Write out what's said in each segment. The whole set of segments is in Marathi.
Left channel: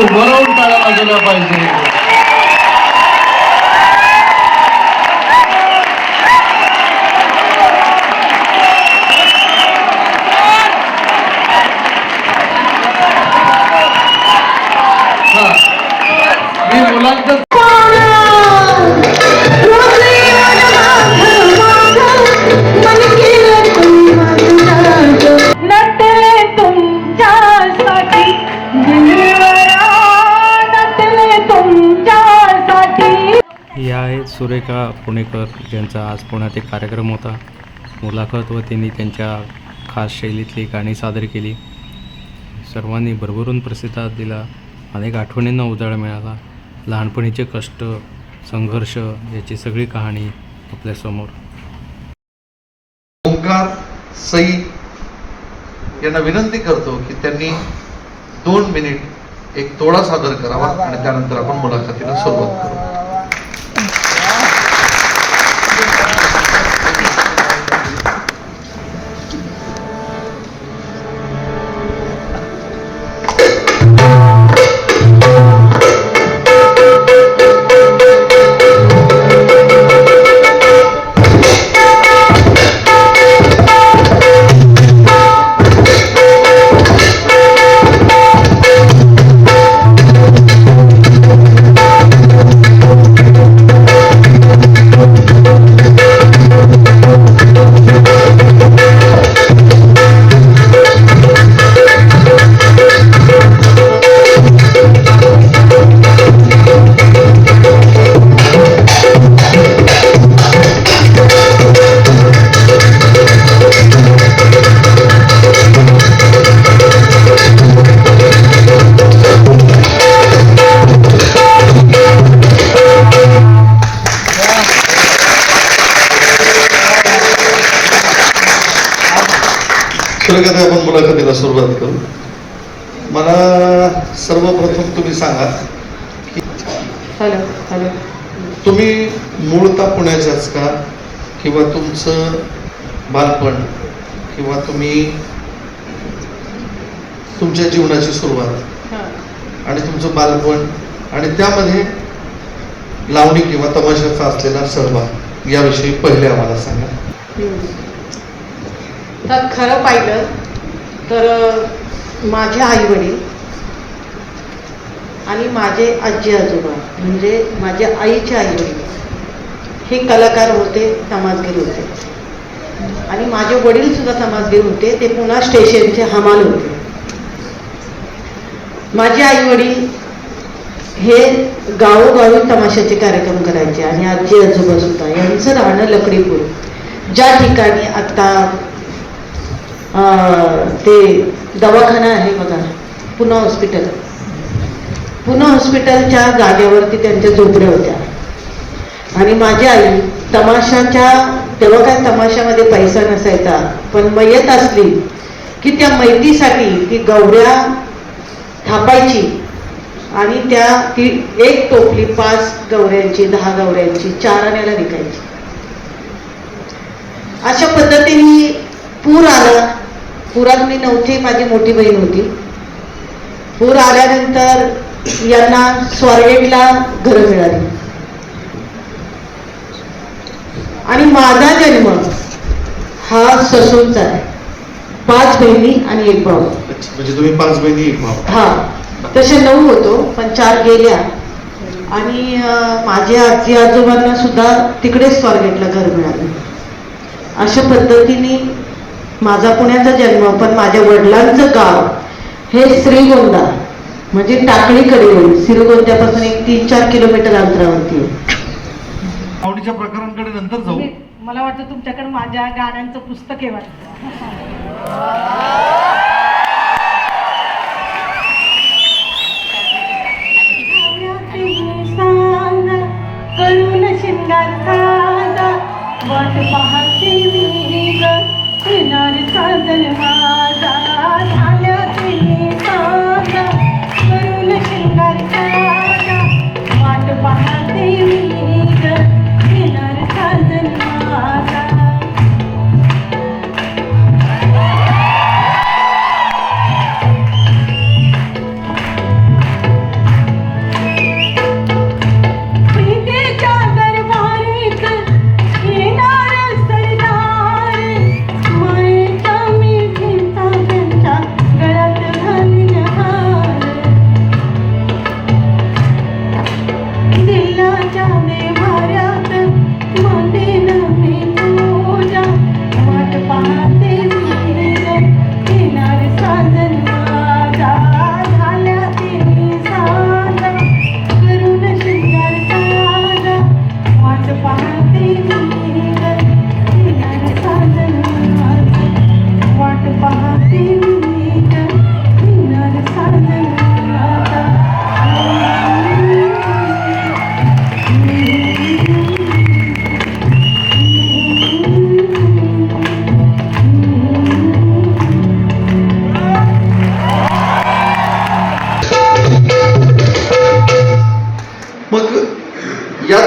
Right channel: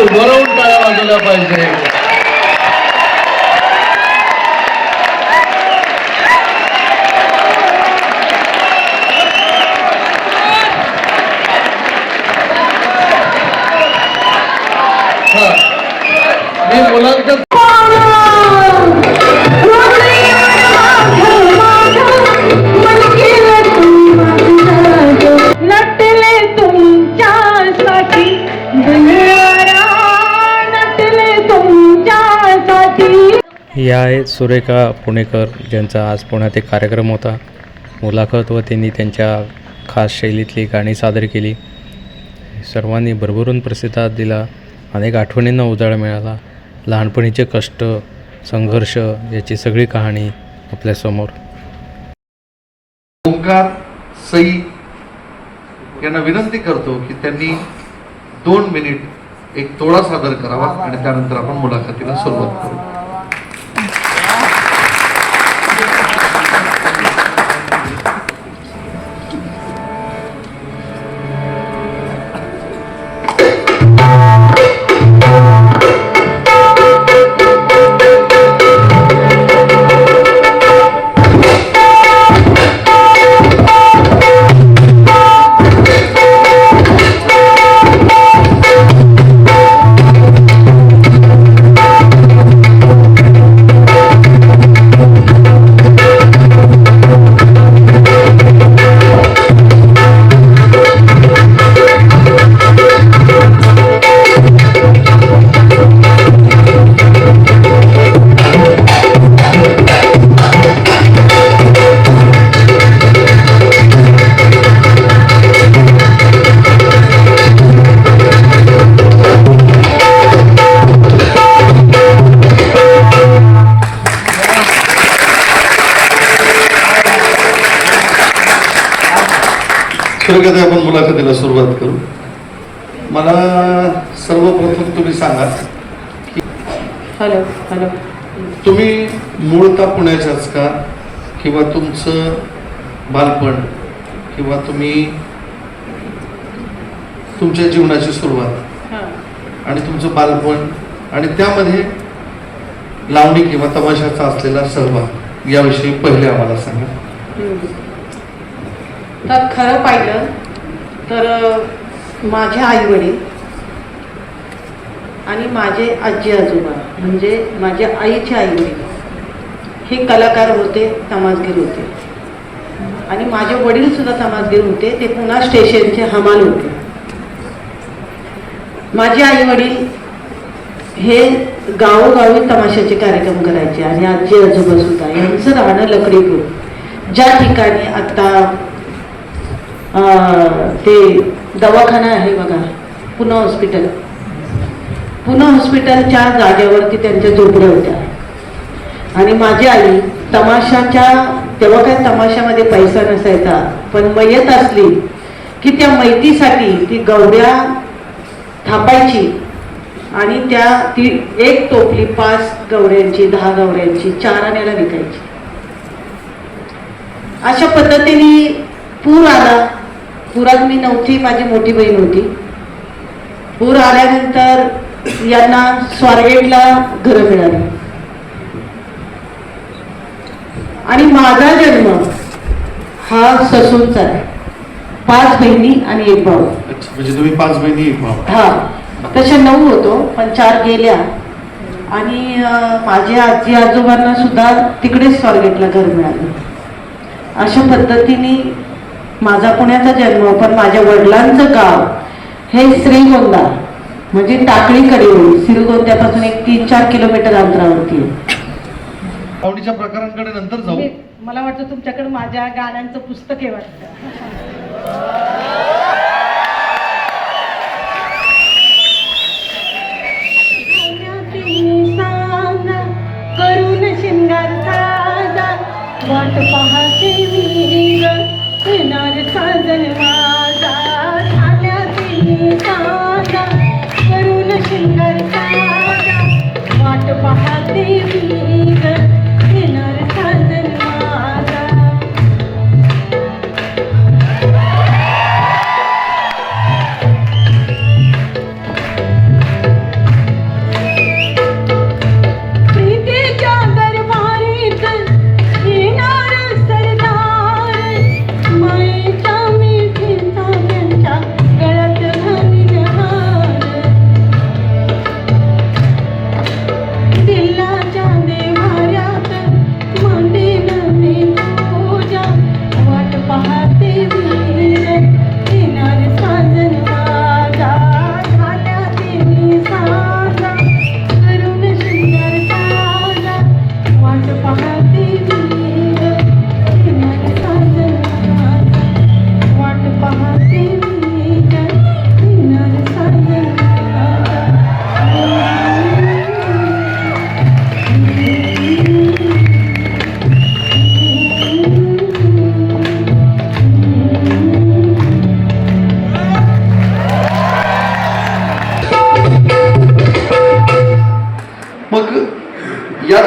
उभं राहून टाळ्या वाजवल्या पाहिजे. मी मुलांचं या आहेत सुरेखा पुणेकर, ज्यांचा आज पुण्यात एक कार्यक्रम होता मुलाखत, व त्यांनी त्यांच्या खास शैलीतली गाणी सादर केली. सर्वांनी भरभरून प्रतिसाद दिला. अनेक आठवणींना उजाळा मिळाला. लहानपणीचे कष्ट, संघर्ष याची सगळी कहाणी आपल्यासमोर. ओंकार सई यांना विनंती करतो की त्यांनी 2 मिनिट एक तोडा सादर करावा आणि त्यानंतर आपण मुलाखतीला सुरुवात करू. कधी आपण मुलाखतीला सुरुवात करू. मला सर्वप्रथम तुम्ही सांगा की तुम्ही मूळता पुण्याच्याच का, किंवा तुमचं बालपण किंवा तुम्ही तुमच्या जीवनाची सुरुवात आणि तुमचं बालपण आणि त्यामध्ये लावणी किंवा तमाशाचा असलेला सहभाग याविषयी पहिले आम्हाला सांगा. तर खरं पाहिलं तर माझे आईवडील आणि माझे आजी आजोबा म्हणजे माझ्या आईचे आईवडील हे कलाकार होते, तमासगीर होते. आणि माझे वडील सुद्धा तमासगीर होते. ते पुणा स्टेशनचे हमाल होते. माझे आईवडील हे गावोगावी तमाशाचे कार्यक्रम करायचे आणि आजी आजोबा सुद्धा. यांचं राहणं लकडीपूर, ज्या ठिकाणी आता ते दवाखाना आहे बघा, पुणा हॉस्पिटल. पुणा हॉस्पिटलच्या जागेवरती त्यांच्या झोपड्या होत्या. आणि माझी आई तमाशाच्या, तेव्हा काय तमाशामध्ये पैसा नसायचा, पण मयत असली की त्या मैतीसाठी ती गवऱ्या थापायची आणि ती एक टोपली 5 गवऱ्यांची, 10 गवऱ्यांची 4 आण्याला विकायची. अशा पद्धतीने पूर आला. पुरात मी नव्हती, माझी मोठी बहीण होती. पूर आल्यानंतर यांना स्वारगेटला घरं मिळाली आणि माझा जन्म हा ससूनचा आहे. 5 बहिणी आणि 1 भाऊ. म्हणजे तुम्ही 5 बहिणी 1 भाऊ. हा, तसे 9 होतो पण 4 गेल्या. आणि माझ्या आजी आजोबांना सुद्धा तिकडेच स्वारगेटला घर मिळालं. अशा पद्धतीने माझा पुण्याचा जन्म. पण माझ्या वडिलांचं गाव हे श्रीगोंदा म्हणजे टाकळीकडे होईल. श्रीगोंद्यापासून एक 3-4 किलोमीटर अंतरावरती आहे. लावणीच्या प्रकारांकडे नंतर जाऊ. मला वाटतं तुमच्याकडे माझ्या गाण्यांचं पुस्तक आहे वाटतं. शिंगार वाट पाहते मी किनार साजन माझा झाल्याचे साजा करून शिंगार वाट पाहते मी किनार साजन माझा. मग या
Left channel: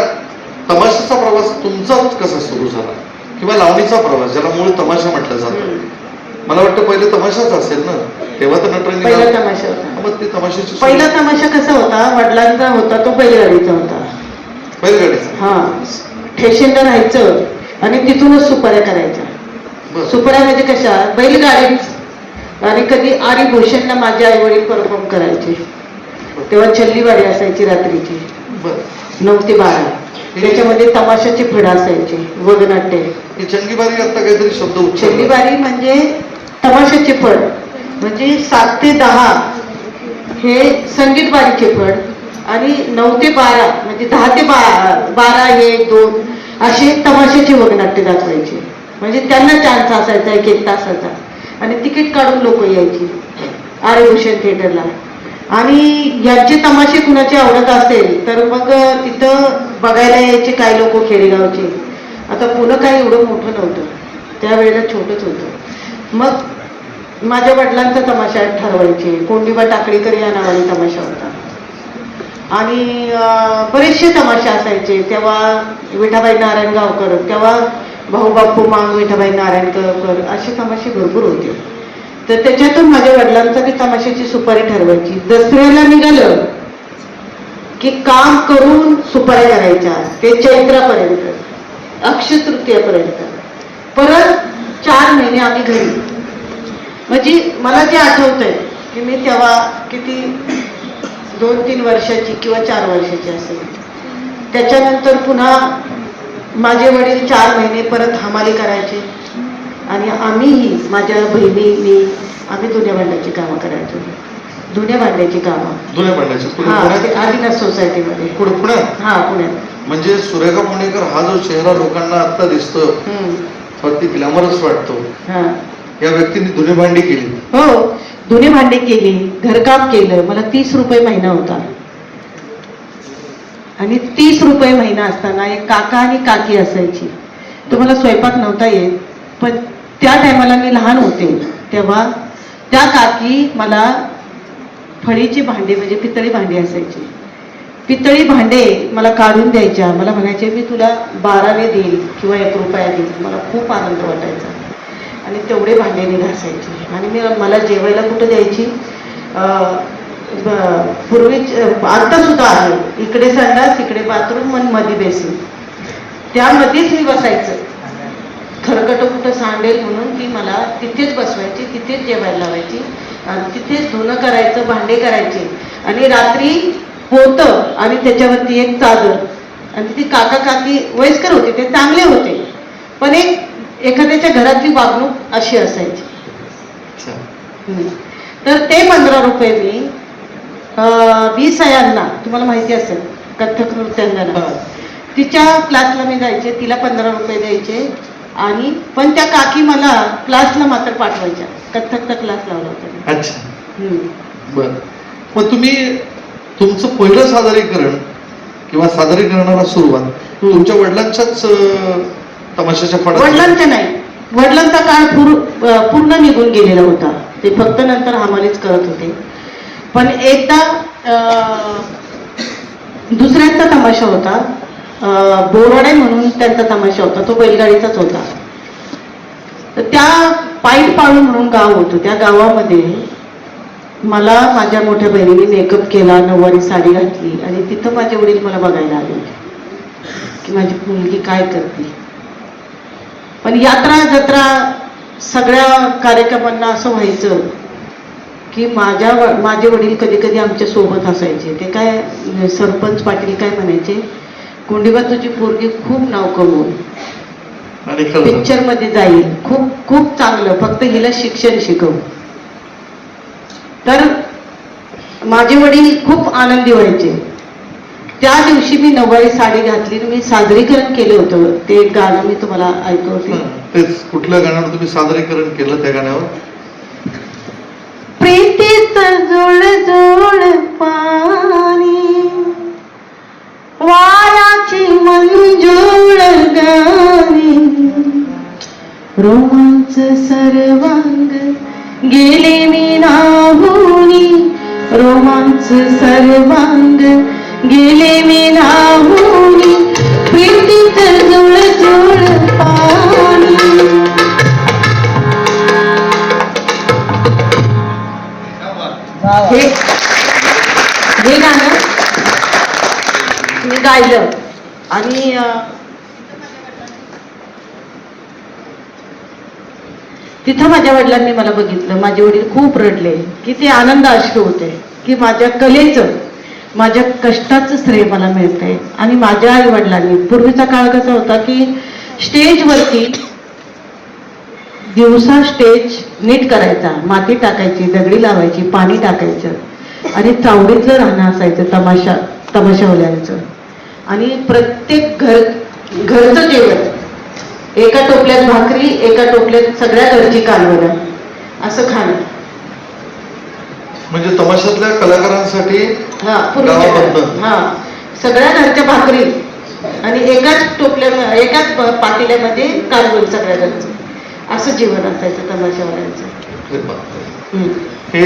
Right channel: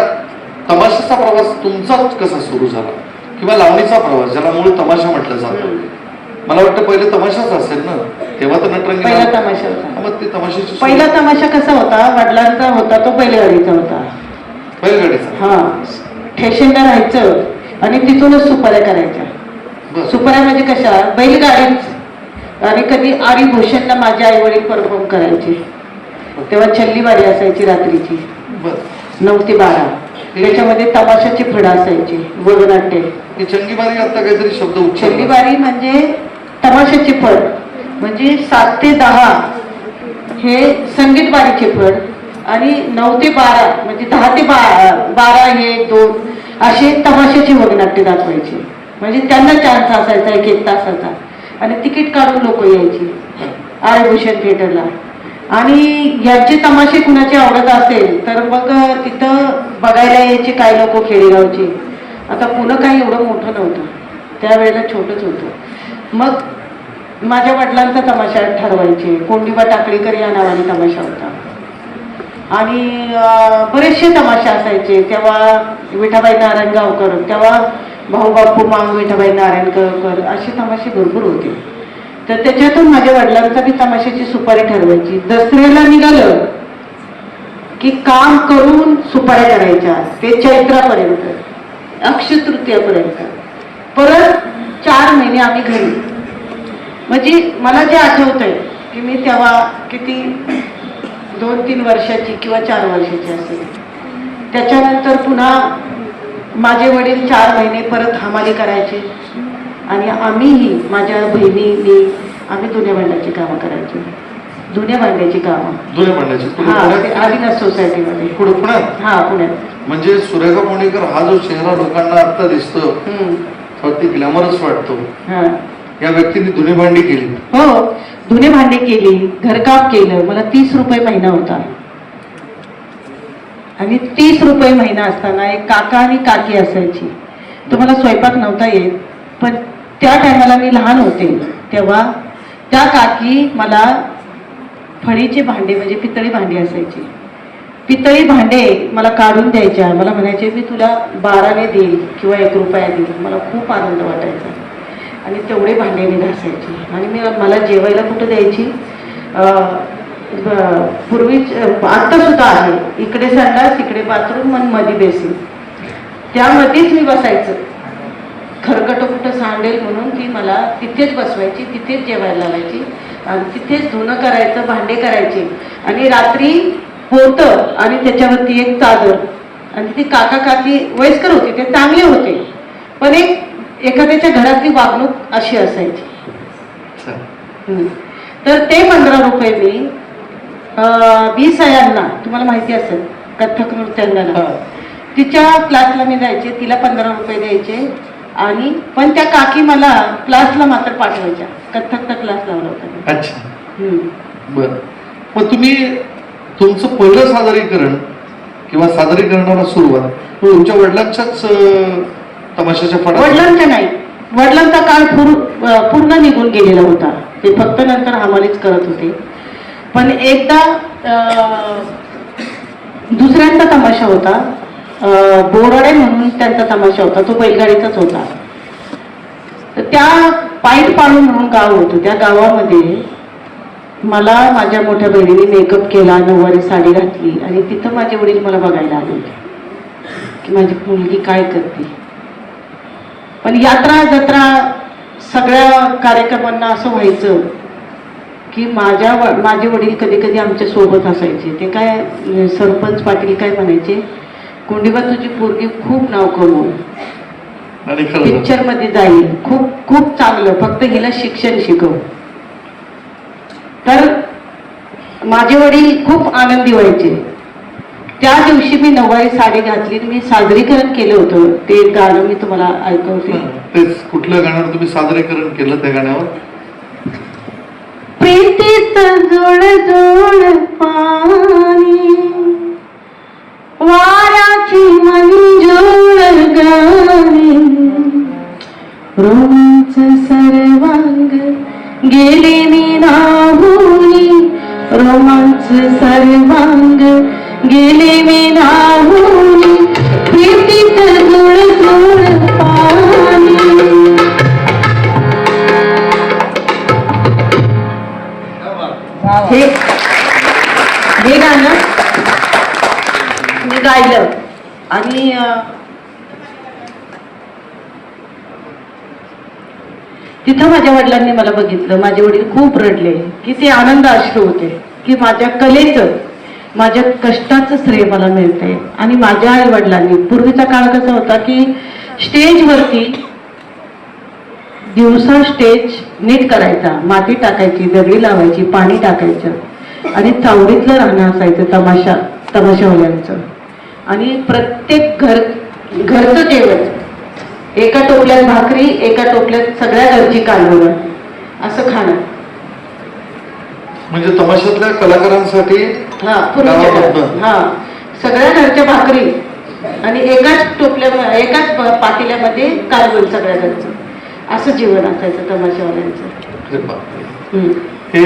तमाशाचा प्रवास तुमचा कसा सुरू झाला किंवा लावणीचा प्रवास ज्याला मूळ तमाशा म्हटलं जातं? मला वाटतं पहिले तमाशाच असेल ना, तेव्हा तर पहिला नटरंगी. तमाशा होता. मग ते तमाशाची पहिला तमाशा कसा होता, वडिलांचा होता तो बैलगाडीचा होता. बैलगाडीचा. हा, स्टेशनला राहायचं आणि तिथूनच सुपाऱ्या करायच्या. बरं. सुपाऱ्या म्हणजे कशा, बैलगाडीच. आणि कधी आरी भूषणला माझे आई वडील परफॉर्म करायचे. तेव्हा छल्लीवाडी असायची रात्रीची बरं. 9 ते 12. त्याच्यामध्ये तमाशाची फळं असायची, वगनाट्य. हे चंगीबारी आता काहीतरी शब्द उच्चार. छल्लीवारी म्हणजे तमाशाची फळ, म्हणजे 7 ते 10 हे संगीत बारीचे फळ, आणि 9 ते 12 म्हणजे 10 ते 12 हे 2 असे तमाशाची वगनाट्य दाखवायचे. म्हणजे त्यांना चान्स असायचा 1-1 तासाचा, आणि तिकीट काढून लोक यायची आरे भूषण थिएटरला. आणि यांचे तमाशे कुणाचे आवडत असेल तर मग तिथं बघायला यायचे काही लोक खेडेगावचे. आता पुणं काही एवढं मोठं नव्हतं, त्यावेळेला छोटंच होतं. मग माझ्या वडिलांचा तमाशा ठरवायचे. कोंडीबा टाकळीकर या नावाने तमाशा होता, आणि बरेचसे तमाशे असायचे. तेव्हा विठाबाई नारायणगावकर, तेव्हा भाऊ बापू मांग विठाबाई नारायणगावकर, असे तमाशे भरपूर होते. तर त्याच्यातून माझ्या वडिलांचा बी तमाशाची सुपारी ठरवायची. दसऱ्याला निघालं की काम करून सुपाऱ्या करायच्या, ते चैत्रापर्यंत, अक्षय तृतीयापर्यंत. परत 4 महिने आम्ही घरी. म्हणजे मला जे आठवतंय की मी तेव्हा किती 2-3 वर्षाची किंवा 4 वर्षाची असेल. त्याच्यानंतर पुन्हा माझे वडील 4 महिने परत हमाली करायचे, आणि आम्हीही, माझ्या बहिणी, मी, आम्ही धुण्या भांड्याची कामं करायचो. धुण्या भांड्याची कामं. धुण्या भांड्याची. आदिनाथ सोसायटीमध्ये. पुण्यात. हा, पुण्यात. म्हणजे सुरेखा पुणेकर हा जो चेहरा लोकांना आता दिसतो, ती ग्लॅमरस वाटतो, या व्यक्तीने धुणे भांडी केली. हो, धुणे भांडी केली, घरकाम केलं. मला 30 रुपये महिना होता, आणि 30 रुपये महिना असताना एक काका आणि काकी असायची. तुम्हाला स्वयंपाक नव्हता येत, पण त्या टायमाला मी लहान होते, तेव्हा त्या काकी मला फळीचे भांडे, म्हणजे पितळी भांडी असायची, पितळी भांडे मला काढून द्यायच्या. मला म्हणायचे मी तुला 12ने देईल किंवा 1 रुपया देईल. मला खूप आनंद वाटायचा, आणि तेवढे भांडे मी घासायचे. आणि मला जेवायला कुठं द्यायची, पूर्वी आता सुद्धा आहे, इकडे संडास, इकडे बाथरूम आणि मध्ये बेसिन, त्यामध्येच मी बसायचं. खरकट कुठं सांडेल म्हणून ती मला तिथेच बसवायची, तिथेच जेवायला लावायची, आणि तिथेच धुणं करायचं, भांडे करायचे. आणि रात्री होतं, आणि त्याच्यावरती एक चादर. आणि ती काका काकी वयस्कर होते, ते चांगले होते, पण एखाद्याच्या घरातली वागणूक अशी असायची. तर ते 15 रुपये मी 20 यांना, तुम्हाला माहिती असेल, कथ्थक नृत्यांना, तिच्या क्लासला मी जायचे, तिला 15 रुपये द्यायचे. आणि पण त्या काकी मला क्लासला मात्र पाठवायच्या, कथ्थकचा क्लास लावला होता. अच्छा. बर. मग तुम्ही तुमचं पहिलं सादरीकरण किंवा सादरीकरणाला सुरुवात तुमच्या वडिलांच्याच तमाशाच्या फळात? वडिलांचा नाही, वडिलांचा काळ पूर्ण निघून गेलेला होता. ते फक्त नंतर हमालीच करत होते. पण एकदा दुसऱ्यांचा तमाशा होता, बोराडे म्हणून त्यांचा तमाशा होता, तो बैलगाडीचाच होता. तर त्या पाईट पाळू म्हणून गाव होतं, त्या गावामध्ये मला माझ्या मोठ्या बहिणीने मेकअप केला, नऊवारी साडी घातली, आणि तिथं माझे वडील मला बघायला आले की माझी मुलगी काय करते. पण यात्रा जत्रा सगळ्या कार्यक्रमांना असं व्हायचं की माझे वडील कधी कधी आमच्या सोबत असायचे. ते काय, सरपंच पाटील काय म्हणायचे, कोंडीबा तुझी पोरगी खूप नाव कमवू, पिक्चर मध्ये जाईल, खूप खूप चांगलं, फक्त हिला शिक्षण शिकव. तर माझे वडील खूप आनंदी व्हायचे. त्या दिवशी मी नऊवारी साडी घातली, मी सादरीकरण केलं होतं. ते गाणं मी तुम्हाला ऐकवते. तेच कुठल्या गाण्यावर तुम्ही सादरीकरण केलं? त्या गाण्यावर प्रीतीचं जुळ जुळ पाणी, वाराची मंजूळ गाणी, रोमांच सर्वांग गेले निनाहूनी, रोमांच सर्वांग गेले मी राहून प्रीतीत जुळ जुळ पाणी. हे गाणं मी गायलं आणि तिथं माझ्या वडिलांनी मला बघितलं. माझे वडील खूप रडले की ते आनंद अश्रू होते की माझ्या कलेचं, माझ्या कष्टाचं श्रेय मला मिळतंय. आणि माझ्या आई वडिलांनी, पूर्वीचा काळ कसा होता की स्टेजवरती दिवसा स्टेज नीट करायचा, माती टाकायची, दगडी लावायची, पाणी टाकायचं आणि चावडीतलं राहणं असायचं तमाशावाल्यांचं. आणि प्रत्येक घरचं जेवण, एका टोपल्यात भाकरी, एका टोपल्यात सगळ्या घरची कालवणं, असं खाणं. म्हणजे तमाशातल्या कलाकारांसाठी सगळ्या घरच्या भाकरी आणि एकाच पातेल्यामध्ये कालवण सगळ्या घरचं, असं जीवन असायचं तमाशावाल्यांचं. हे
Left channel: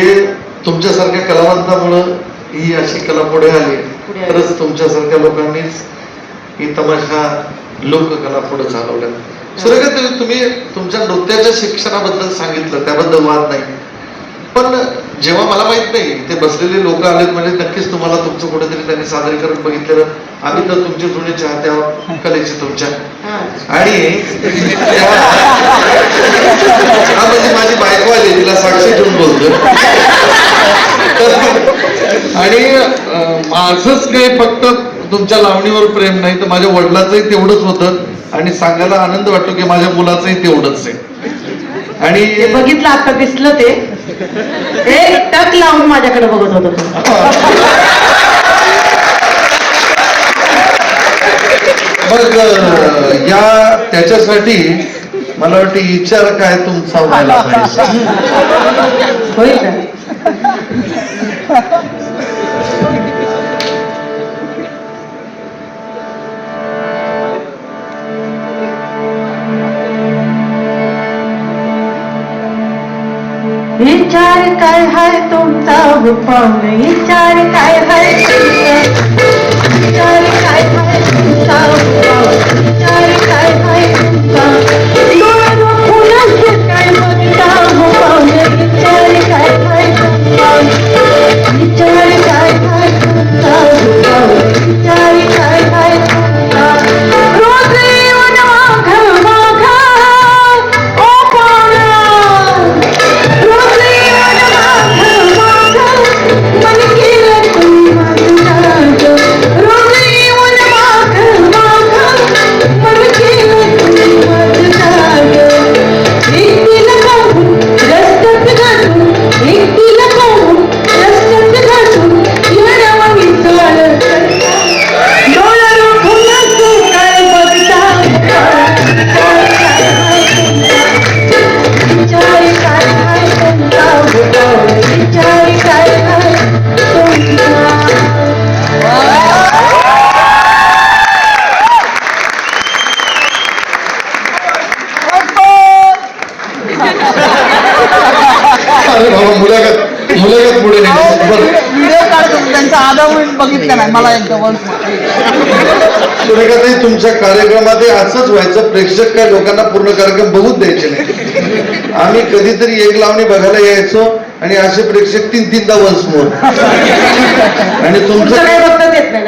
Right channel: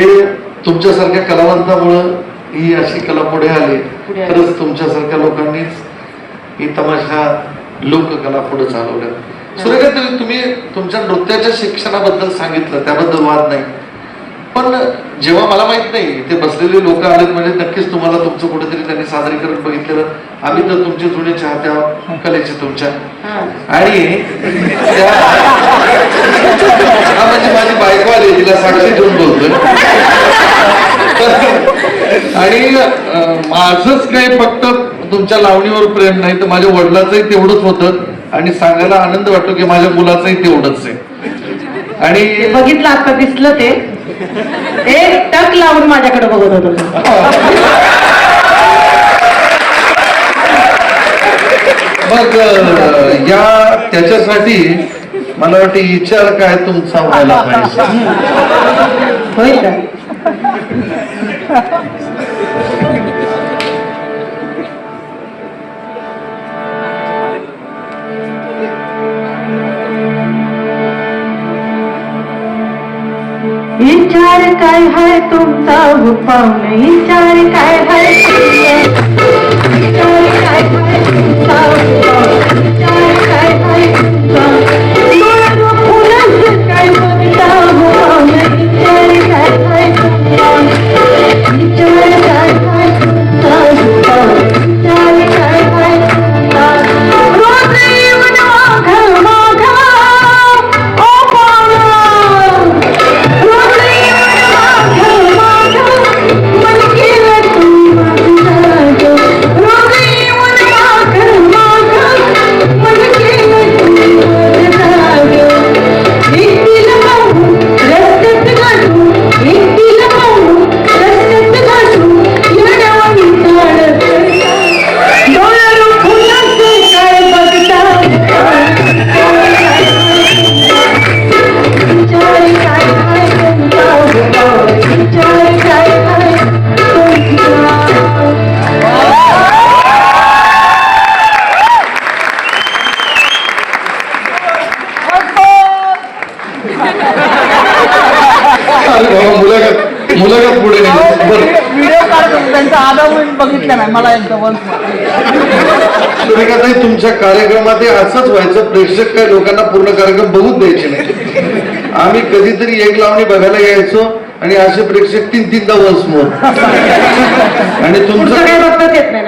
तुमच्यासारख्या कलावंतामुळं ही अशी कला पुढे आली. खरंच तुमच्यासारख्या लोकांनीच ही तमाशा लोककला पुढे चालवल्या. सुरेखा, तुम्ही तुमच्या नृत्याच्या शिक्षणाबद्दल सांगितलं, त्याबद्दल वाद नाही. पण जेव्हा मला माहित नाही, ते बसलेले लोक आलेत म्हणजे नक्कीच तुम्हाला तुमचं कुठेतरी त्यांनी सादरीकरण बघितलेलं. आम्ही तर तुमचे जुने चाहत्या कलेचे तुमच्या. आणि म्हणजे माझी बायको आली, तिला साक्षी ठेवून बोलतो. आणि माझंच काही फक्त तुमच्या लावणीवर प्रेम नाही, तर माझ्या वडिलाचंही तेवढंच होतं. आणि सांगायला आनंद वाटतो की माझ्या मुलाचंही तेवढंच आहे. आणि बघितलं, आता दिसलं ते एक टक लावून माझ्याकडे बघत होतो. मग या त्याच्यासाठी मला वाटतं विचार काय तुमचा व्हायला पाहिजे. होईल का? विचार काय है तुमचा हुपाम, विचार काय है तुमचा, विचार काय है तुमचा हुपाम, विचार काय है तुमचा, मारो फुलाचं काय बघता हुपाम, विचार काय है तुमचा, विचार काय है तुमचा हुपाम, विचार काय है तुमचा, रोज येऊन मागं मागं ओ पाहुणा, मुलाखत पुढे व्हिडिओ काढत होतो त्यांचा आधा बघितलं नाही मला एकदम. सुरेखाताई, तुमच्या कार्यक्रमात असंच व्हायचं, प्रेक्षक काय लोकांना पूर्ण कार्यक्रम बघूच द्यायचे नाही. आम्ही कधीतरी एक लावणी बघायला यायचो आणि असे प्रेक्षक 3-3दा वन्स मोर. आणि तुमचं काय बघतात येत नाही.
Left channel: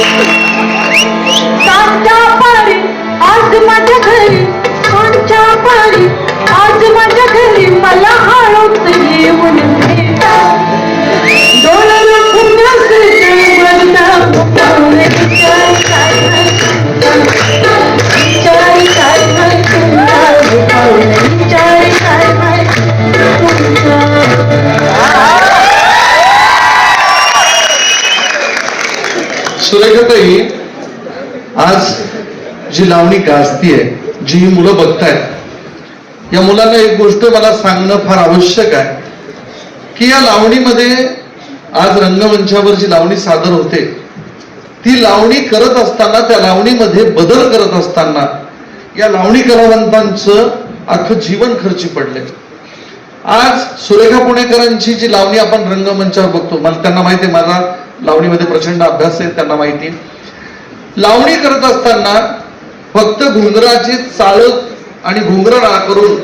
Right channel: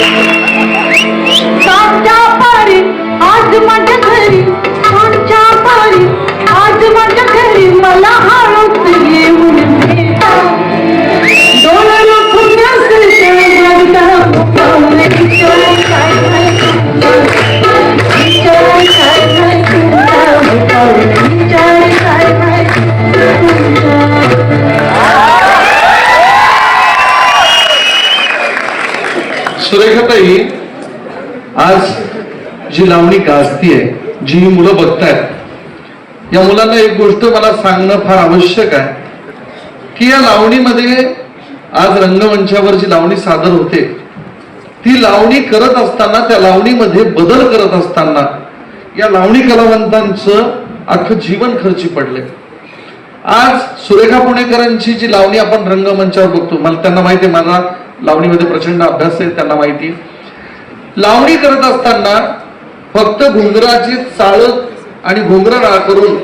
Thank you. सुरेखाताई, आज जी लावणी गाजतीये, जी मुलं बघतायत, या मुलांना एक गोष्ट मला सांगणं फार आवश्यक आहे की या लावणीमध्ये आज रंगमंचावर जी लावणी सादर होते, ती लावणी करत असताना, त्या लावणीमध्ये बदल करत असताना या लावणी कलावंतांचं अख्खं जीवन खर्ची पडले. आज सुरेखा पुणेकरांची जी लावणी आपण रंगमंचावर बघतो, मला त्यांना माहिती आहे, माझा लावणीमध्ये प्रचंड अभ्यास आहे, त्यांना माहिती. लावणी करत असताना फक्त घुंगराची चाळ आणि घुंगरा करून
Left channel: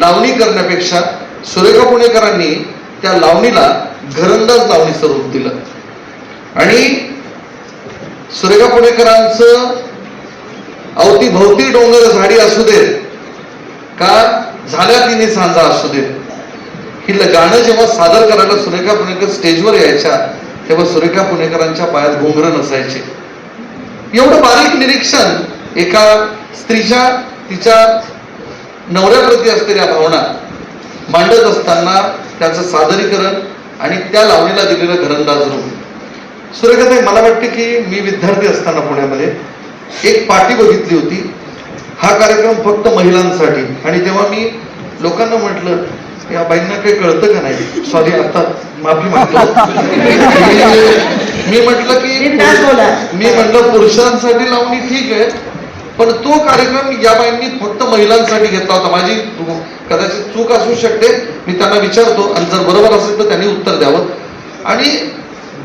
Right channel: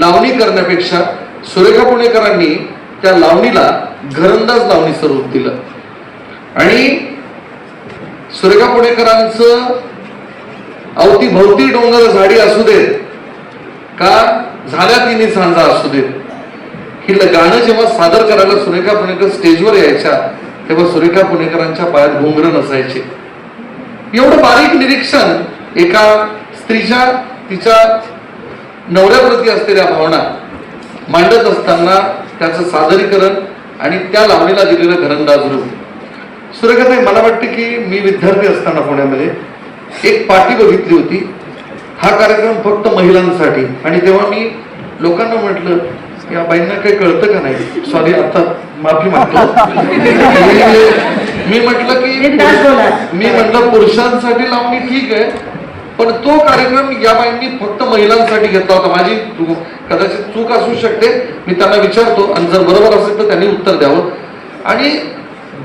लावणी करण्यापेक्षा सुरेखा पुणेकरांनी त्या लावणीला घरंदाज लावणी स्वरूप दिलं. आणि सुरेखा पुणेकरांचं अवतीभोवती डोंगर झाडी असू देत का झाल्या तिन्ही सांजा असू देत, ही गाणं जेव्हा सादर करायला सुरेखा पुणेकर स्टेजवर यायच्या तेव्हा सुरेखा पुणेकरांच्या पायात घुंगरं नसायचे. एवढं बारीक निरीक्षण एका स्त्रीच्या तिच्या नवऱ्याप्रती असलेल्या भावना मांडत असताना त्याचं सादरीकरण आणि त्या लावणीला दिलेलं घरंदाज रूप. सुरेखाताई, मला वाटतं की मी विद्यार्थी असताना पुण्यामध्ये एक पाटी बघितली होती, हा कार्यक्रम फक्त महिलांसाठी. आणि तेव्हा मी लोकांना म्हटलं, या बाईंना काही कळतं का नाही, सॉरी आता माफी मागतो, मी म्हटलं पुरुषांसाठी लावणी ठीक आहे, पण तो कार्यक्रम या बाईंनी फक्त महिलांसाठी घेतला होता. माझी कदाचित चूक असू शकते, मी त्यांना विचारतो आणि जर बरोबर असेल तर त्यांनी उत्तर द्यावं. आणि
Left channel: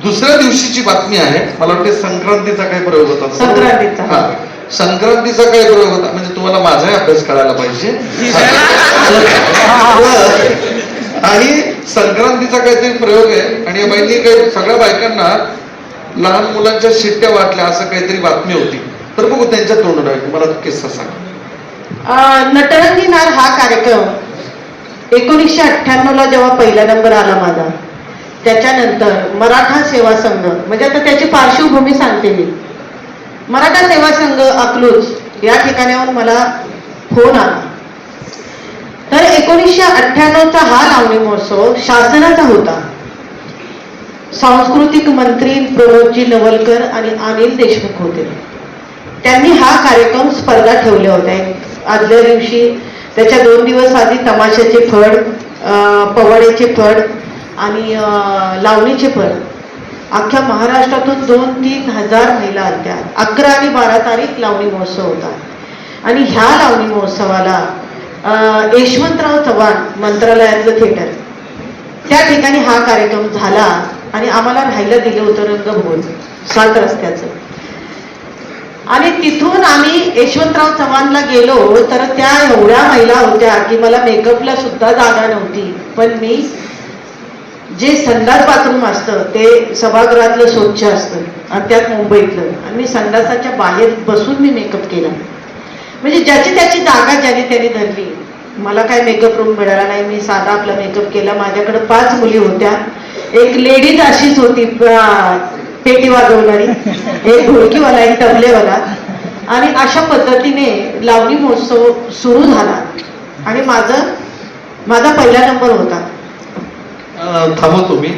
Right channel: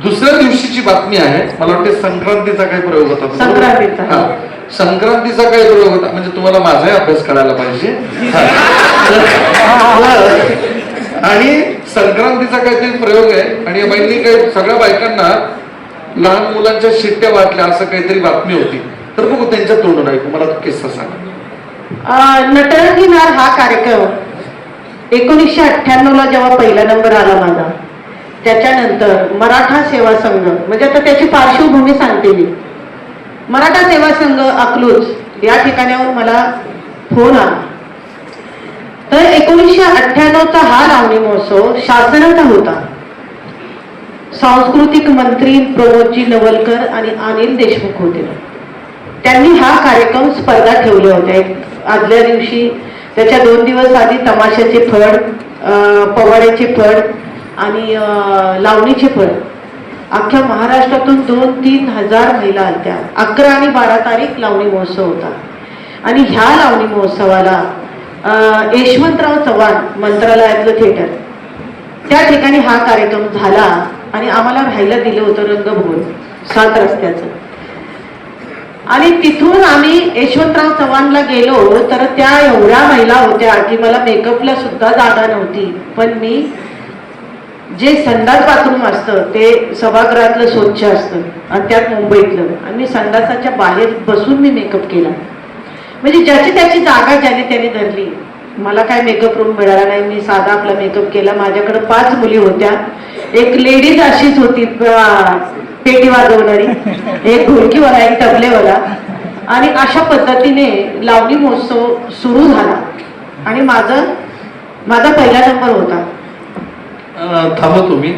दुसऱ्या दिवशीची बातमी आहे, मला वाटते संक्रांतीचा काही प्रयोग होता, संक्रांतीचा काही प्रयोग होता, म्हणजे तुम्हाला माझाही अभ्यास करायला पाहिजे. आणि संक्रांतीचा काहीतरी प्रयोग आहे आणि या बाईंनी काही सगळ्या बायकांना लहान मुलांच्या शिट्ट्या वाटल्या असं काहीतरी बातमी होती. तर बघू त्यांच्या तोंडून ऐकू, मला किस्सा सांग. नटरंगी नार हा कार्यक्रम 1998 ला जेव्हा पहिला नंबर आला माझा, त्याच्यानंतर मराठा सेवा संघ, म्हणजे आता त्याची पार्श्वभूमी सांगते मी. मराठा सेवा संघ अकलूज या ठिकाणाहून मला फोन आला. तर 1998चा हा लावणी महोत्सव शासनाचा होता. सांस्कृतिक मंत्री प्रमोदजी नवलकर आणि अनिल देशमुख होते. त्यांनी हा कार्यक्रम स्पर्धा ठेवल्या होत्या. आदल्या दिवशी, त्याच्या 2 दिवस आधी तमाशाचे फड, पवाड्याचे फड आणि लावणीचे फड. अख्ख्या महाराष्ट्रातून 2-3 हजार महिला आल्या. 11 आणि 12 तारीख लावणी महोत्सव होता. आणि ह्या लावणी महोत्सवाला यशवंतराव चव्हाण मंत्रालयातलं थिएटर, त्या ठिकाणी हा कार्यक्रम झाला. आणि आम्हाला राहायला दिलं होतं रंगभवन 7 रस्त्याचं. आणि तिथून आम्ही यशवंतराव चव्हाणला गेलो तर त्या एवढ्या महिला होत्या की मला मेकअपला सुद्धा जागा नव्हती. पण मी जे संडास बाथरूम असतं ते सभागृहातलं स्वच्छ असतं आणि त्यात मुंबईतलं, आणि मी संडासाच्या बाहेर बसून मी मेकअप केला. म्हणजे ज्याची त्याची जागा ज्याने त्याने धरली. मला काय मेकअप रूम मिळाला नाही, मी साधा आपला मेकअप केला. माझ्याकडे 5 मुली होत्या. एक लेडीज अशीच होती पेटी वाजवणारी, एक ढोलकीवाला, एक तबलेवाला. आणि अशा पद्धतीने लावणी महोत्सव सुरू झाला आणि माझा पहिला नंबर होता. थांबा तुम्ही,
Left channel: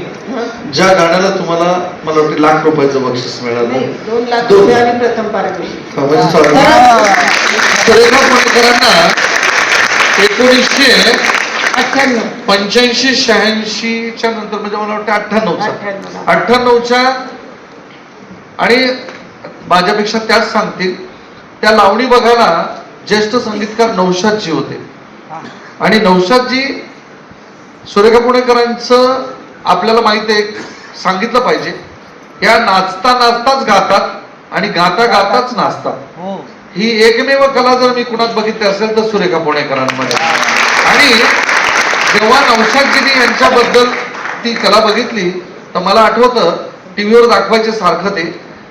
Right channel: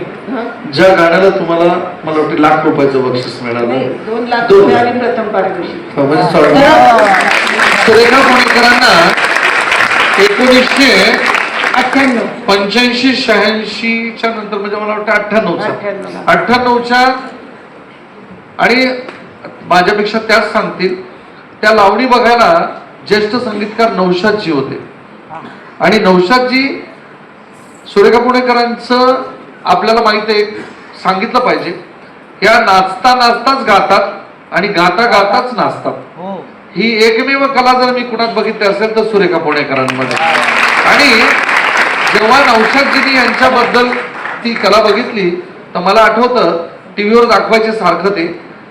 ज्या गाण्याला तुम्हाला मला वाटतं ₹1,00,000 बक्षीस मिळालं, 2 लाख रुपये आणि प्रथम पारितोषिक. सुरेखा पुणेकरांना 1985-86च्या नंतर, म्हणजे मला वाटतं 98च्या आणि माझ्यापेक्षा त्याच सांगतील, त्या लावणी बघायला ज्येष्ठ संगीतकार नौशादजी होते. आणि नौशादजी सुरेखा पुणेकरांचं आपल्याला माहिती आहे, सांगितलं पाहिजे, या नाचता नाचताच गातात आणि गाता गाताच नाचतात. ही एकमेव कला जर मी कुणात बघितली असेल तर सुरेखा पुणेकरांमध्ये. आणि जेव्हा नौशादजींनी यांच्याबद्दल ती कला बघितली तर मला आठवतं, टीव्हीवर दाखवायचे सारखं ते,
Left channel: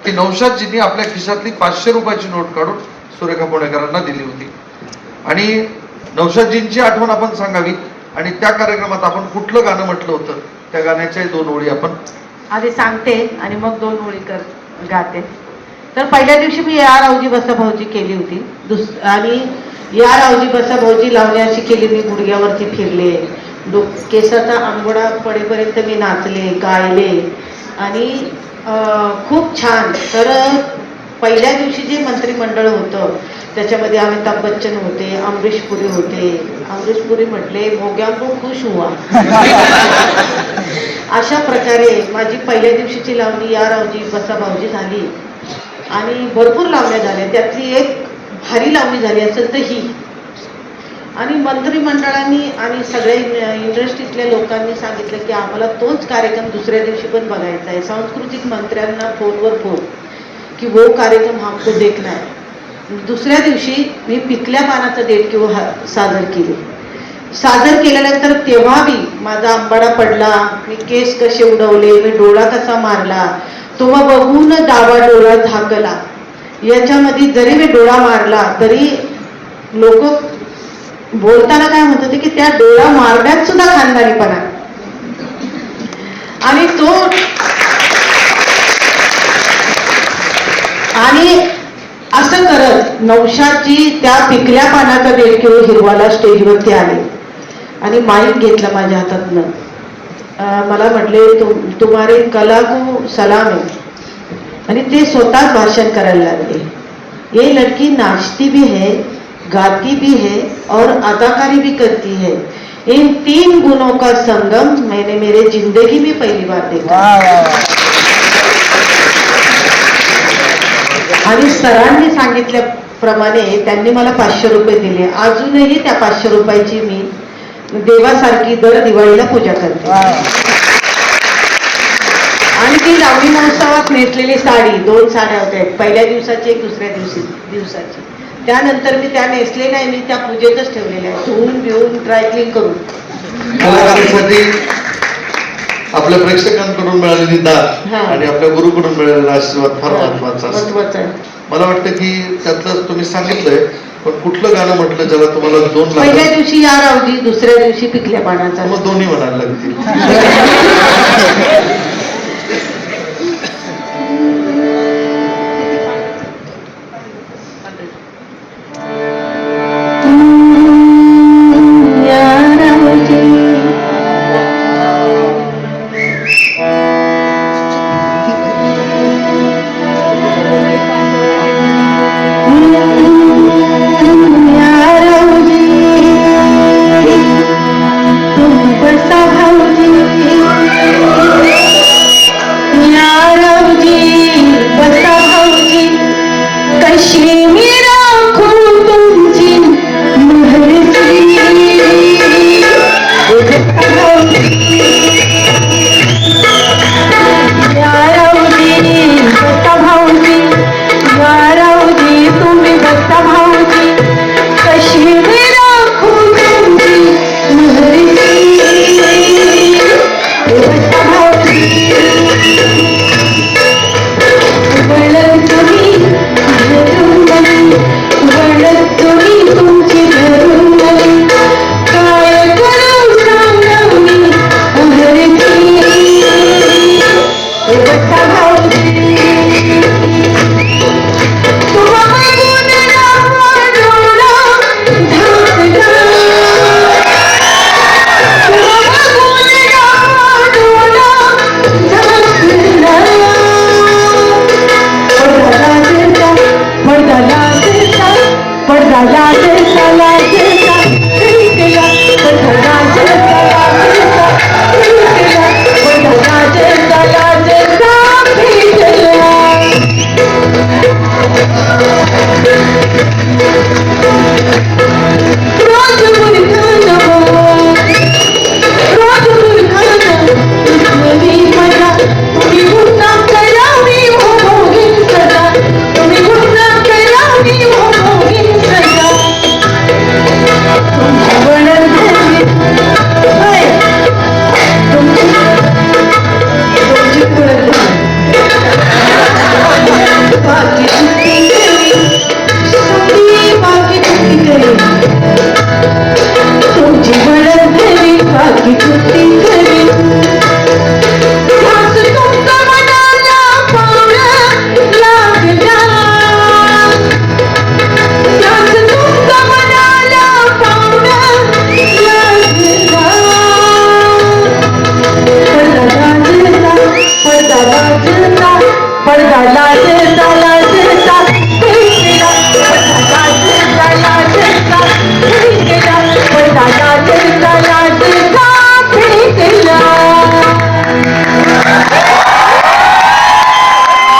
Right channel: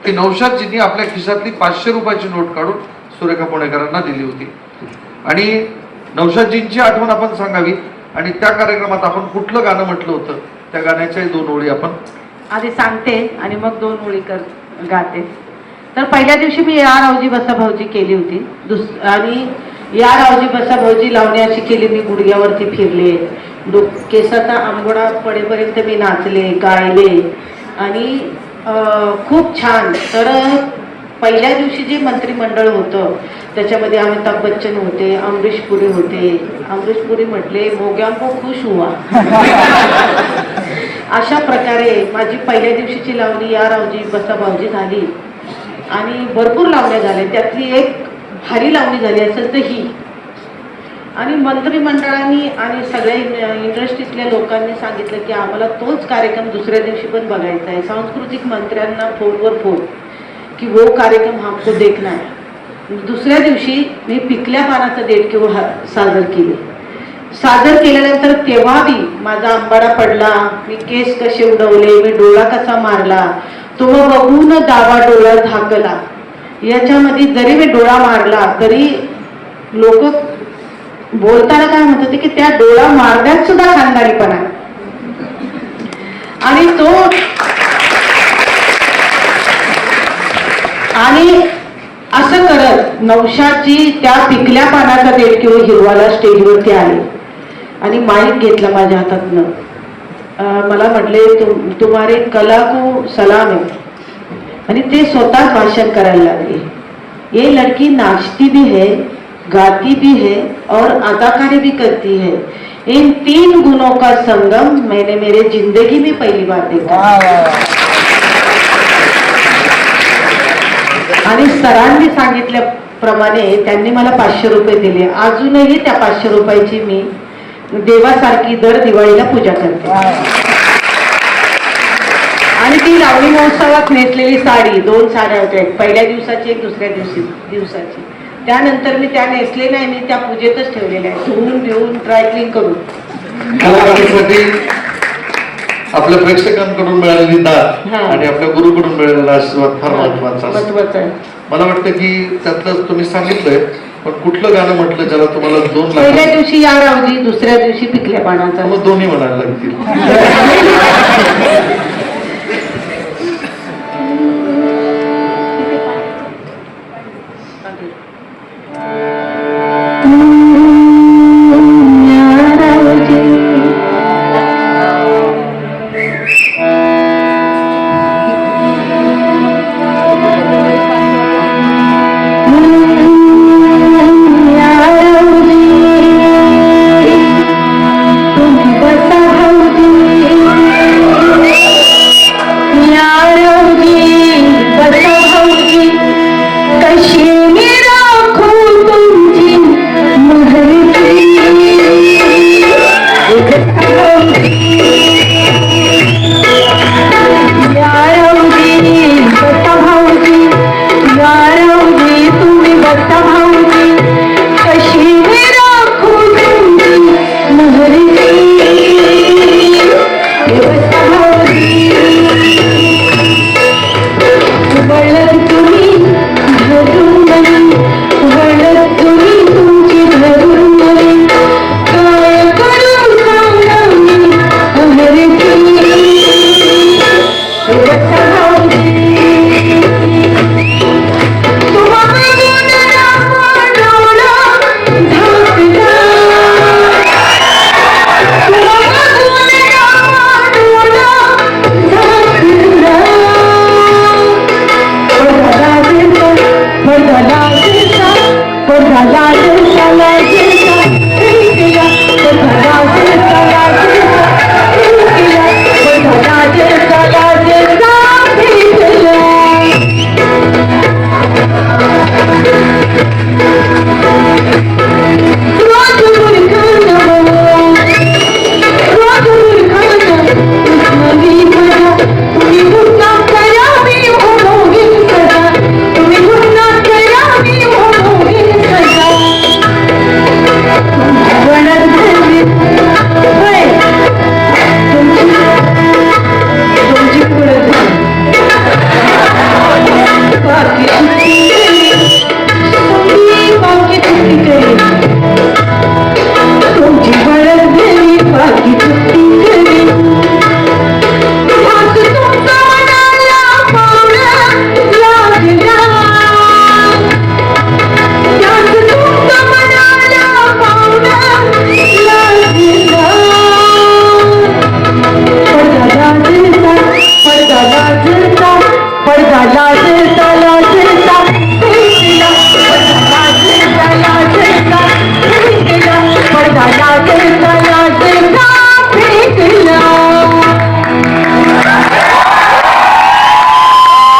की नौशादजींनी आपल्या खिशातली 500 रुपयाची नोट काढून सुरेखा पुणेकरांना दिली होती. आणि नौशादजींची आठवण आपण सांगावी. आणि त्या कार्यक्रमात आपण कुठलं गाणं म्हटलं होतं, त्या गाण्याच्या 2 ओळी आपण आधी सांगते आणि मग 2 ओळी गाते. तर पहिल्या दिवशी मी या रावजी बसा भाऊजी केली होती. आणि या रावजी बसा भाऊजी लावणी अशी केली, मी गुडघ्यावरती फिरले, केसाचा अंगोडा पडेपर्यंत मी नाचले, गायले. आणि खूप छान. तर पहिल्या दिवशी जे मंत्रिमंडळ होतं त्याच्यामध्ये अमिताभ बच्चन होते, अमरीश पुरी होते. अमरीश पुरी म्हटले मोग्या को खुश हुआ. अशा प्रकारे माझी पहिल्या दिवशीची लावणी या रावजी बसा भाऊजी झाली आणि भरपूर लावण्या झाल्या. त्यातली एक भारी लावणी झाली असेल तर ही. आणि मंत्रिमंडळाने आणि सगळ्या इंडस्ट्रीतल्या लोकांनी सांगितलं की आम्हाला तोच कार्यक्रम दुसऱ्या दिवशी पण बघायचा आहे. सांस्कृतिक मंत्र्यांना फोनवर फोन की वो कार्यक्रम हमको देखना है. दुसऱ्या दिवशी मी पिकल्या पानाचं देणगी सादर केल्यानंतर तेव्हा बी माझा आंबाडा पडला, मी केस कसे उडवले, मी डोळा कसा मारला, तो बघून डावा डोळा झाकला. याच्यामध्ये जरी मी डोळा मारला तरी लोक बोलताना काय म्हणत होते की त्या डोळा मारण्यात सुद्धा खानदारीपणा. आणि तो आणि असं करत नौशादजी त्या पिकल्या पानाचा देणगी हिरवाला स्टेजवरती आले आणि माईक घेतला माझ्या हातातनं. मला म्हटले तुम्हारे कला को सलाम है. आणि ते स्वतः भाषण करायला लागले. ये लड़की नाचती भी है, गाती भी है और अदाकारी भी करती है. इन 3 गुणों का संगम मैंने मेरे जिंदगी में पहली बार देखा. आणि सरांनी सांगितल्याप्रमाणे त्यांनी मला 500 रुपये दिले. अजूनही त्या 500 रुपयाची मी देवासारखी दर दिवाळीला पूजा करते. आणि ती लावणी महोत्सवात नेसलेली साडी 2 साड्या होत्या, पहिल्या दिवसाची एक दुसऱ्या दिवसाची. त्यानंतर मी त्या नेसले नाही, मी त्या पूजेतच ठेवलेल्या आहे, धुवून घेऊन ड्रायक्लिंग करून. आपल्या प्रेक्षकांकडून मिळालेली दाद आणि आपल्या गुरुकडून मिळालेला आशीर्वाद फार महत्वाचा. मला वाटतं की त्यातलं तुम्ही सांगितलंय, पण कुठलं गाणं म्हटलं ज्याला तुम्हाला 2 पहिल्या दिवशी या रावजी, दुसऱ्या दिवशी पिकल्या पानाचा. मग दोन्ही म्हणायला लागतील.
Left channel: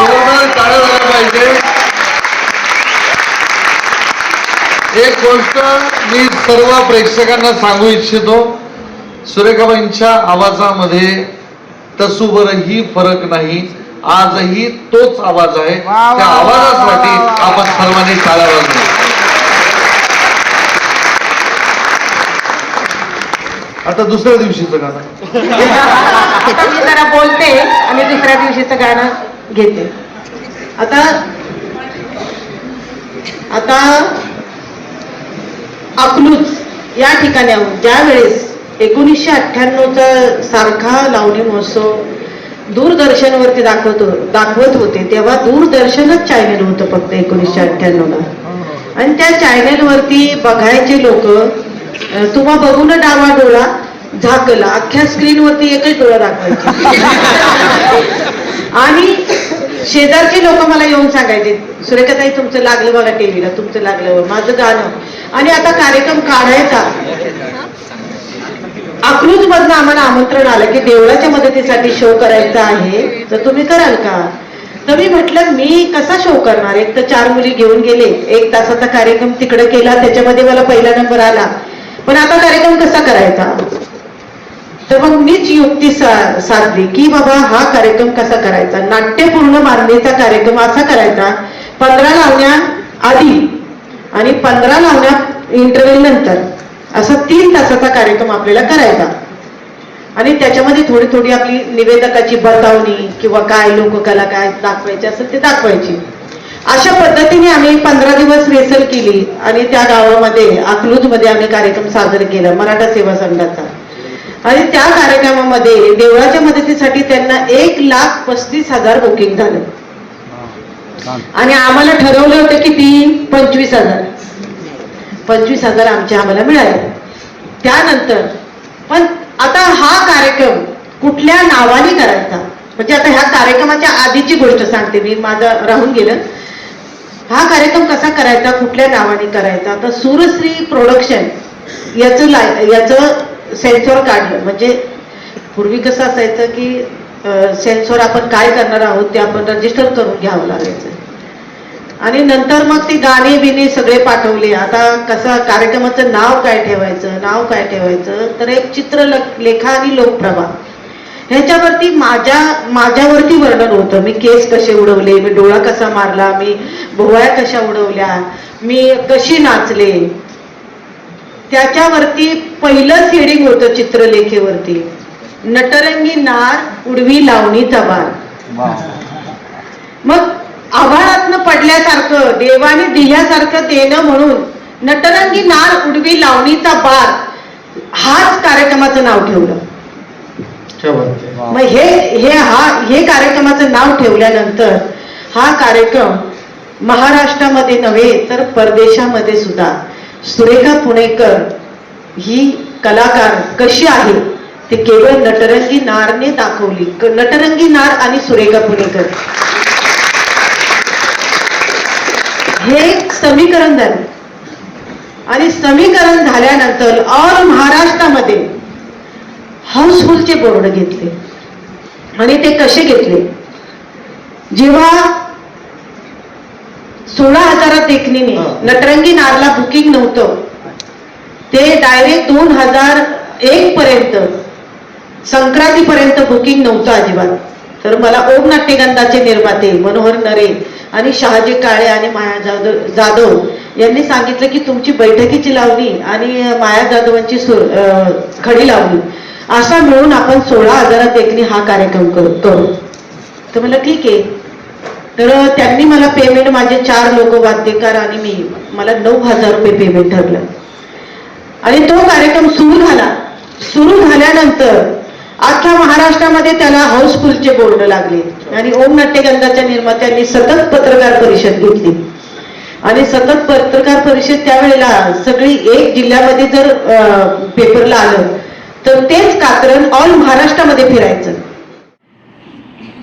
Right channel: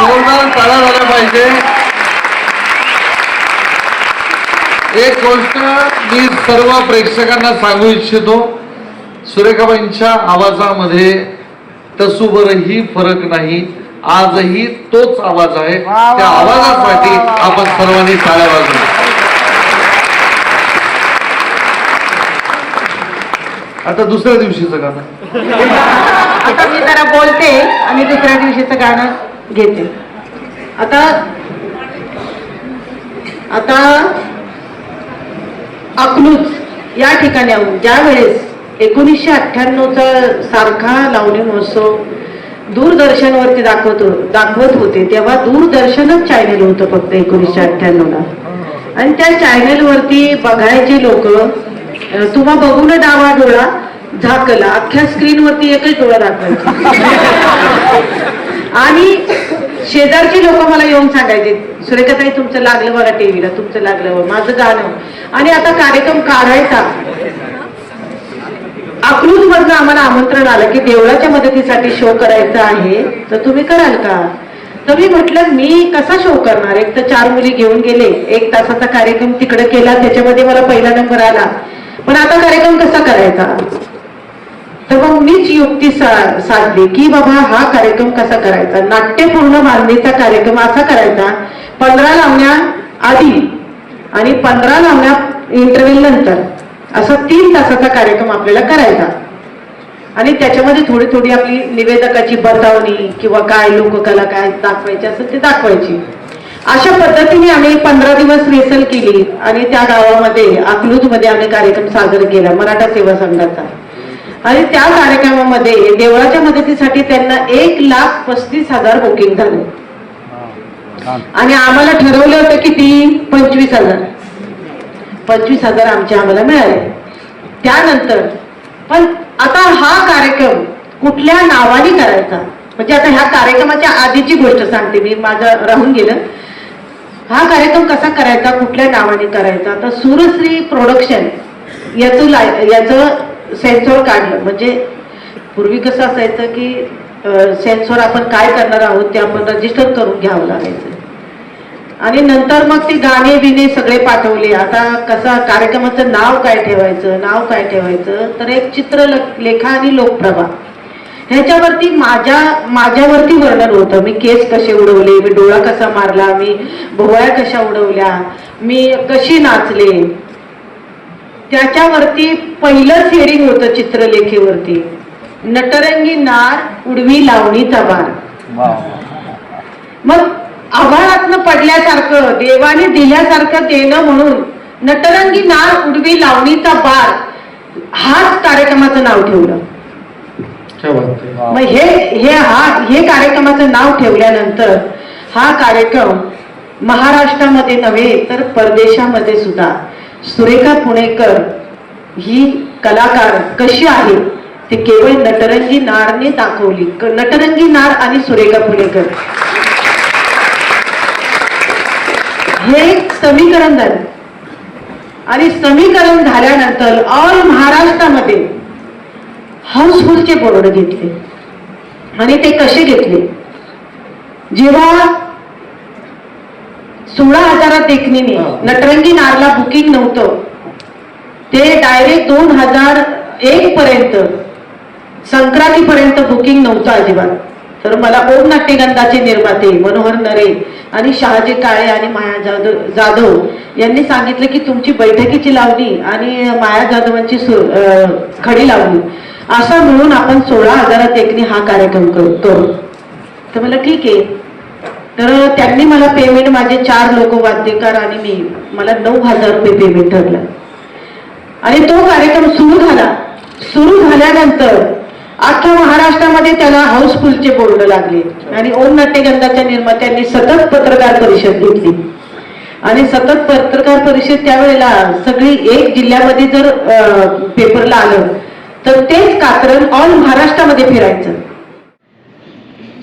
जोरदार टाळ्या झाल्या पाहिजे. एक गोष्ट मी सर्व प्रेक्षकांना सांगू इच्छितो, सुरेखाबाईंच्या आवाजामध्ये तसूभरही फरक नाही. आजही तोच आवाज आहे. त्या आवाजासाठी आपण सर्वांनी टाळ्या वाजवा. आता दुसऱ्या दिवशीचं गाणं आता मी जरा बोलते आणि दुसऱ्या दिवशीचं गाणं घेते. आता अकलूज या ठिकाणाहून ज्या वेळेस 1998चा सारखा लावणी महोत्सव दूरदर्शनवरती दाखवत होते, तेव्हा दूरदर्शनच चॅनल होतं फक्त 1998ला. आणि त्या चॅनलवरती बघायचे लोक, तुम्हा बघून डावा डोळा झाकला, अख्ख्या स्क्रीनवरती एकच डोळा दाखवायचे. आणि शेजारची लोक मला येऊन सांगायचे, सुरेखाताई तुमचं लागलं बघा टीव्हीला, तुमचं लागलं माझं गाणं. आणि आता कार्यक्रम काढायचा, अकलूज मधनं आम्हाला आमंत्रण आलं की देवळाच्या मदतीसाठी शो करायचा आहे, तर तुम्ही कराल का? तर मी म्हटलं मी कसा शो करणार, एक तर 4 मुली घेऊन गेले, 1 तासाचा कार्यक्रम तिकडे केला, त्याच्यामध्ये मला पहिला नंबर आला, पण आता कार्यक्रम कसा करायचा? तर मग मीच युक्ती साधली की बाबा हा कार्यक्रम कसा करायचा, नाट्यपूर्ण मांडणीचा कार्यक्रम असा करायचा, 15 लावण्या आधी आणि 15 लावण्या इंटरव्ह्यू नंतर, असा 3 तासाचा कार्यक्रम आपल्याला करायचा. आणि त्याच्यामध्ये थोडी थोडी आपली निवेदकाची बतावणी किंवा काय लोककला काय दाखवायची असेल ते दाखवायची. अशा पद्धतीने आम्ही 15 दिवस रिहर्सल केली आणि त्या गावामध्ये अकलूजमध्ये आम्ही कार्यक्रम सादर केला मराठा सेवा संघाचा. आणि त्या कार्यक्रमामध्ये देवळाच्या मदतीसाठी त्यांना 1,35,000 बुकिंग झालं. आणि आम्हाला ठरवलं होतं किती, 25,000 आम्हाला मिळाले. त्यानंतर पण आता हा कार्यक्रम कुठल्या नावाने करायचा, म्हणजे आता ह्या कार्यक्रमाच्या आधीची गोष्ट सांगते मी, माझं राहून गेलं. हा कार्यक्रम कसा करायचा, कुठल्या नावाने करायचा, तर सूरश्री प्रोडक्शन याचं सेन्सॉर काढलं. म्हणजे पूर्वी कसं असायचं की सेन्सॉर आपण काय करणार आहोत ते आपण रजिस्टर करून घ्यावं लागायचं. आणि नंतर मग ती गाणे बिणे सगळे पाठवले. आता कसा कार्यक्रमाचं नाव काय ठेवायचं, तर एक चित्रलेखा आणि लोकप्रभा ह्याच्यावरती माझ्यावरती वर्णन होतं. मी केस कसे उडवले, मी डोळा कसा मारला, मी भोवळ्या कशा उडवल्या, मी कशी नाचले, त्याच्यावरती पहिलं हेडिंग होतं चित्रलेखेवरती, नटरंगी नार उडवी लावणीचा बार. मग आभाळातनं पडल्यासारखं देवाने दिल्यासारखं देणं म्हणून नटरंगी नार उडवी लावणीचा बार हाच कार्यक्रमाचं नाव ठेवलं. मग हे कार्यक्रमाचं नाव ठेवल्यानंतर हा कार्यक्रम महाराष्ट्रामध्ये नव्हे तर परदेशामध्ये सुद्धा सुरेखा पुणेकर ही कलाकार कशी आहे ते केवळ नटरंगी नारने दाखवली. नटरंगी नार आणि सुरेखा पुणेकर हे एक समीकरण झालं. आणि समीकरण झाल्यानंतर ऑल महाराष्ट्रामध्ये हाऊसफुलचे बोर्ड घेतले. आणि ते कसे घेतले, जेव्हा 16,000 देखणीने नटरंगी नारला बुकिंग नव्हतं, ते डायरेक्ट 2001 पर्यंत संक्रांतीपर्यंत बुकिंग नव्हतं अजिबात. तर मला ओम नाट्यगंधाचे निर्माते मनोहर नरे आणि शहाजी काळे आणि माया जाधव यांनी सांगितलं की तुमची बैठकीची लावणी आणि माया जाधवांची खडी लावणी असा मिळून आपण 16,000 देखणी हा कार्यक्रम करू. तर मला ठीक आहे. तर त्यांनी मला पेमेंट, माझे 4 लोक वाद्यकार आणि मला 9,000 रुपये पेमेंट ठरलं. आणि तो कार्यक्रम सुरू झाल्यानंतर अख्ख्या महाराष्ट्रामध्ये त्याला हाऊसफुलचे बोर्ड लागले. आणि ओम नाट्यगंधाच्या निर्मात्यांनी सतत पत्रकार परिषद घेतली. आणि सतत पत्रकार परिषद त्यावेळेला सगळी एक जिल्ह्यामध्ये जर पेपरला आलं तर तेच कात्रण ऑल महाराष्ट्रामध्ये फिरायचं.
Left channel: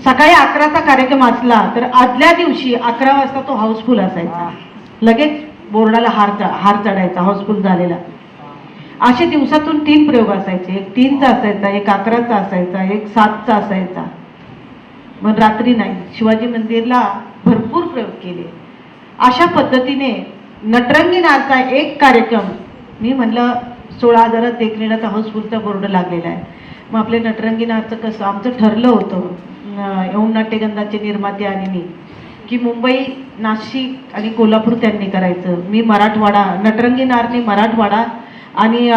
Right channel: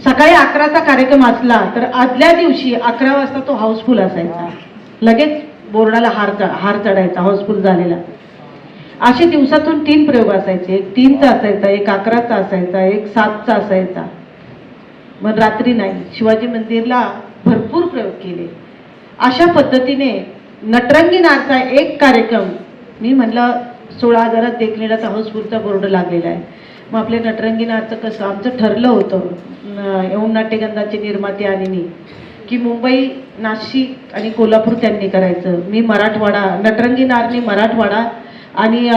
सकाळी 11चा कार्यक्रम असला तर आदल्या दिवशी 11 वाजता तो हाऊसफुल असायचा. लगेच बोर्डाला हार चढायचा हाऊसफुल झालेला. असे दिवसातून 3 प्रयोग असायचे. एक 3चा असायचा, एक 11चा असायचा, एक 7चा असायचा. मग रात्री नाही, शिवाजी मंदिरला भरपूर प्रयोग केले. अशा पद्धतीने नटरंगी नाचचा एक कार्यक्रम, मी म्हणलं 16,000 देखलेला तर हाऊसफुलचा बोर्ड लागलेला आहे. मग आपले नटरंगी नाचचं कसं आमचं ठरलं होतं, यौन नाट्यगंधाचे निर्माते आणि मी, की मुंबई, नाशिक आणि कोल्हापूर त्यांनी करायचं. मी मराठवाडा, नटरंगी नाचने मराठवाडा आणि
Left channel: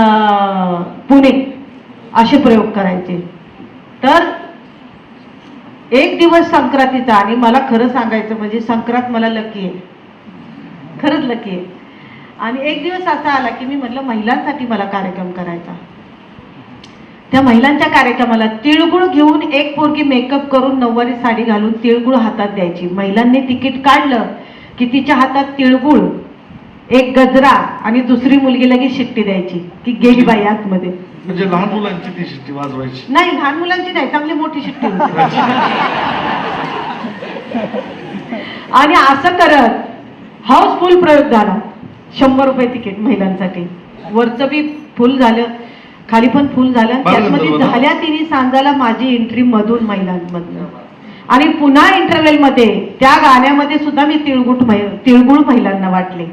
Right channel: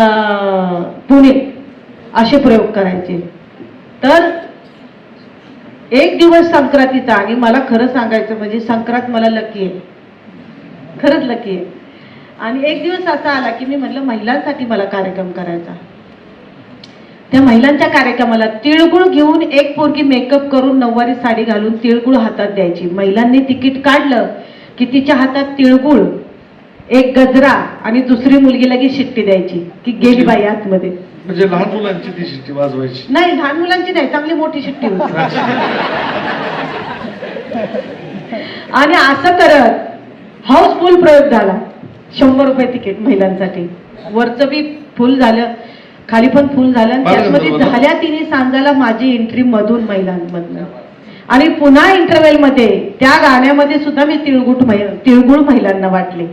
पुणे असे प्रयोग करायचे. तर एक दिवस संक्रांतीचा, आणि मला खरं सांगायचं म्हणजे संक्रांत मला लकी आहे, खरंच लकी आहे. आणि एक दिवस असा आला की मी म्हटलं महिलांसाठी मला कार्यक्रम करायचा. त्या महिलांच्या कार्यक्रमाला तिळगुळ घेऊन एक पोरगी मेकअप करून नऊवारी साडी घालून तिळगुळ हातात द्यायची. महिलांनी तिकीट काढलं की तिच्या हातात तिळगुळ, एक गजरा आणि दुसरी मुलगी लगेच शिट्टी द्यायची की गेली बाई आतमध्ये. म्हणजे लहान मुलांची ती शिट्टी वाजवायची? नाही, लहान मुलांची नाही, चांगली मोठी शिट्टी होती. आणि असं करत हाऊसफुल प्रयोग झाला. 100 रुपये तिकीट महिलांसाठी, वरचं बी फुल झालं, खाली पण फुल झालं. त्यामध्ये झाल्या तिन्ही सांगायला माझी एंट्री मधून महिलांमधून. आणि पुन्हा इंटरव्हेल मध्ये त्या गाण्यामध्ये सुद्धा मी तिळगुळ महिलांना वाटले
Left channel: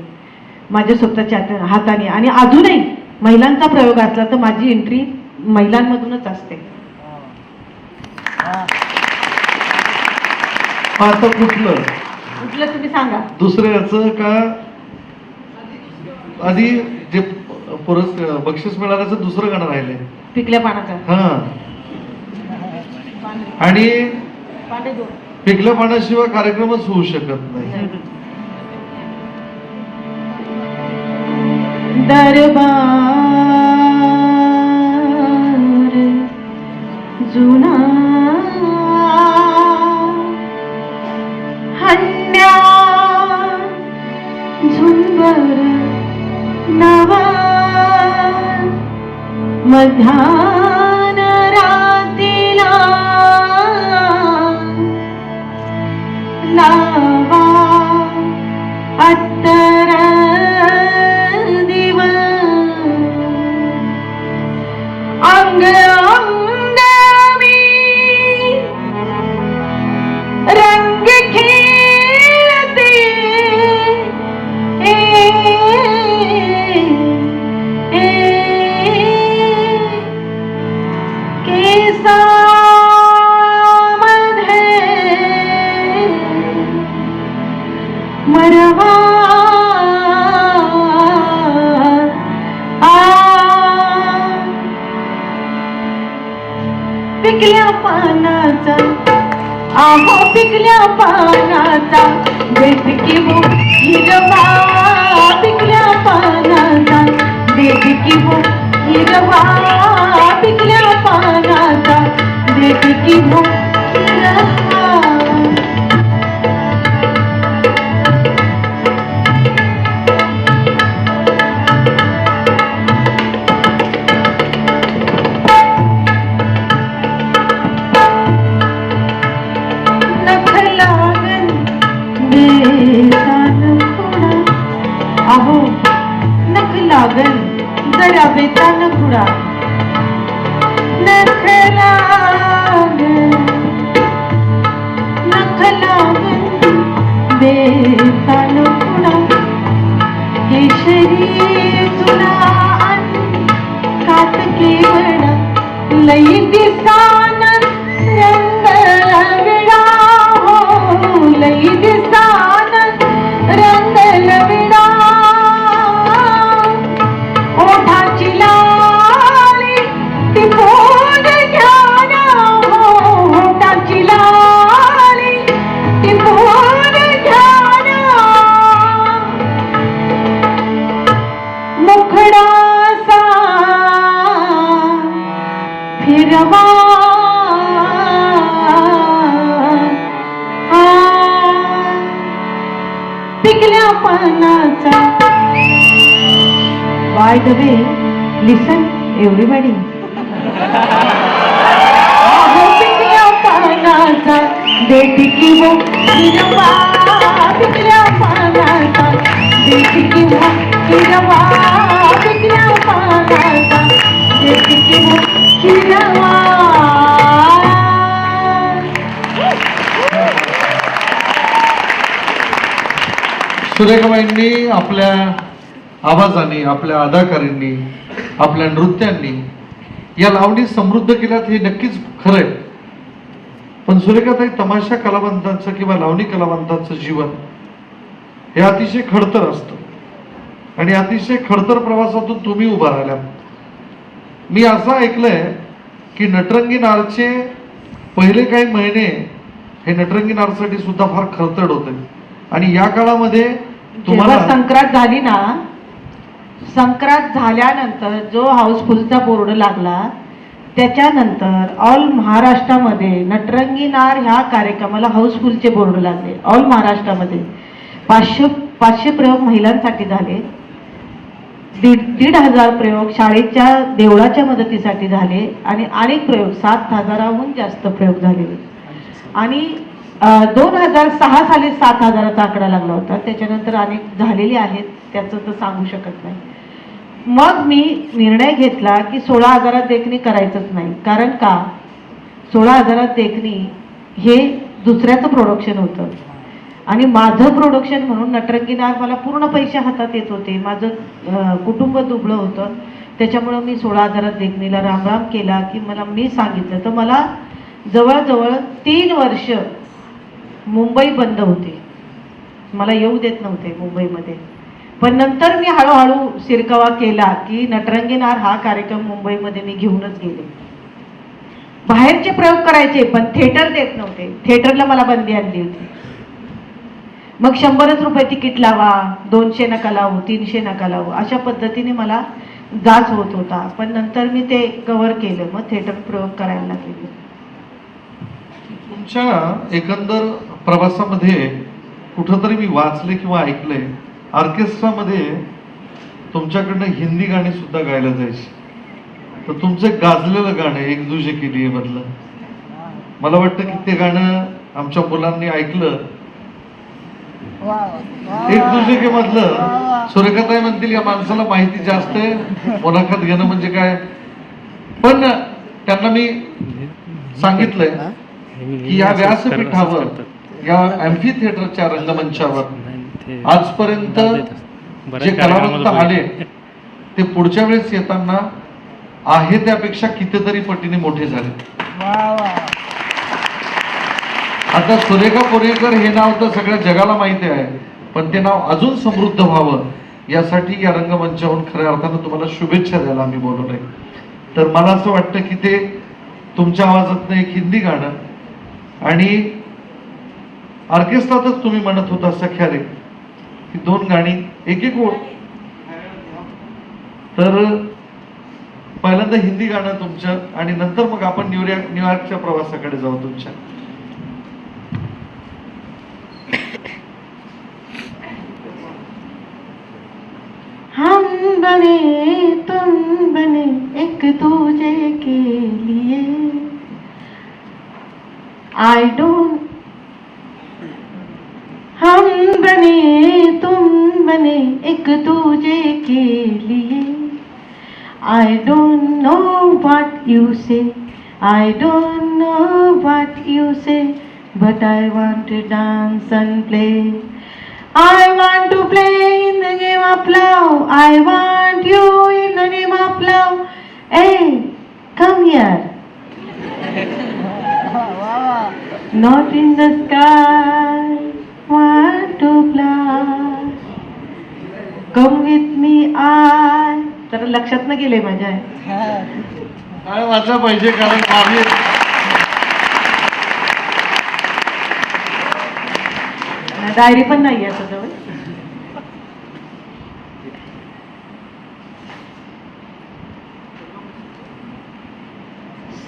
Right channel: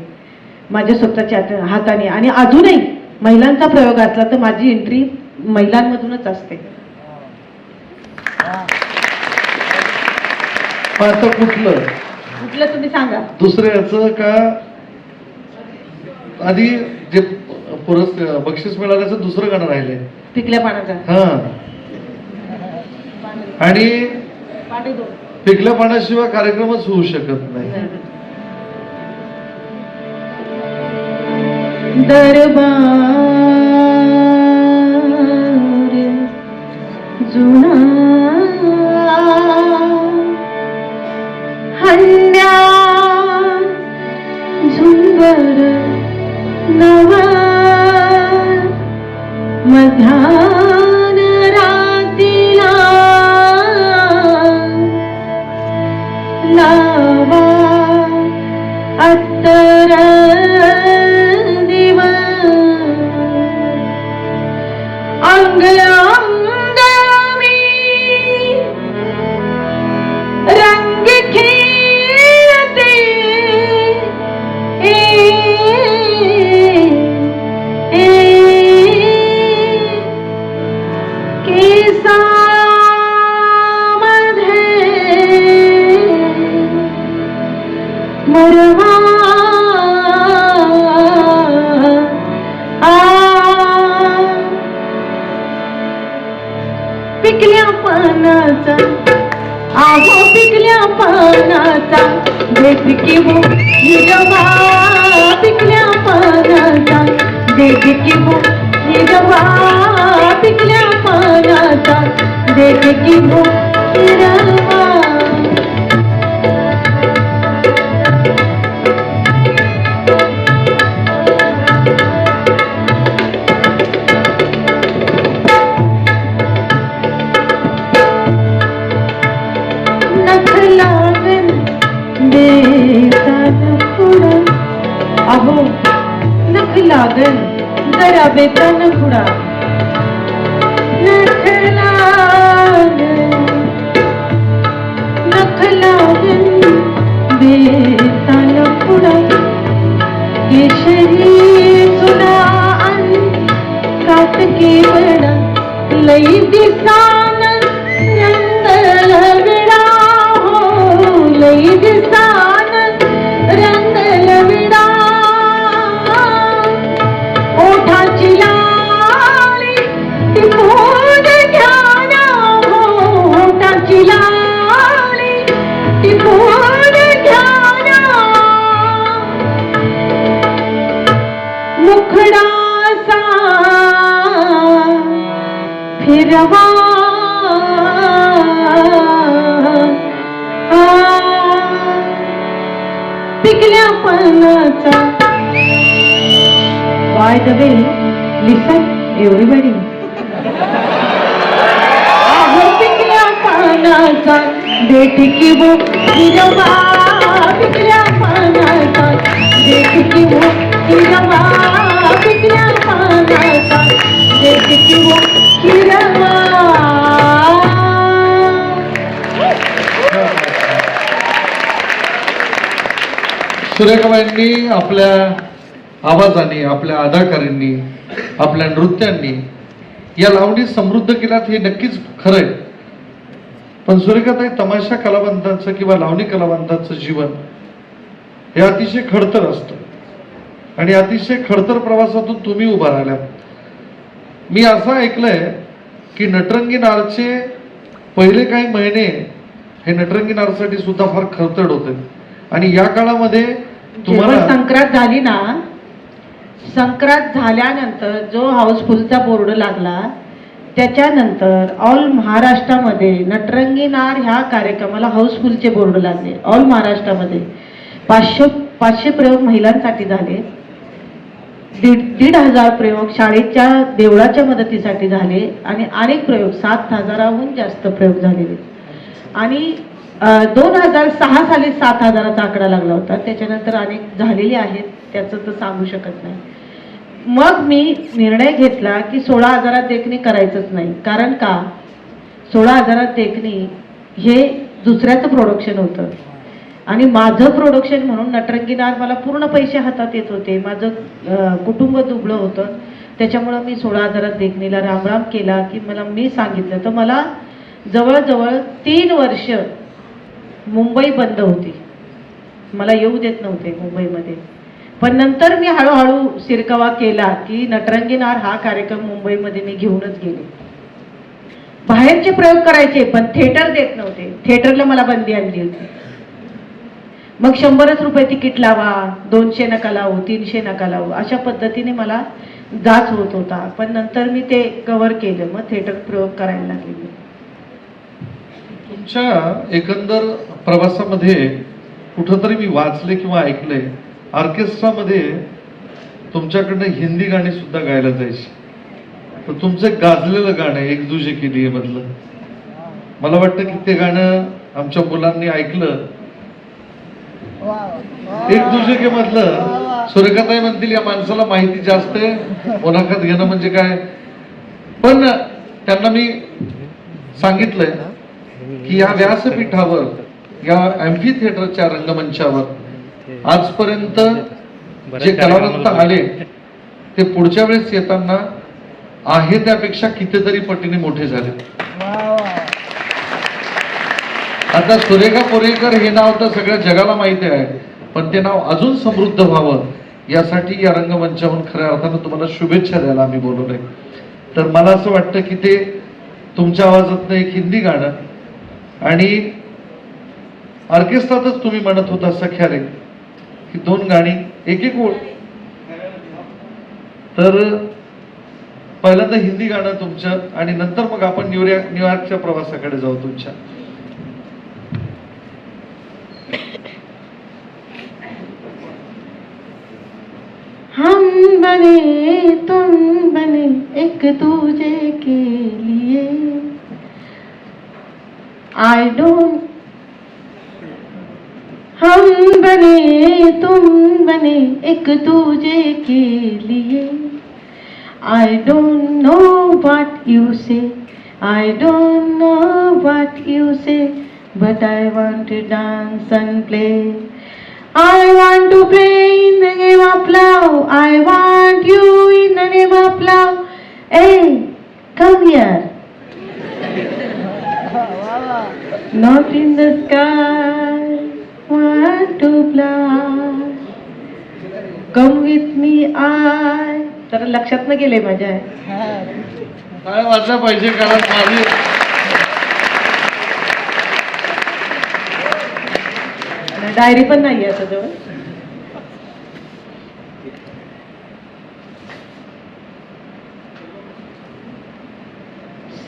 माझ्या स्वतःच्या हाताने. आणि अजूनही महिलांचा प्रयोग असला तर माझी एंट्री महिलांमधूनच असते. आता कुठलं तुम्ही सांगा? दुसऱ्याचं का आधी जे बक्षीस मिळाल्याचं दुसरं गाणं राहिले? पिकल्या पानाचं. हा, आणि पिकल्या पाण्याशिवाय कार्यक्रमच होऊ शकत नाही. दरबार जुना हंड्या झुंबर नवा मधान रातीला लावा अत्तर दिवा अंग अंग मी रंग खेळते मरवा पिकल्या पानाचा, आहो पिकल्या पानाचा देठकी हो हिरवा, पिकल्या पानाचा देठकी हो हिरवा, पिकल्या पानाचा देठकी हो हिरवा. अहो नख लागन जरा बेतान पुढा, नख लागन बेतान पुढा. केशरी जुना काटकी वडा लई दिसान रंग विडा, हो लई दिसान रंग लविडा. ओठाची लाली टिपून घ्याना, हो ओठाची लाली टिपून घ्याना. मुखडासा फिरवा, पिकल्या पानाचा. By the way, listen everybody. पिकल्या पानाचा देठकी हो हिरवा, पिकल्या पानाचा देठकी हो हिरवा, पिकल्या पानाचा देठकी हो हिरवा. सुरेखाबाईंनी आपल्या आवाजाने, आपल्या अदाकारींनी, आपल्या नृत्यांनी या लावणी समृद्ध केल्यात हे नक्कीच खरं आहे. पण सुरेखाताई, तमाशा कलावंतांचं किंवा लावणी कलावंतांचं जीवन हे अतिशय खडतर असतं आणि अतिशय खडतर प्रवासातून तुम्ही उभा राहिला. मी असं ऐकलंय की नटरंगी नारचे पहिले काही महिने हे नटरंगी नारसाठी सुद्धा फार खडतर होते आणि या काळामध्ये जेव्हा संक्रांत झाली ना, संक्रांत झाल्यानंतर जो हाऊसफुलचा बोर्ड लागला, त्याच्यानंतर ऑल महाराष्ट्रामध्ये नटरंगी नार ह्या कार्यक्रमाला हाऊसफुलचे बोर्ड लागले. ऑल महाराष्ट्रामध्ये 500 प्रयोग महिलांसाठी झाले, 1,500 प्रयोग शाळेच्या देवळाच्या मदतीसाठी झाले आणि अनेक प्रयोग 7,000हून जास्त प्रयोग झालेले. आणि 2006 साली 7,000चा आकडा लागला होता. त्याच्यानंतर अनेक झालेले आहेत, त्याचं तर सांगू शकत नाही. मग मी निर्णय घेतला की 16,000 देखणी करायचंच नाही. कारण का, 16,000 देखणी हे दुसऱ्याचं प्रोडक्शन होतं आणि माझं प्रोडक्शन म्हणून नटरंगी नार मला पूर्ण पैसे हातात येत होते. माझं कुटुंब दुबळं होतं. त्याच्यामुळं मी 16,000 देखणीला रामराम केला की मी सांगितलं तर मला जवळजवळ 3 वर्ष मुंबई बंद होती, मला येऊ देत नव्हते मुंबईमध्ये. पण नंतर मी हळूहळू शिरकावा केला की नटरंगी नार हा कार्यक्रम मुंबईमध्ये मी घेऊनच गेले. बाहेरचे प्रयोग करायचे पण थिएटर देत नव्हते, थिएटरला मला बंदी आणली होती. मग 100च रुपये तिकीट लावा, 200 नका लावू, 300 नका लावू, अशा पद्धतीने मला जाच होत होता. पण नंतर मी ते कव्हर केलं, मग थिएटर प्रयोग करायला लागले. तुमच्या एकंदर प्रवासामध्ये कुठंतरी मी वाचले किंवा ऐकले, ऑर्केस्ट्रामध्ये तुमच्याकडनं हिंदी गाणी सुद्धा गायला जायची. तर तुमचं गाजलेलं गाणं एक दुजे के लिए मधलं, मला वाटतं की ते गाणं आमच्या मुलांनी ऐकलं. एक दुजे के मधलं सुरेखाताई म्हणतील या माणसाला माहिती जास्त आहे, मुलाखत घेणं म्हणजे काय. पण त्यांना मी सांगितलंय की या व्यासपीठावर, या ॲम्फी थिएटरच्या रंगमंचावर आजपर्यंत जे कलावंत आले ते पुढच्या वेळेस येताना आहे त्यापेक्षा कितीतरी पटीने मोठे झाले. आता सुरेखा पोरेकर हे नाव तर सगळ्या जगाला माहिती आहे, पण ते नाव अजून समृद्ध व्हावं यासाठी या रंगमंचावरून खऱ्या अर्थानं तुम्हाला शुभेच्छा द्यायला आम्ही बोलवलंय. तर मला असं वाटतं की ते तुमच्या आवाजातनं एक हिंदी गाणं आणि ऑर्केस्ट्रातच तुम्ही म्हणत होता सख्या रे, ही 2 गाणी एक ओळ. तर पहिल्यांदा हिंदी गाणं तुमचं आणि नंतर मग आपण न्यूयॉर्कच्या प्रवासाकडे जाऊ तुमच्या. हम बने तुम बने एक दूजे के लिए, आई डोंट. हम बने तुम बने एक दूजे के लिए, I don't know what you say, I don't know what you say, but I want to dance and play. I want to play in the game of love. I want you in the name of love. Hey, come here. Not in the sky, want to fly. Come with me, I. तर लक्षात न गेले माझ्या. काय वाचलं पाहिजे, कारण माझी डायरी पण नाही आता जवळ.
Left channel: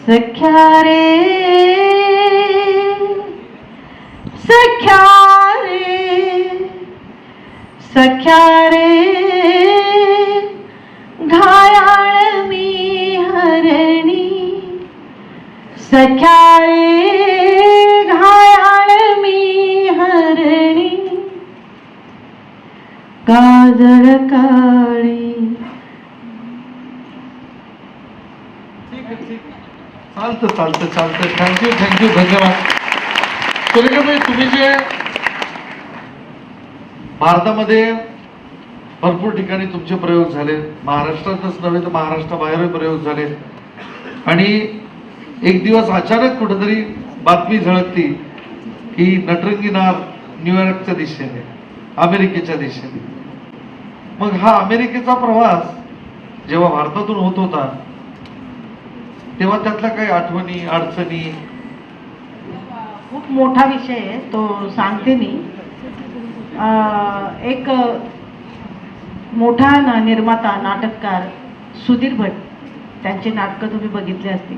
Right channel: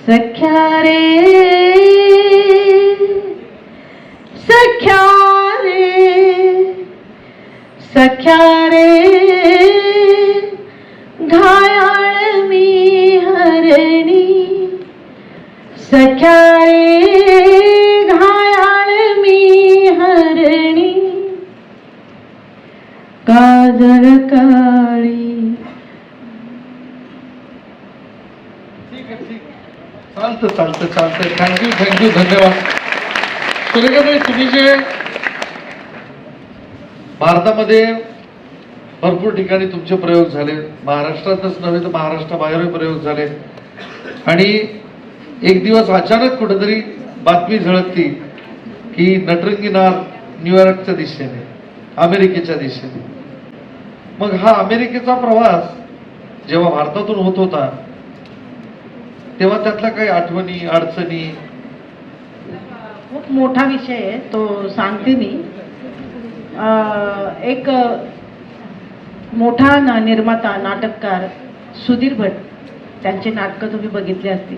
सख्या रे सख्या रे सख्या रे, घायाळ मी हरणी. सख्या रे घायाळ मी हरणी, काजळ काळी. चालतं. थँक्यू धन्यवाद. सुरेखाताई, तुम्ही जे भारतामध्ये भरपूर ठिकाणी तुमचे प्रयोग झाले, महाराष्ट्रातच नव्हे तर महाराष्ट्राबाहेरही प्रयोग झाले. आणि एक दिवस अचानक कुठेतरी बातमी झळकती की नटरंगी नार न्यूयॉर्कच्या दिशेने, अमेरिकेच्या दिशेने. मग हा अमेरिकेचा प्रवास जेव्हा भारतातून होत होता तेव्हा त्यातल्या काही आठवणी, अडचणी? खूप मोठा विषय आहे तो, सांगते मी. एक मोठा निर्माता, नाटककार सुधीर भट, त्यांचे नाटकं तुम्ही बघितले असतील.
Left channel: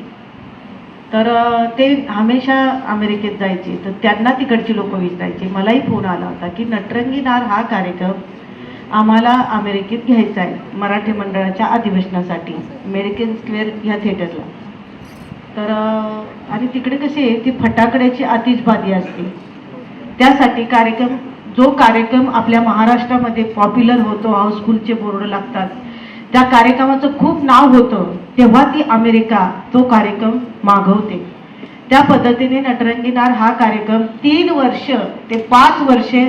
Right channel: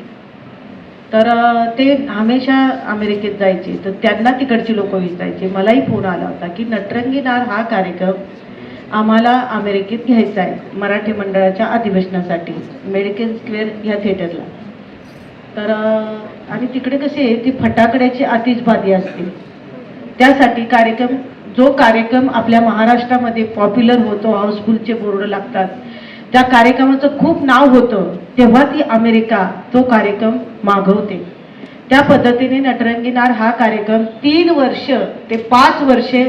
तर ते हमेशा अमेरिकेत जायचे, तर त्यांना तिकडची लोक विचारायचे. मलाही फोन आला होता की नटरंगी नार हा कार्यक्रम आम्हाला अमेरिकेत घ्यायचा आहे मराठी मंडळाच्या अधिवेशनासाठी, मेडिकल स्क्वेअर ह्या थिएटरला. तर आणि तिकडे कसे ती फटाकड्याची आतिषबाजी असते, त्यासाठी कार्यक्रम, जो कार्यक्रम आपल्या महाराष्ट्रामध्ये पॉप्युलर होतो, हाऊसफुलचे बोर्ड लागतात, त्या कार्यक्रमाचं खूप नाव होतं, तेव्हा ती अमेरिका तो कार्यक्रम मागवते. त्या पद्धतीने नटरंगी नार हा कार्यक्रम 3 वर्ष ते 5 वर्षे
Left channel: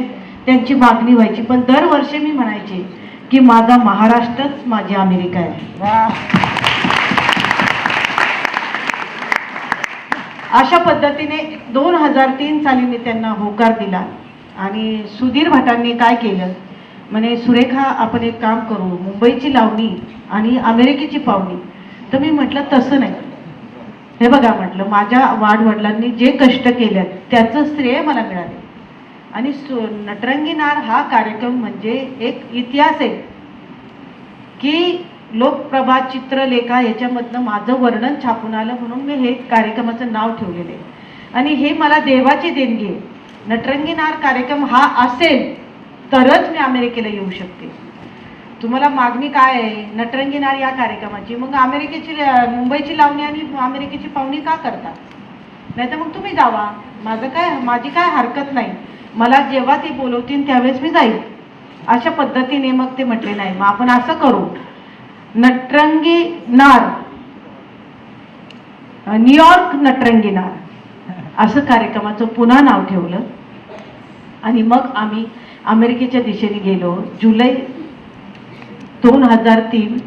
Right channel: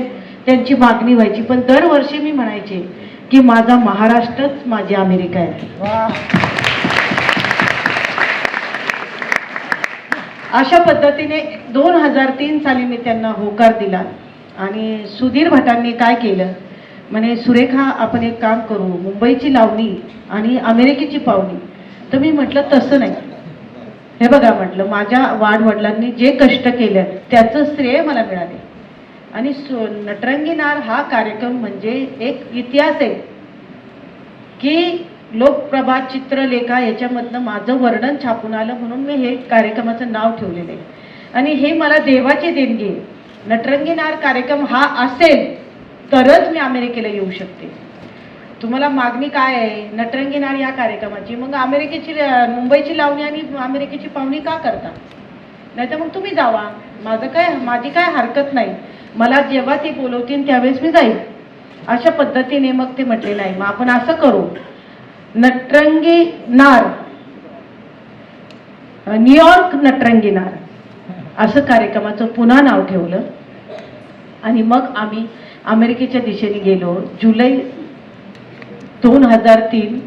त्यांची मागणी व्हायची. पण दरवर्षी मी म्हणायचे की माझा महाराष्ट्रच माझी अमेरिका आहे. अशा पद्धतीने 2003 साली मी त्यांना होकार दिला. आणि सुधीर भटांनी काय केलं, म्हणे सुरेखा आपण एक काम करू, मुंबईची लावणी आणि अमेरिकेची पावणी. तर मी म्हटलं तसं नाही, हे बघा म्हटलं माझ्या वाडवडिलांनी जे कष्ट केले त्याचं श्रेय मला मिळाले. आणि नटरंगी नार हा कार्यक्रम म्हणजे एक इतिहास आहे की लोकप्रभा, चित्रलेखा ह्याच्यामधनं माझं वर्णन छापून आलं, म्हणून मी हे कार्यक्रमाचं नाव ठेवलेलं आहे. आणि हे मला देवाची देणगी आहे. नटरंगी नार कार्यक्रम हा असेल तरच मी अमेरिकेला येऊ शकते. तुम्हाला मागणी काय आहे नटरंगी नार या कार्यक्रमाची, मग अमेरिकेची, मुंबईची लावणी आणि अमेरिकेची पाहुणी का करता? नाही तर मग तुम्ही जावा, माझी काय हरकत नाही, मला जेव्हा ती बोलवतील त्यावेळेस मी जाईल. अशा पद्धतीने मग ते म्हटले नाही, मग आपण असं करू, नटरंगी नार, न्यूयॉर्क नटरंगी नार असं कार्यक्रमाचं पुन्हा नाव ठेवलं. आणि मग आम्ही अमेरिकेच्या दिशेने गेलो. जुलै 2003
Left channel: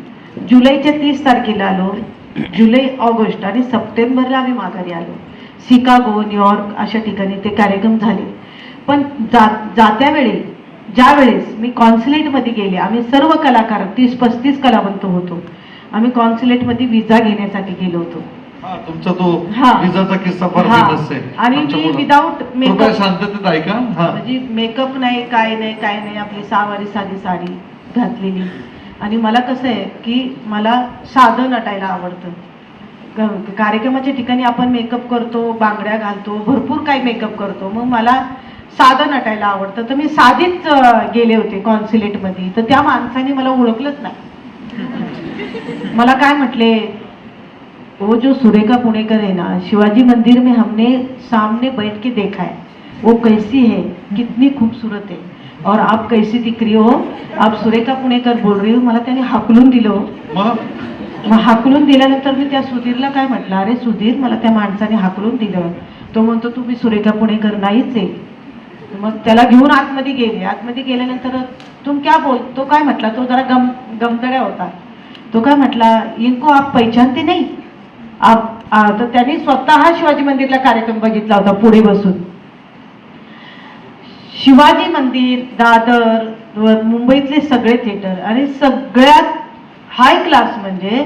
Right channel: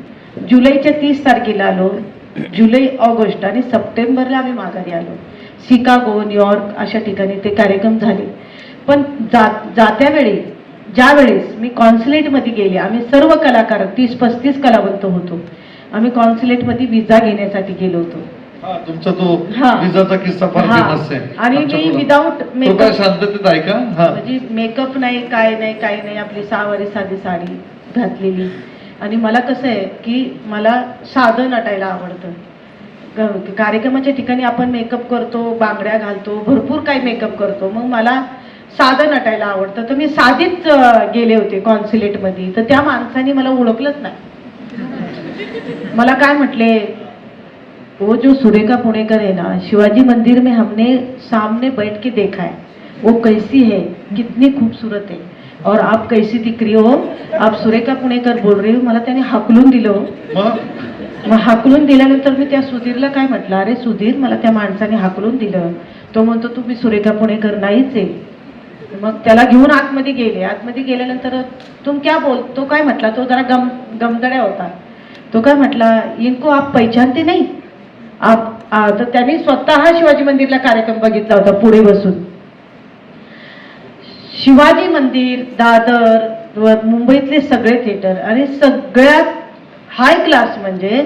जुलैच्या 30 तारखेला आलो. जुलै, ऑगस्ट आणि सप्टेंबरला आम्ही माघारी आलो. शिकागो, न्यूयॉर्क अशा ठिकाणी ते कार्यक्रम झाले. पण जात्या वेळी ज्यावेळेस मी कॉन्सुलेटमध्ये गेले, आम्ही सर्व कलाकार 30-35 कलावंत होतो, आम्ही कॉन्सुलेटमध्ये विजा घेण्यासाठी गेलो होतो. तुमचा तो विजाचा किस्सा फार फेमस आहे. आणि मी विदाऊट मेकअप, शांततेत ऐका, म्हणजे मेकअप नाही, काय नाही, आपली सावारी साधी साडी घातलेली. आणि मला कसं आहे की मला साधं नटायला आवडतं. कार्यक्रमाच्या ठिकाणी आपण मेकअप करतो, बांगड्या घालतो, भरपूर काही मेकअप करतो, मग मला साधं नटायला आवडतं. तर मी साधीच गेले होते कॉन्सुलेटमध्ये. तर त्या माणसाने मला ओळखलंच नाही. मला काय म्हटले, वो जो सुरेखा पुणेकर है ना, शिवाजी मंदिर में हमने सामने बैठ के देखा है, वो कैसी है, कितनी खूबसूरत है, और आप कैसी दिख रही हो, आप सुरेखा पुणेकर बोल रही हो. मला त्याने हाकलून दिलं. मग हाकलून दिल्यानंतर मी त्या सुधीरला काय म्हटलं, अरे सुधीर, मला त्या माणसाने हाकलून दिलं. तो म्हणतो तुम्ही सुरेखा पुणेकर नाहीच आहे. मग त्याला घेऊन आतमध्ये गेले. आतमध्ये गेल्यानंतर तुम क्या बोल, तो काय म्हटला, तो जरा गमदड्या होता. तो काय म्हटला, इनको आप पहचानते नहीं आप. तर त्यांनी स्वतः शिवाजी मंदिरला कार्यक्रम बघितला होता पुढे बसून. शिवाजी मंदिर, दादर, मुंबईतले सगळे थिएटर आणि सगळ्यात हाय क्लास म्हणजे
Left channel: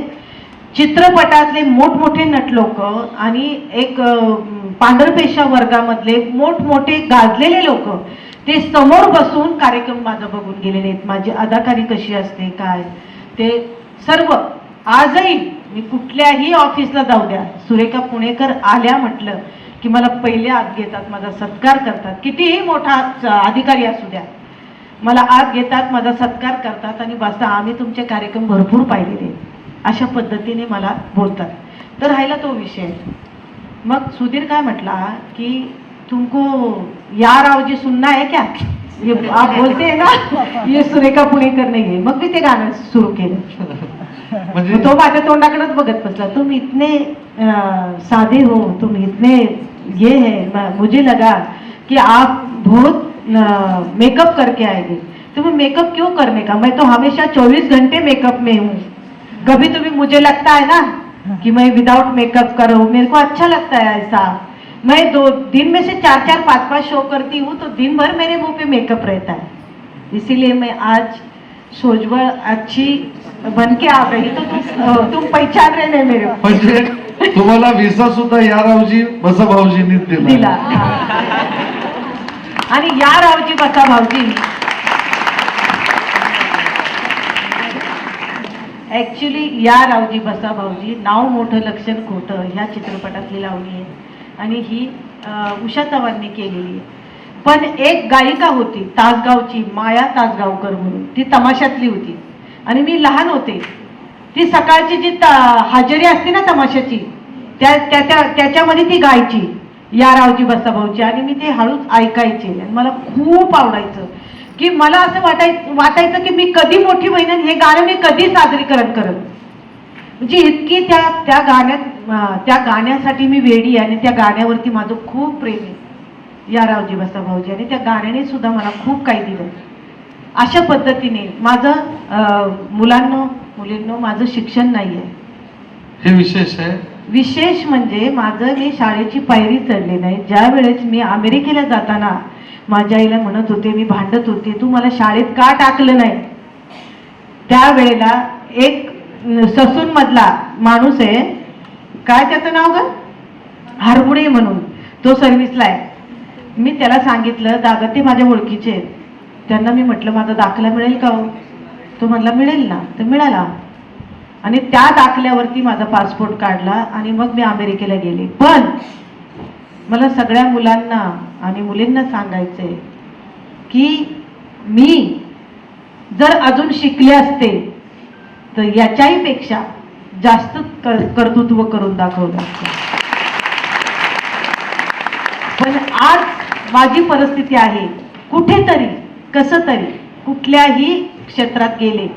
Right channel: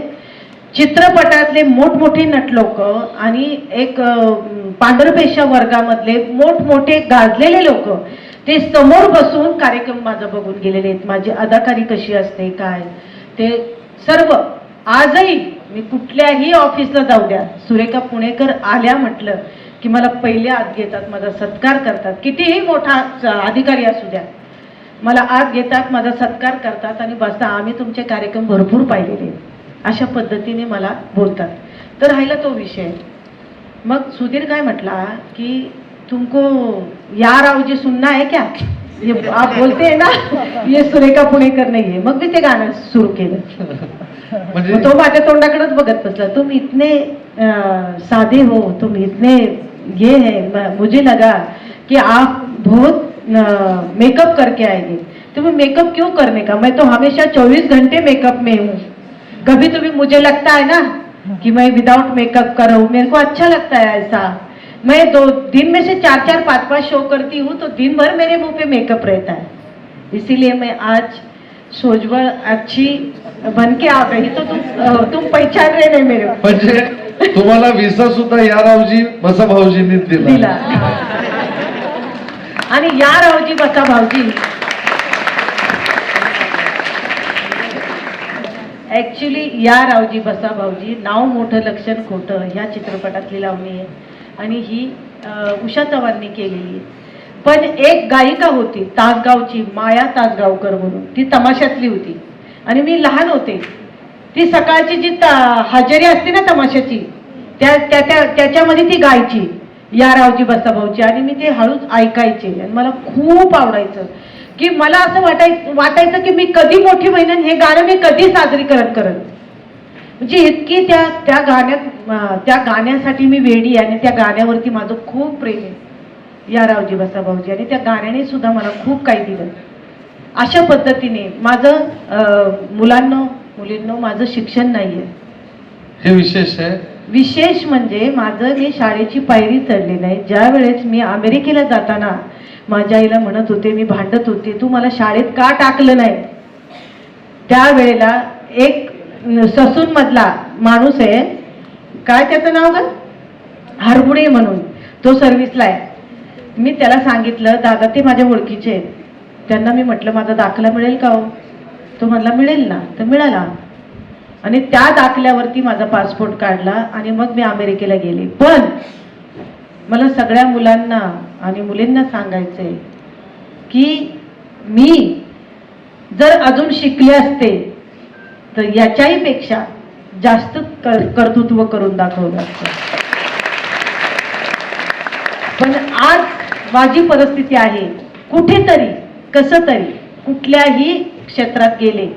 चित्रपटातले मोठमोठे नटलोक आणि एक पांढरपेशा वर्गामधले मोठमोठे गाजलेले लोक ते समोर बसून कार्यक्रम माझं बघून गेलेले आहेत. माझी अदाकारी कशी असते काय ते सर्व. आजही मी कुठल्याही ऑफिसला जाऊ द्या, सुरेखा पुणेकर आल्या म्हटलं की मला पहिले आत घेतात, माझा सत्कार करतात. कितीही मोठा अधिकारी असू द्या, मला आत घेतात, माझा सत्कार करतात आणि बसता, आम्ही तुमचे कार्यक्रम भरपूर पाहिलेले, अशा पद्धतीने मला बोलतात. तर राहिला तो विषय. मग सुधीर काय म्हटला की तुमको यार आवजी सुनना है क्या, ये आप बोलते हैं ना, ये सुरेखा पुणेकर नहीं है. मग मी ते गाणं सुरू केलं. तो माझ्या तोंडाकडेच बघत बसला. तुम इतने सादे हो, तुम इतने ये है, मुझे लगा कि आप बहुत मेकअप करके आएंगे. तुम्हें मेकअप क्यों करने का, मैं तो हमेशा 24 घंटे मेकअप में हूँ, कभी तुम्हें मुझे लगता है ना कि मैं विदाउट मेकअप करूँ, मेरे को अच्छा लगता है ऐसा। मैं 2 दिन में से 4-4 5-5 शो करती हूँ तो दिन भर मेरे मुंह पे मेकअप रहता है, इसीलिए मैं आज सोजवळ अच्छी बन के आ गई तो तुम पहचान रहे नहीं मेरे को। म्हणजे तुम्हाला विसा सुद्धा या रावजी बसा भाऊजींनी दिला दिला. आणि या रावजी बसा भाऊजी ऍक्च्युली या रावजी बसा भाऊजी नाव मोठं लक्षण खोटं ह्या चित्रपटातली लावणी आहे आणि ही उषा चव्हाणनी केलेली आहे. पण एक गायिका होती तासगावची, माया तासगावकर म्हणून, ती तमाशातली होती आणि मी लहान होते. ती सकाळची जी हजेरी असते ना तमाशाची त्याच्यामध्ये ती गायची या रावजी बसा भाऊची आणि मी ते हळूच ऐकायचे आणि मला खूप आवडायचं की मला असं वाटायचं की मी कधी मोठी बहीण हे गाणं मी कधी सादरीकरण करत. म्हणजे इतकी त्या गाण्यासाठी मी वेडी आहे आणि त्या गाण्यावरती माझं खूप प्रेम आहे या रावजी बसा भाऊजी आणि त्या गाण्याने सुद्धा मला खूप काही दिलं. अशा पद्धतीने माझं मुलींनो माझं शिक्षण नाही आहे, हे विशेष आहे. विशेष म्हणजे माझं मी शाळेची पायरी चढली नाही. ज्या वेळेस मी अमेरिकेला जाताना माझ्या आईला म्हणत होते, मी भांडत होते, तू मला शाळेत का टाकलं नाही. त्यावेळेला एक ससून मधला माणूस आहे, काय त्याचं नाव ग, हरगुडे म्हणून, तो सर्व्हिसला आहे. मी त्याला सांगितलं दादा ते माझ्या ओळखीचे आहेत, त्यांना मी म्हटलं माझा दाखला मिळेल का हो. तो म्हणला मिळेल ना. तर मिळाला आणि त्या दाखल्यावरती माझा पासपोर्ट काढला आणि मग मी अमेरिकेला गेले. पण मला सगळ्या मुलांना आणि मुलींना सांगायचंय की मी जर अजून शिकले असते तर याच्याही पेक्षा जास्त कर्तृत्व करून दाखवलं असतं. पण आज माझी परिस्थिती आहे, कुठेतरी कसं तरी कुठल्याही क्षेत्रात गेले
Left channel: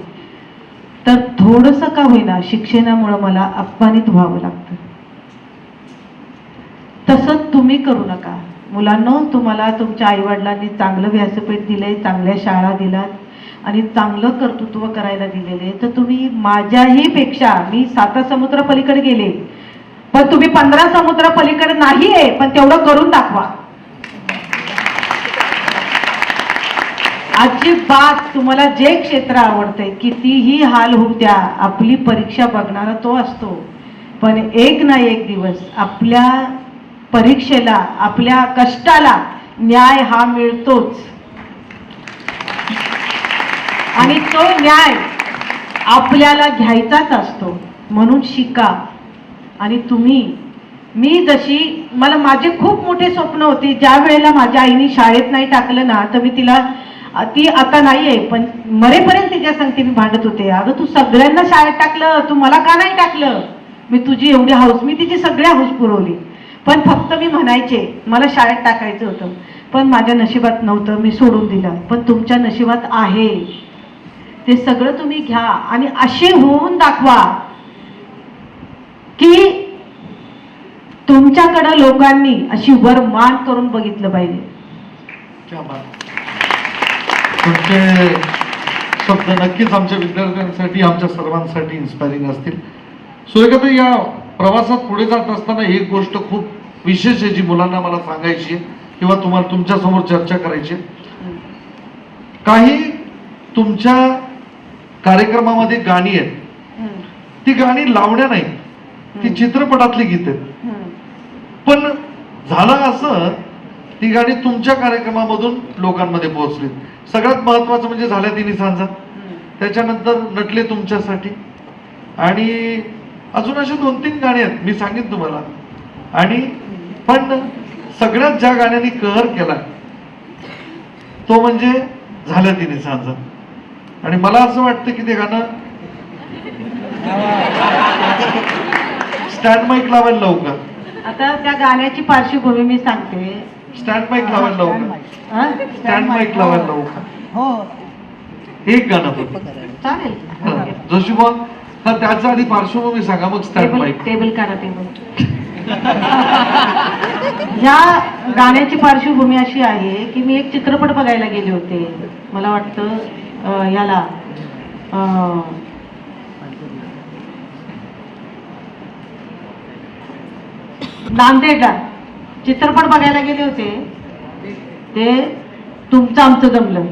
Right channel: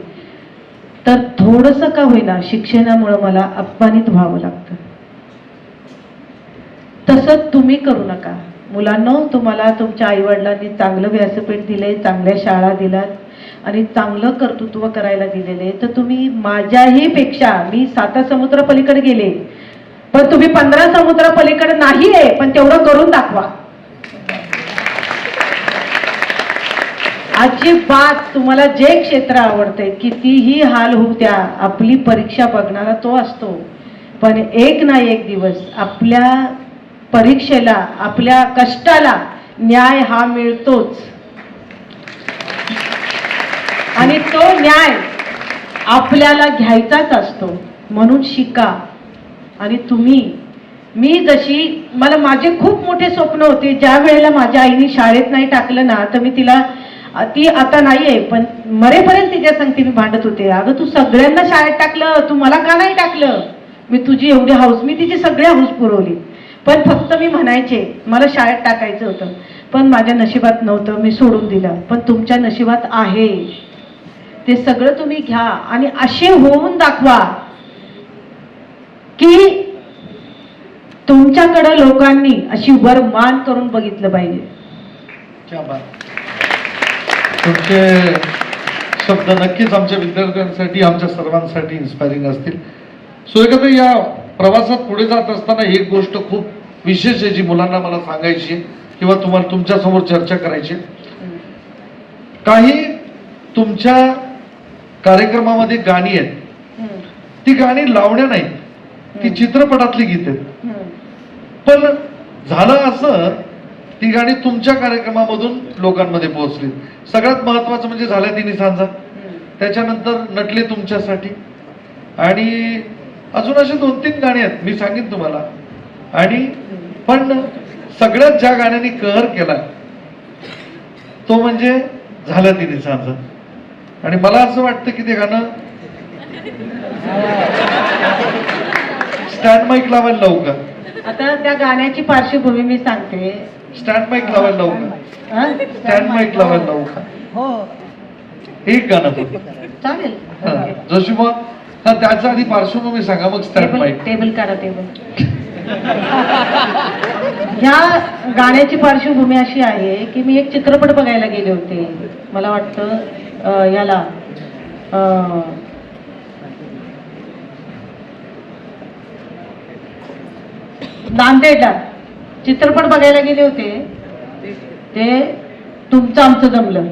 तर थोडंसं का होईना शिक्षणामुळे मला अपमानित व्हावं लागतं. तसं तुम्ही करू नका मुलांनो. तुम्हाला तुमच्या आईवडिलांनी चांगलं व्यासपीठ दिले, चांगल्या शाळा दिलात आणि चांगलं कर्तृत्व करायला दिलेले, तर तुम्ही माझ्याही पेक्षा, मी 7 समुद्र पलीकडे गेले पण तुम्ही 15 समुद्र पलीकडे नाही आहे, पण तेवढं करून दाखवा. अजिबात तुम्हाला जे क्षेत्र आवडते कितीही हाल होऊ द्या, आपली परीक्षा बघणारा तो असतो. पण एक ना एक दिवस आपल्या परीक्षेला, आपल्या कष्टाला न्याय हा मिळतोच आणि तो न्याय आपल्याला घ्यायचाच असतो. म्हणून शिका. आणि मी जशी, मला माझे खूप मोठे स्वप्न होते. ज्या वेळेला माझ्या आईने शाळेत नाही टाकलं ना, तर मी तिला, ती आता नाहीये पण मरेपर्यंत तिच्या संगती मी भांडत होते, अगं तू सगळ्यांना शाळेत टाकलं, तू मला का नाही टाकलं. मी तुझी एवढी हौस, मी तिची सगळ्या हौस पुरवली. पण फक्त मी म्हणायचे मला शाळेत टाकायचं होतं, पण माझ्या नशिबात नव्हतं, मी सोडून दिलं. पण तुमच्या नशिबात आहे, ते सगळं तुम्ही घ्या आणि असे होऊन दाखवा की तुमच्याकडं लोकांनी अशी वर मान करून बघितलं पाहिजे. क्या बात. तुमचे शब्द नक्कीच आमच्या विद्यार्थ्यांसाठी, आमच्या सर्वांसाठी इन्स्पायरिंग असतील. सुरेखाताई, या प्रवासात पुढे जात असताना एक गोष्ट खूप विशेष आहे जी मुलांना मला सांगायची किंवा तुम्हाला तुमच्यासमोर चर्चा करायची. काही तुमच्या कार्यक्रमामध्ये गाणी आहेत, ती गाणी लावण्या नाही, ती चित्रपटातली गीत आहेत. पण झालं असं, ती गाणी तुमच्या कार्यक्रमामधून लोकांमध्ये पोहोचली. सगळ्यात महत्वाचं म्हणजे झाल्या तिन्ही सांजा, त्याच्यानंतर नटले तुमच्यासाठी आणि अजून अशी 2-3 गाणी आहेत, मी सांगेन तुम्हाला. आणि पण सगळ्यात ज्या गाण्याने कहर केला तो म्हणजे झाल्या तिन्ही सांजा. आणि मला असं वाटतं की ते गाणं स्टँड माईक लावायला लवकर. आता त्या गाण्याची पार्श्वभूमी मी सांगते. स्टँड माईक लावायला लवकर, स्टँड माईक लावायला लवकर. हो एक गाणं तो चालेल. जोशी मग त्याच्या आधी पार्श्वभूमी सांगा, मग स्टँड माईक. टेबल काढा, टेबल. ह्या गाण्याची पार्श्वभूमी अशी आहे की मी एक चित्रपट बघायला गेले होते, मला वाटतं याला नांदेडला चित्रपट बघायला गेले होते, ते तुमचं आमचं जमलं,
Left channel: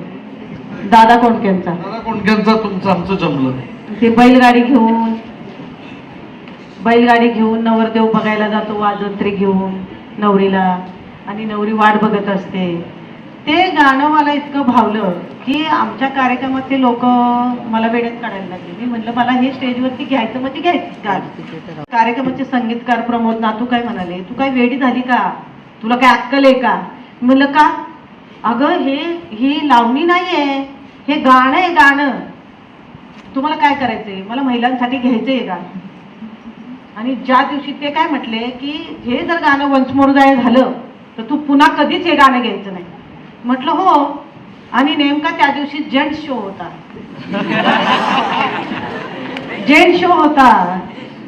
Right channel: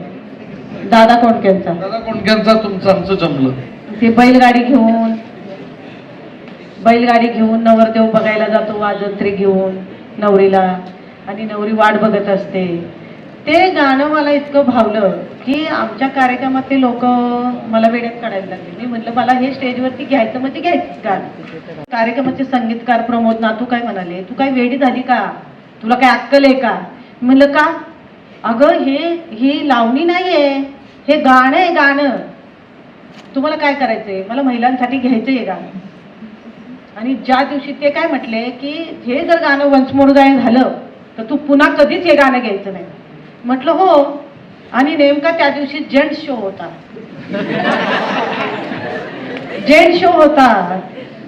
दादा कोंडकेंचा. दादा कोंडकेंचा तुमचं आमचं जमलं. ते बैलगाडी घेऊन नवरदेव बघायला जातो वाजंत्री घेऊन नवरीला, आणि नवरी वाट बघत असते. ते गाणं मला इतकं भावलं की आमच्या कार्यक्रमातले लोक मला वेड्यात काढायला लागले. मी म्हटलं मला हे स्टेजवरती घ्यायचं म्हणजे घ्यायचं गाणं. कार्यक्रमाचे संगीतकार प्रमोद नातू काय म्हणाले, तू काय वेडी झाली का, तुला काय अक्कल आहे का? म्हणलं का? अगं ही लावणी नाहीये, हे गाणं आहे, गाणं. तुम्हाला काय करायचंय? मला महिलांसाठी घ्यायचंय गाणं. आणि ज्या दिवशी ते काय म्हटले की हे जर गाणं वन्स मोर गाय झालं तर तू पुन्हा कधीच हे गाणं घ्यायचं नाही. म्हटलं हो. आणि नेमका त्या दिवशी जेंट्स शो होता.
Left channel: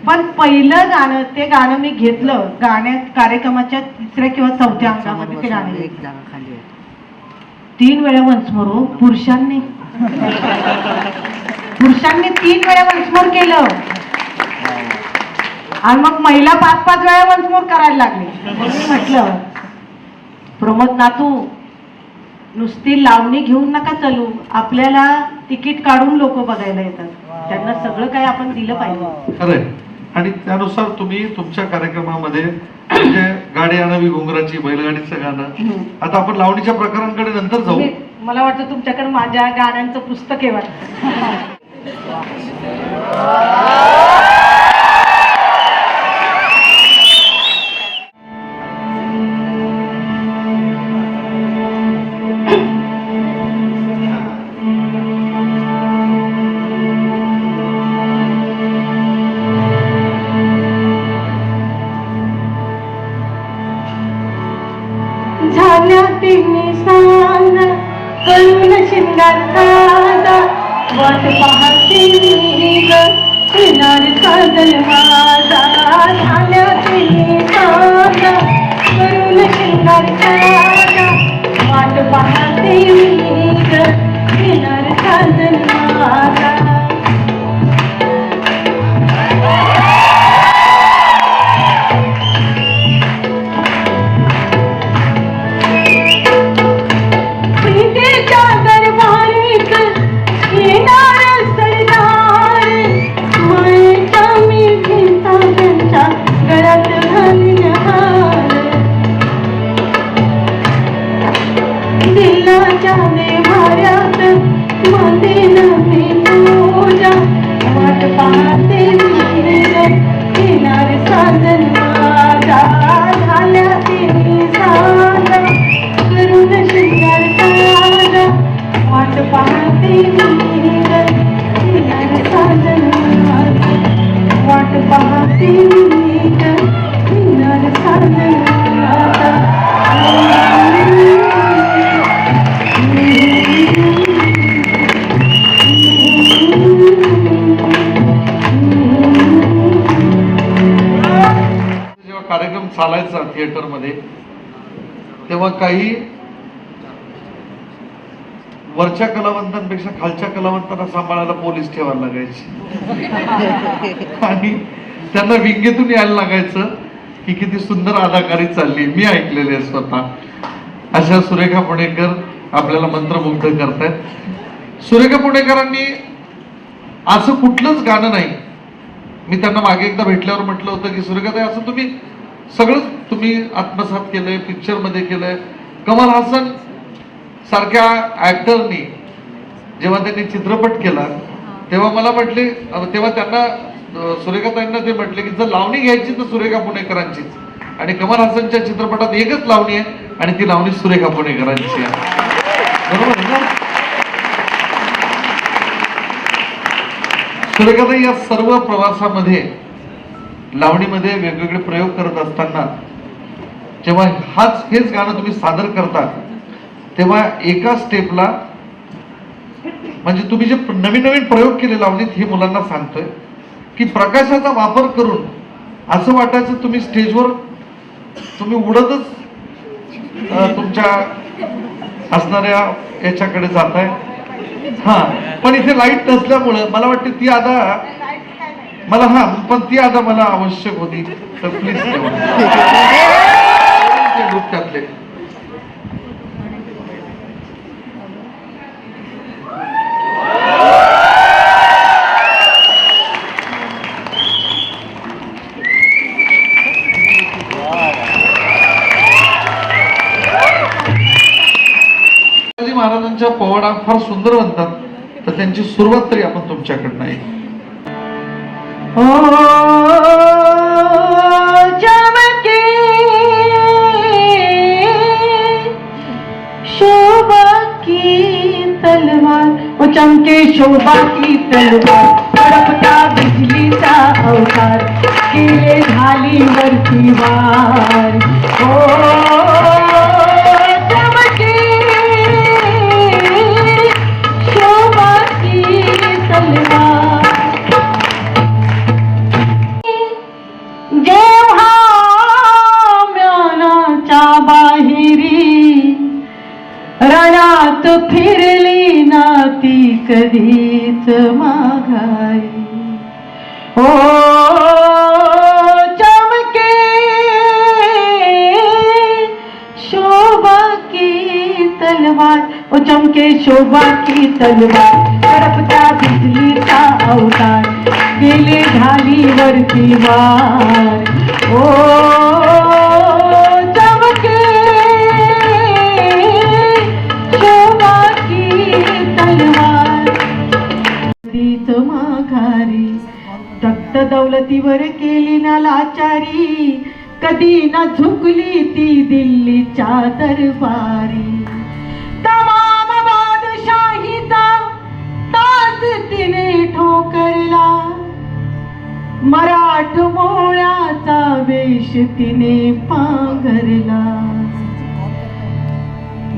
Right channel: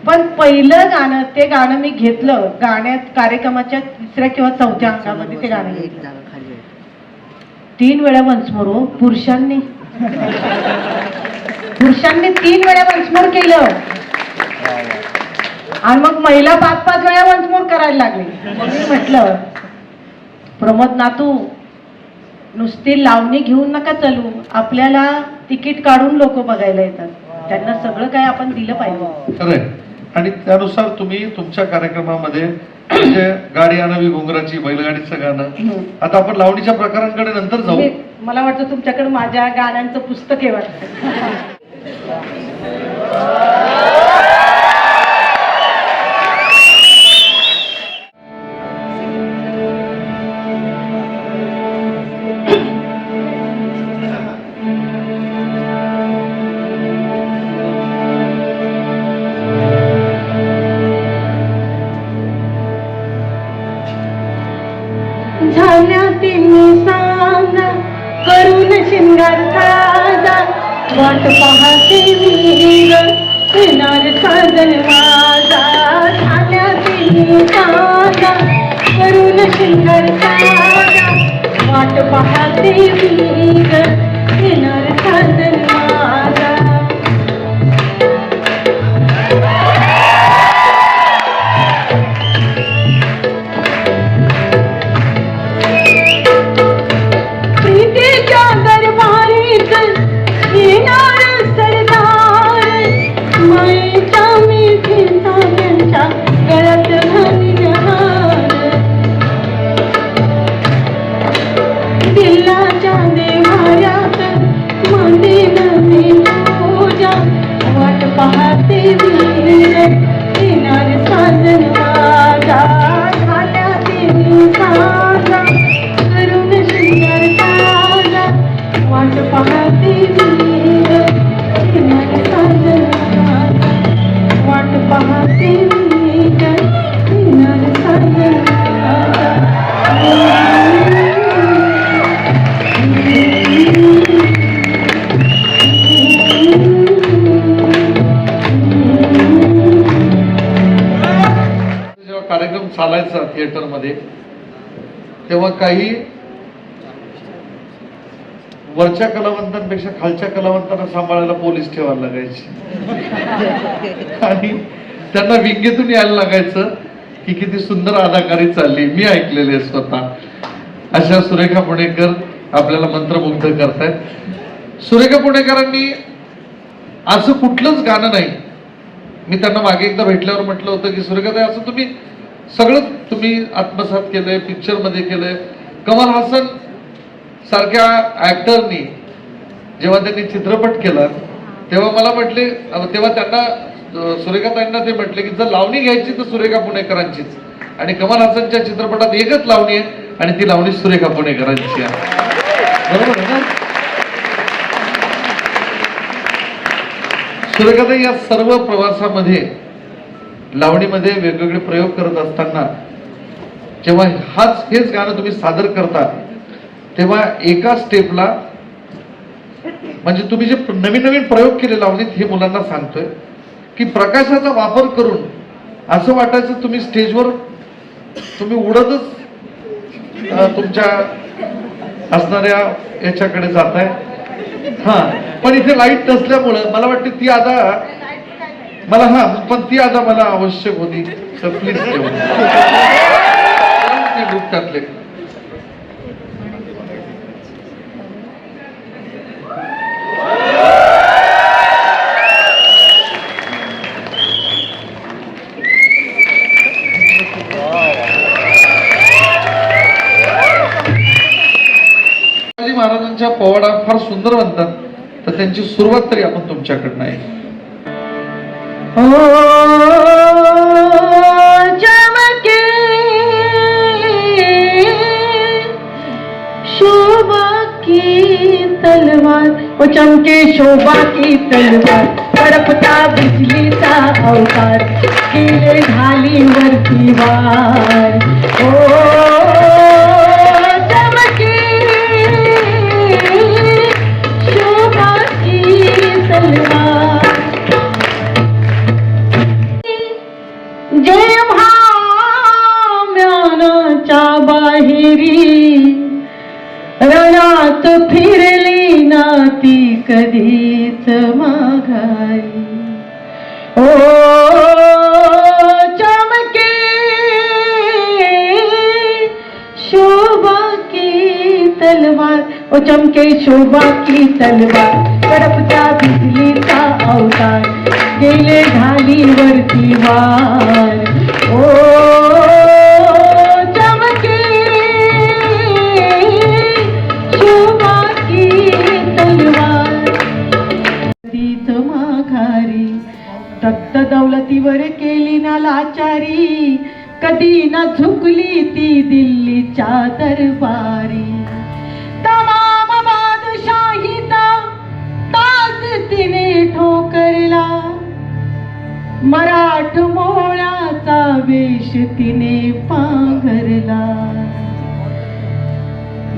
पण पहिलं गाणं, ते गाणं मी घेतलं. गाण्यात कार्यक्रमाच्या 3ऱ्या किंवा 4थ्या अंगामध्ये ते गाणं घेतलं. 3 वेळा वन्स मोर. पुरुषांनी 3 वेळा वन्स मोर केलं आणि मग महिला 5-5 वेळा वन्स मोर करायला लागली. म्हटलं प्रमोद नातू, नुसती लावणी घेऊन नका चालू, आपल्याला तिकीट काढून लोक बघायला येतात, त्यांना सगळं काय आपण दिलं पाहिजे. खरंय. आणि त्यानुसार तुम्ही तुमच्या कार्यक्रमामध्ये म्हणजे गाडी आणावी घुंगराची, बैलगाडीचं गाणं. आता आपण लावणीच्या प्रकारांकडे नंतर जाऊ. मला वाटतं तुमच्याकडे माझ्या गाण्यांचं पुस्तक आहे वाटतं. झाल्यातील सांग करून शिंगार साजा, वाट पाहते मी ग किनार साजल माझा. झाल्यातील सांग करून शिंगार साजा, वाट पाहते मी ग किनार साजल माझा. कार्यक्रम चालायचा थिएटरमध्ये तेव्हा काही वरच्या कलावंतांपेक्षा खालच्या कलावंतांना सांभाळायला पोलीस ठेवायला लागायचे आणि त्यांना विंगेतून यायला लागायचं की किती सुंदर अदाकारी चालली. मी ऐकलेले आहे स्वतः. अशा सुरेखा पुणेकर आपल्याला मंत्रमुग्ध करतायत. सुरेखा पुणेकरांनी असं कुठलंच गाणं नाही, मी त्यांना मागे एकदा भेटल्यावर म्हटलं होतं की सुरेखाताई असं तुम्ही सगळं तुम्ही आत्मसात केलंय, पिक्चर मध्ये केलंय. कमल हासन सारख्या ऍक्टरनी जेव्हा त्यांनी चित्रपट केला तेव्हा मला म्हटले, तेव्हा त्यांना सुरेखाताईंना ते म्हटले की जर लावणी घ्यायची तर सुरेखा पुणेकरांचीच, आणि कमल हासनच्या चित्रपटात एकच लावणी आहे आणि ती लावणी सुरेखा पुणेकरांची आहे. बरोबर आहे ना? सुरेखाताई या सर्व प्रवासामध्ये लावणीमध्ये वेगवेगळे प्रयोग करत असताना जेव्हा हेच गाणं तुम्ही सादर करता तेव्हा एका स्टेपला म्हणजे तुम्ही जे नवीन नवीन प्रयोग केले लावणीत, हे मुलांना सांगतोय की प्रकाशाचा वापर करून असं वाटायचं तुम्ही स्टेजवर तुम्ही उडतच तुमच्या असणाऱ्या याच्याकडे जाताय. हा, पण इथे लाईट नसल्यामुळं मला वाटतं ती आता मला पण ती आता मला आवश्यक होती, तर प्लीज ग्रुप टाकले. शिवाजी महाराजांच्या पोवाडा फार सुंदर म्हणतात, तर त्यांची सुरुवात तरी आपण तुमच्याकडनं आहे. चमके शोभा की तलवार, वो चमके शोभा की तलवार, तड़पता बिजली सा अवतार, किले ढाली वरती वार. चमके शोभा की तलवार, जेव्हा म्यानाच्या बाहेरी रणात फिरली ना ती कधीच माघारी. ओ चमके शोभा की तलवार, ओ चमके शोभा की तलवार, तड़पता बिजली का अवतार, गेले ढाली वरती वार. ओ चमके शोभा की तलवार, कधीच माघारी, तख्त दौलतीवर केली ना लाचारी, कधी ना झुकली ती दिल्लीच्या दरबारी. तमाम बादशाहीचा ताज तिने ठोकरला, मराठ मोळ्याचा वेश तिने पांघरला.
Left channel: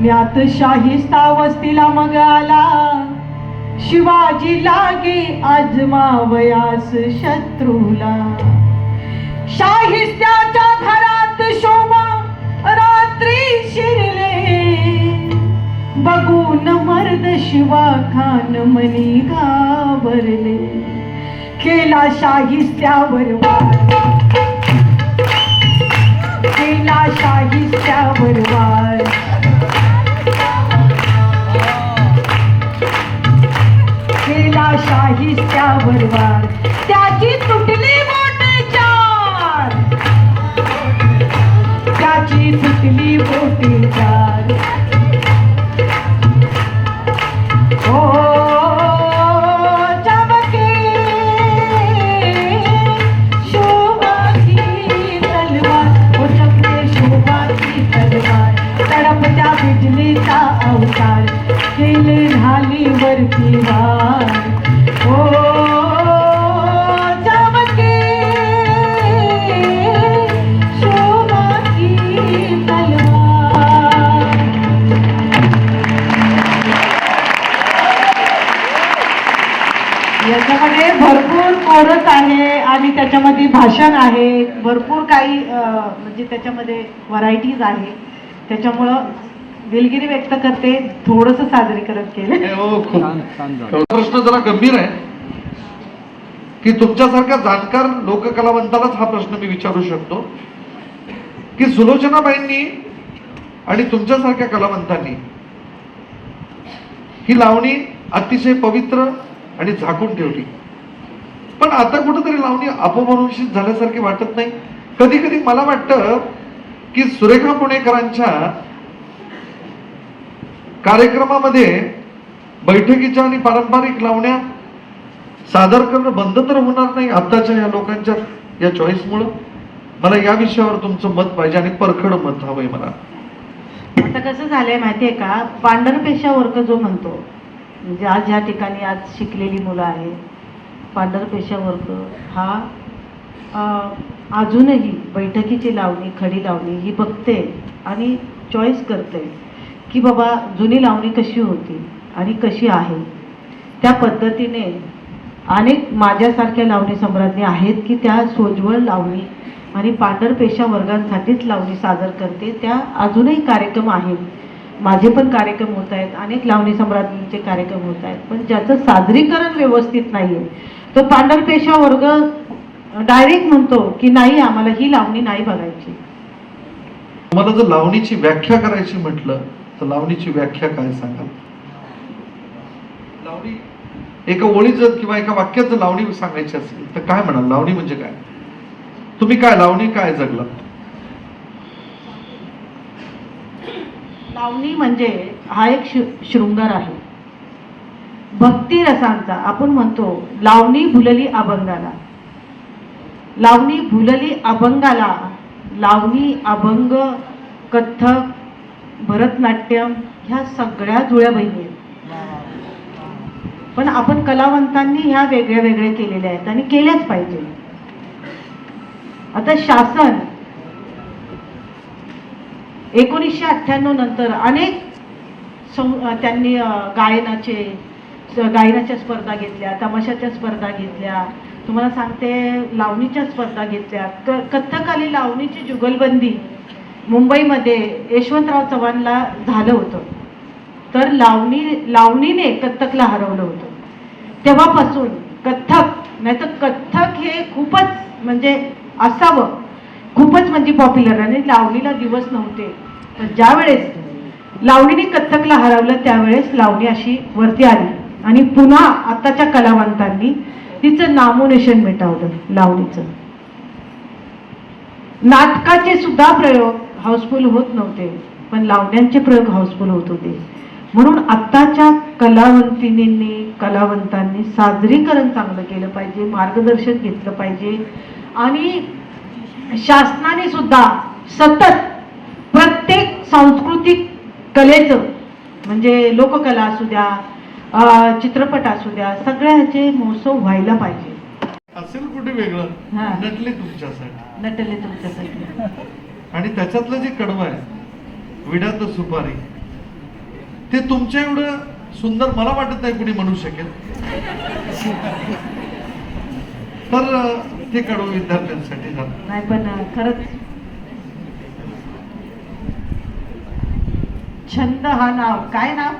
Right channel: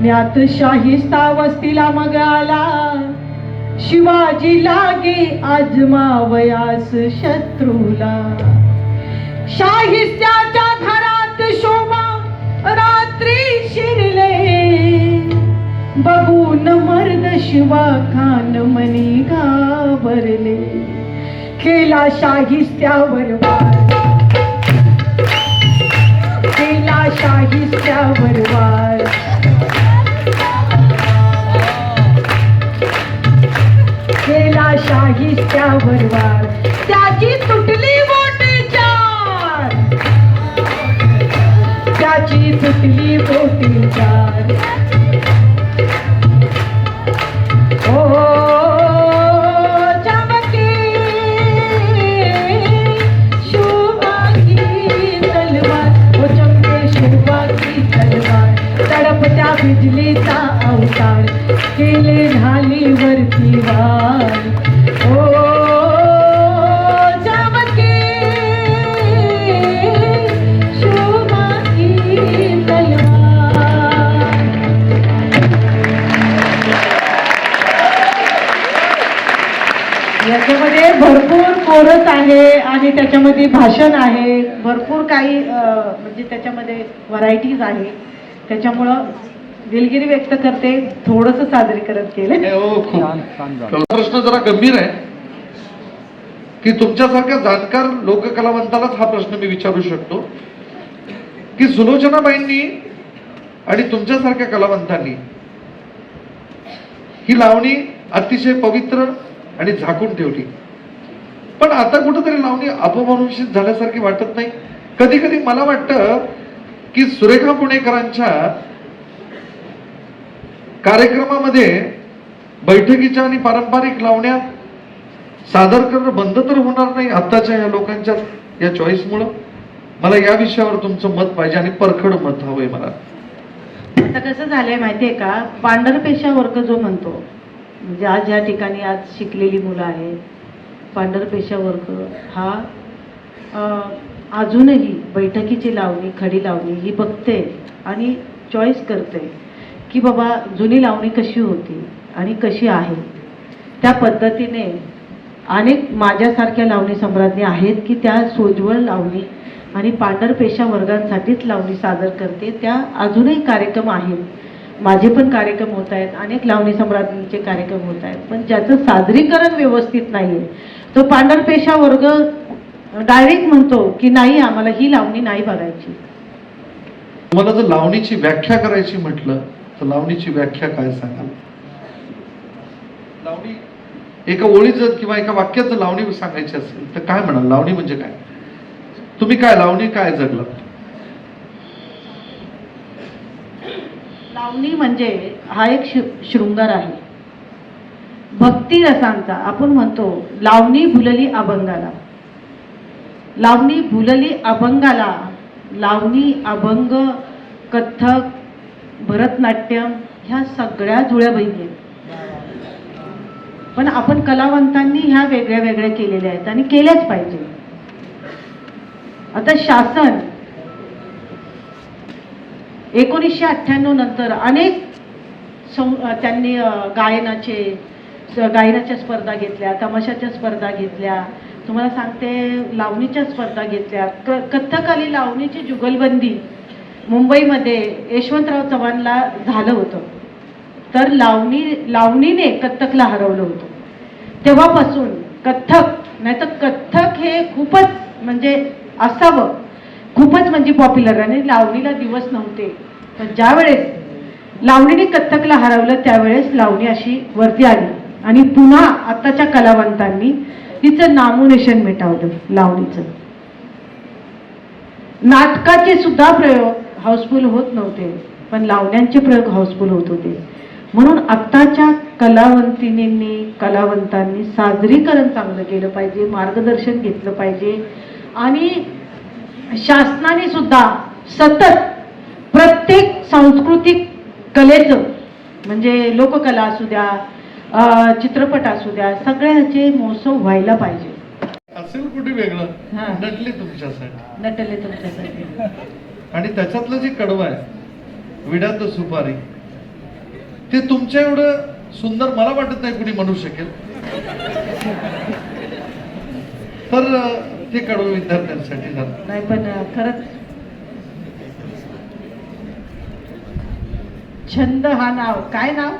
म्यात शाहिस्ता वस्तीला मग आला, शिवाजी लागे आजमावयास शत्रूला. शाहिस्त्याच्या घरात शोभा रात्री शिरले, बघून मर्द शिवा खान मनी घाबरले. केला शाहिस्त्यावर वार, केला शाहिस्त्यावर वार, केला शाहिस्त्यावर वार. त्याची तुटली बोटे चार, त्याची तुटली बोटे चार. बिजलीचा अवतार, केले ढाली वरती वार. ओ चमके शोभा की तलवार. याच्यामध्ये भरपूर कोरस आहे आणि त्याच्यामध्ये भाषण आहे, भरपूर काही म्हणजे त्याच्यामध्ये व्हरायटीज आहे. त्याच्यामुळं दिलगिरी व्यक्त करते, थोडस सादरीकरण केले. प्रश्न जरा गंभीर आहे की तुमच्यासारख्या जाणकार लोककलावंतालाच हा प्रश्न मी विचारू शकतो की सुलोचनाबाईंनी आणि तुमच्यासारख्या कलावंतांनी ही लावणी अतिशय पवित्र आणि झाकून ठेवली, पण आता कुठेतरी लावणी अपभ्रंशित झाल्यासारखी वाटत नाही. कधी कधी मला वाटतं की सुरेखा पुणेकरांच्या कार्यक्रमामध्ये बैठकीच्या आणि पारंपरिक लावण्या सादर करणं बंद तर होणार नाही आताच्या या लोकांच्या या चॉईसमुळं. मला या विषयावर तुमचं मत पाहिजे आणि परखड मत हवंय मला. आता कसं झालंय माहितीये का, पांढरपेशा वर्ग जो म्हणतो, म्हणजे आज या ठिकाणी आज शिकलेली मुलं आहेत, पांढरपेशा वर्ग हा अजूनही बैठकीची लावणी, खडी लावणी ही बघते आणि चॉईस करते की बाबा जुनी लावणी कशी होती आणि कशी आहे, त्या पद्धतीने अनेक माझ्यासारख्या लावणी सम्राज्ञी आहेत की त्या सोज्वळ लावणी आणि पांढरपेशा वर्गांसाठीच लावणी सादर करते. त्या अजूनही कार्यक्रम आहेत, माझे पण कार्यक्रम होत आहेत, अनेक लावणी सम्राज्ञींचे कार्यक्रम होत आहेत, पण ज्याचं सादरीकरण व्यवस्थित नाही आहे तो पांढरपेशा वर्ग डायरेक्ट म्हणतो की नाही, आम्हाला ही लावणी नाही बघायची. मला जर लावणीची व्याख्या करायची म्हटलं तर लावणीची व्याख्या काय सांगाल? लावणी एका ओळीत जर किंवा एका वाक्यात जर लावणी सांगायची असेल तर काय म्हणाल? लावणी म्हणजे काय? तुम्ही काय लावणी काय जगलात? लावणी म्हणजे हा एक शृंगार आहे भक्ती रसांचा. आपण म्हणतो लावणी भुलली अभंगाला, लावणी भुलली अभंगाला. लावणी, अभंग, कथ्थक, भरतनाट्यम ह्या सगळ्या जुळ्या बहिणी आहेत. पण आपण कलावंतांनी ह्या वेगळ्या वेगळ्या केलेल्या आहेत आणि केल्याच पाहिजे. आता शासन 1998 नंतर अनेक त्यांनी गायनाच्या स्पर्धा घेतल्या, तमाशाच्या स्पर्धा घेतल्या, तुम्हाला सांगते लावणीच्या स्पर्धा घेतल्या. कथ्थकाली लावणीची जुगलबंदी मुंबईमध्ये यशवंतराव चव्हाणला झालं होतं, तर लावणीने कथ्थकला हरवलं होतं. तेव्हापासून कथ्थक नाही तर कथ्थक हे खूपच म्हणजे असावं, खूपच म्हणजे पॉप्युलर. आणि लावणीला दिवस नव्हते, तर ज्यावेळेस लावणीने कथ्थकला हरवलं त्यावेळेस लावणी अशी वरती आली आणि पुन्हा आताच्या कलावंतांनी तिचं नामोनिशाण मिटवलं. लावणीचं नाटकाचे सुद्धा प्रयोग हाऊसफुल होत नव्हते, पण लावण्यांचे प्रयोग हाऊसफुल होत होते. म्हणून आत्ताच्या कलावंतांनी सादरीकरण चांगलं केलं पाहिजे, मार्गदर्शन घेतलं पाहिजे. आणि शासनाने सुद्धा सतत प्रत्येक सांस्कृतिक कलेचं म्हणजे लोककला असू द्या, चित्रपट असू द्या, सगळ्याचे महोत्सव व्हायला पाहिजे. असेल कुठे वेगळं नटले तुमच्यासाठी, नटले तुमच्यासाठी. आणि त्याच्यातलं जे कडवं आहे विड्यात सुपारी, ते तुमच्या एवढं सुंदर मला वाटत नाही कुणी म्हणू शकेल. तर ते कडवं विद्यार्थ्यांसाठी झालं नाही, पण खरंच छंद हा नाव काय नाव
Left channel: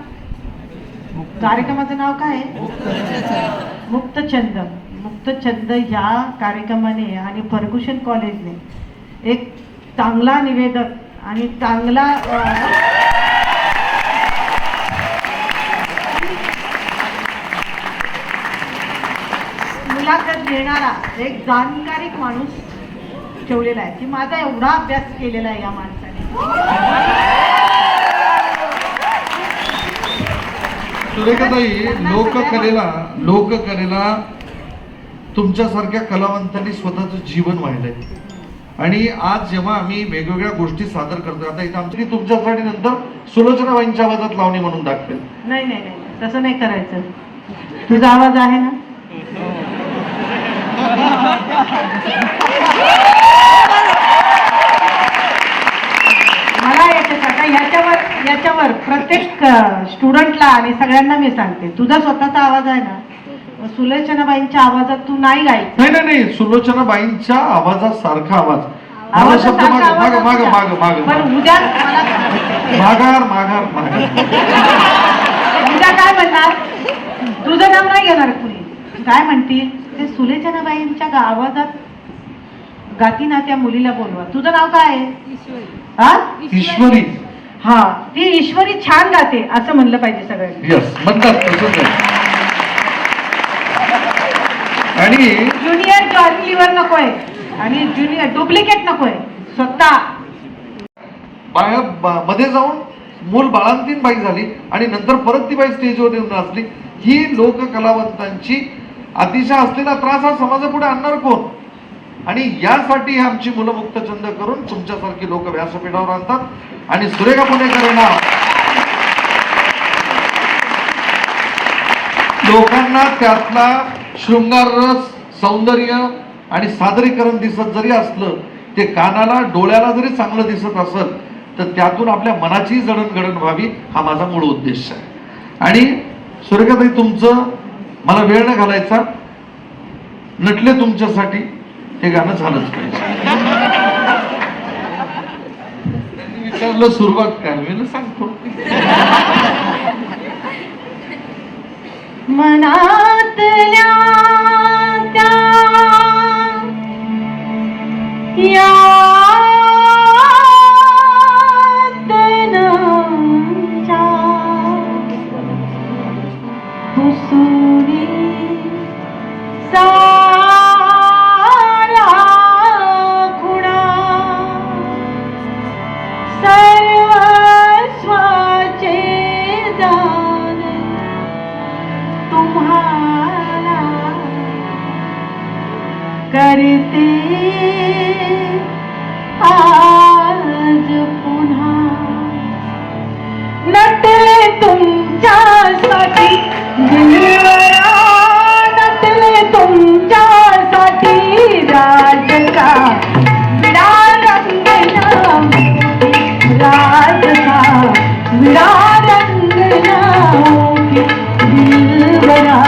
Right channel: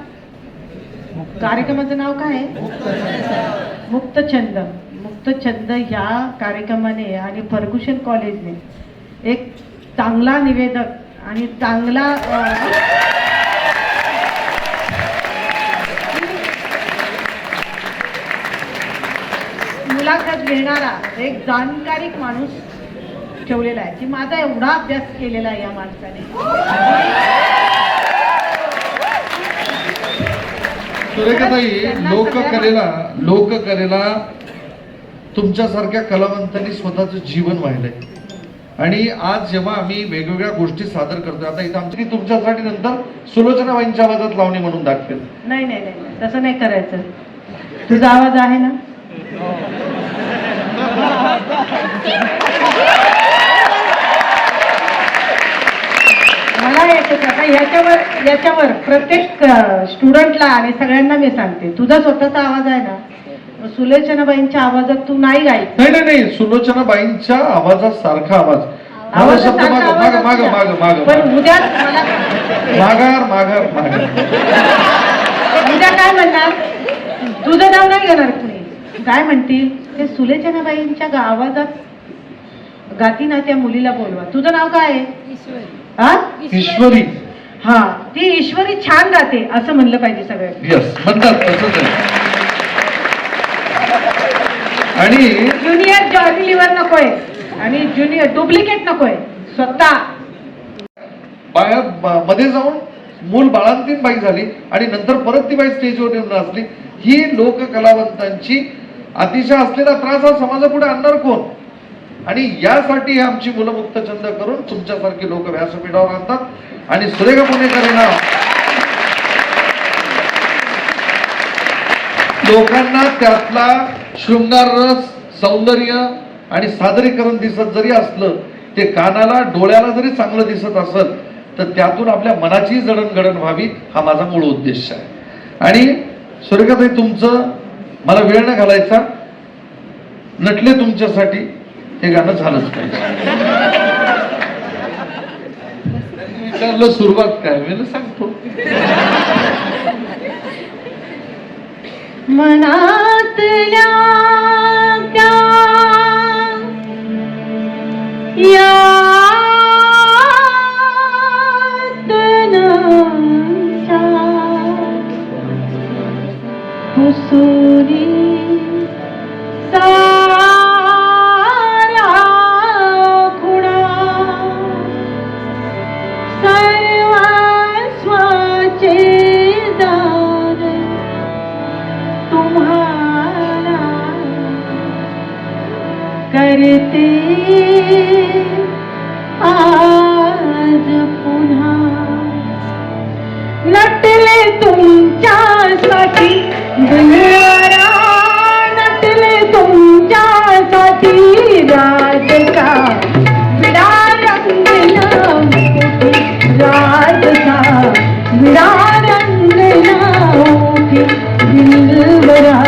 कार्यक्रमाचं नाव काय आहे? मुक्त छंद. मुक्त छंद ह्या कार्यक्रमाने आणि फर्ग्युसन कॉलेजने एक चांगला निवेदक आणि चांगला मुलाखत घेणारा एक जाणकारिक माणूस ठेवलेला आहे की माझा एवढा अभ्यास केलेला आहे या माणसाने. सुरेखाताई, लोककलेला तुमच्यासारख्या कलावंतांनी स्वतःचं जीवन वाहिलंय. आणि आज जेव्हा आम्ही वेगवेगळ्या गोष्टी सादर करतोय, आता इथं आमची तुमच्यासाठी नंतर सुलोचनाबाईंच्या आवाजात लावणी म्हणून दाखवेल. नाही नाही नाही, तसं नाही करायचं. तुझा आवाज आहे ना? मला येते आता याच्यावर प्रत्येक स्टुडंटला आणि सगळ्यांना मी सांगते, तुझा स्वतःचा आवाज आहे ना, सुलोचनाबाईंच्या आवाजात तू नाही गायच. नाही, सुलोचनाबाईंच्या आवाजासारखा आवाज. पण उद्या माघार उद्या काय म्हणणार? तुझं नाव नाही घेणार कुणी. काय म्हणतील ते सुलोचनाबाईंच्या आवाजात गाती ना, त्या मुलीला बोलवा. तुझं नाव काय आहे? ईश्वरी. हा, ती ईश्वरी छान गाते असं म्हणलं पाहिजे सगळ्यांनी. म्हणतात तसंच आहे. आणि ज्युनियर जॉर्नी लिव्हर नकोय आणि ज्युनियर डुप्लिकेट नकोय. स्वतः मध्ये जाऊन मूल बाळांतीन बाई झाली आणि नंतर परत ती बाई स्टेजवर येऊन नाचली. ही लोककलावंतांची अतिशय असलेला त्रास हा समाजापुढे आणणार कोण? आणि यासाठी आमची मुलं मुक्त छंद करून तुमच्यासारखी लोक व्यासपीठावर आणतात. आणि सुरेखा पुणेकर यांना लोकांना त्यातला शृंगार रस, सौंदर्य आणि सादरीकरण दिसत जरी असलं, ते कानाला डोळ्याला जरी चांगलं दिसत असेल, तर त्यातून आपल्या मनाची जडणघडण व्हावी हा माझा मूळ उद्देश आहे. आणि सुरेखाताई, तुमचं मला वेळ न घालायचा, नटले तुमच्यासाठी हे गाणं झालंच पाहिजे. विचारलं सुरुवात काय, मी सांगतो. मनातल्या त्या यातनांच्या पुसुरी सारा खुणा सर्वस्वाचे दान तुम्हाला करते आज पुन्हा. नटले तुमच्यासाठी दुनियाला, नटले तुमच्यासाठी राजचा विडा रंगला मोठी, राजचा विडा रंगला मोठी, दिलबरा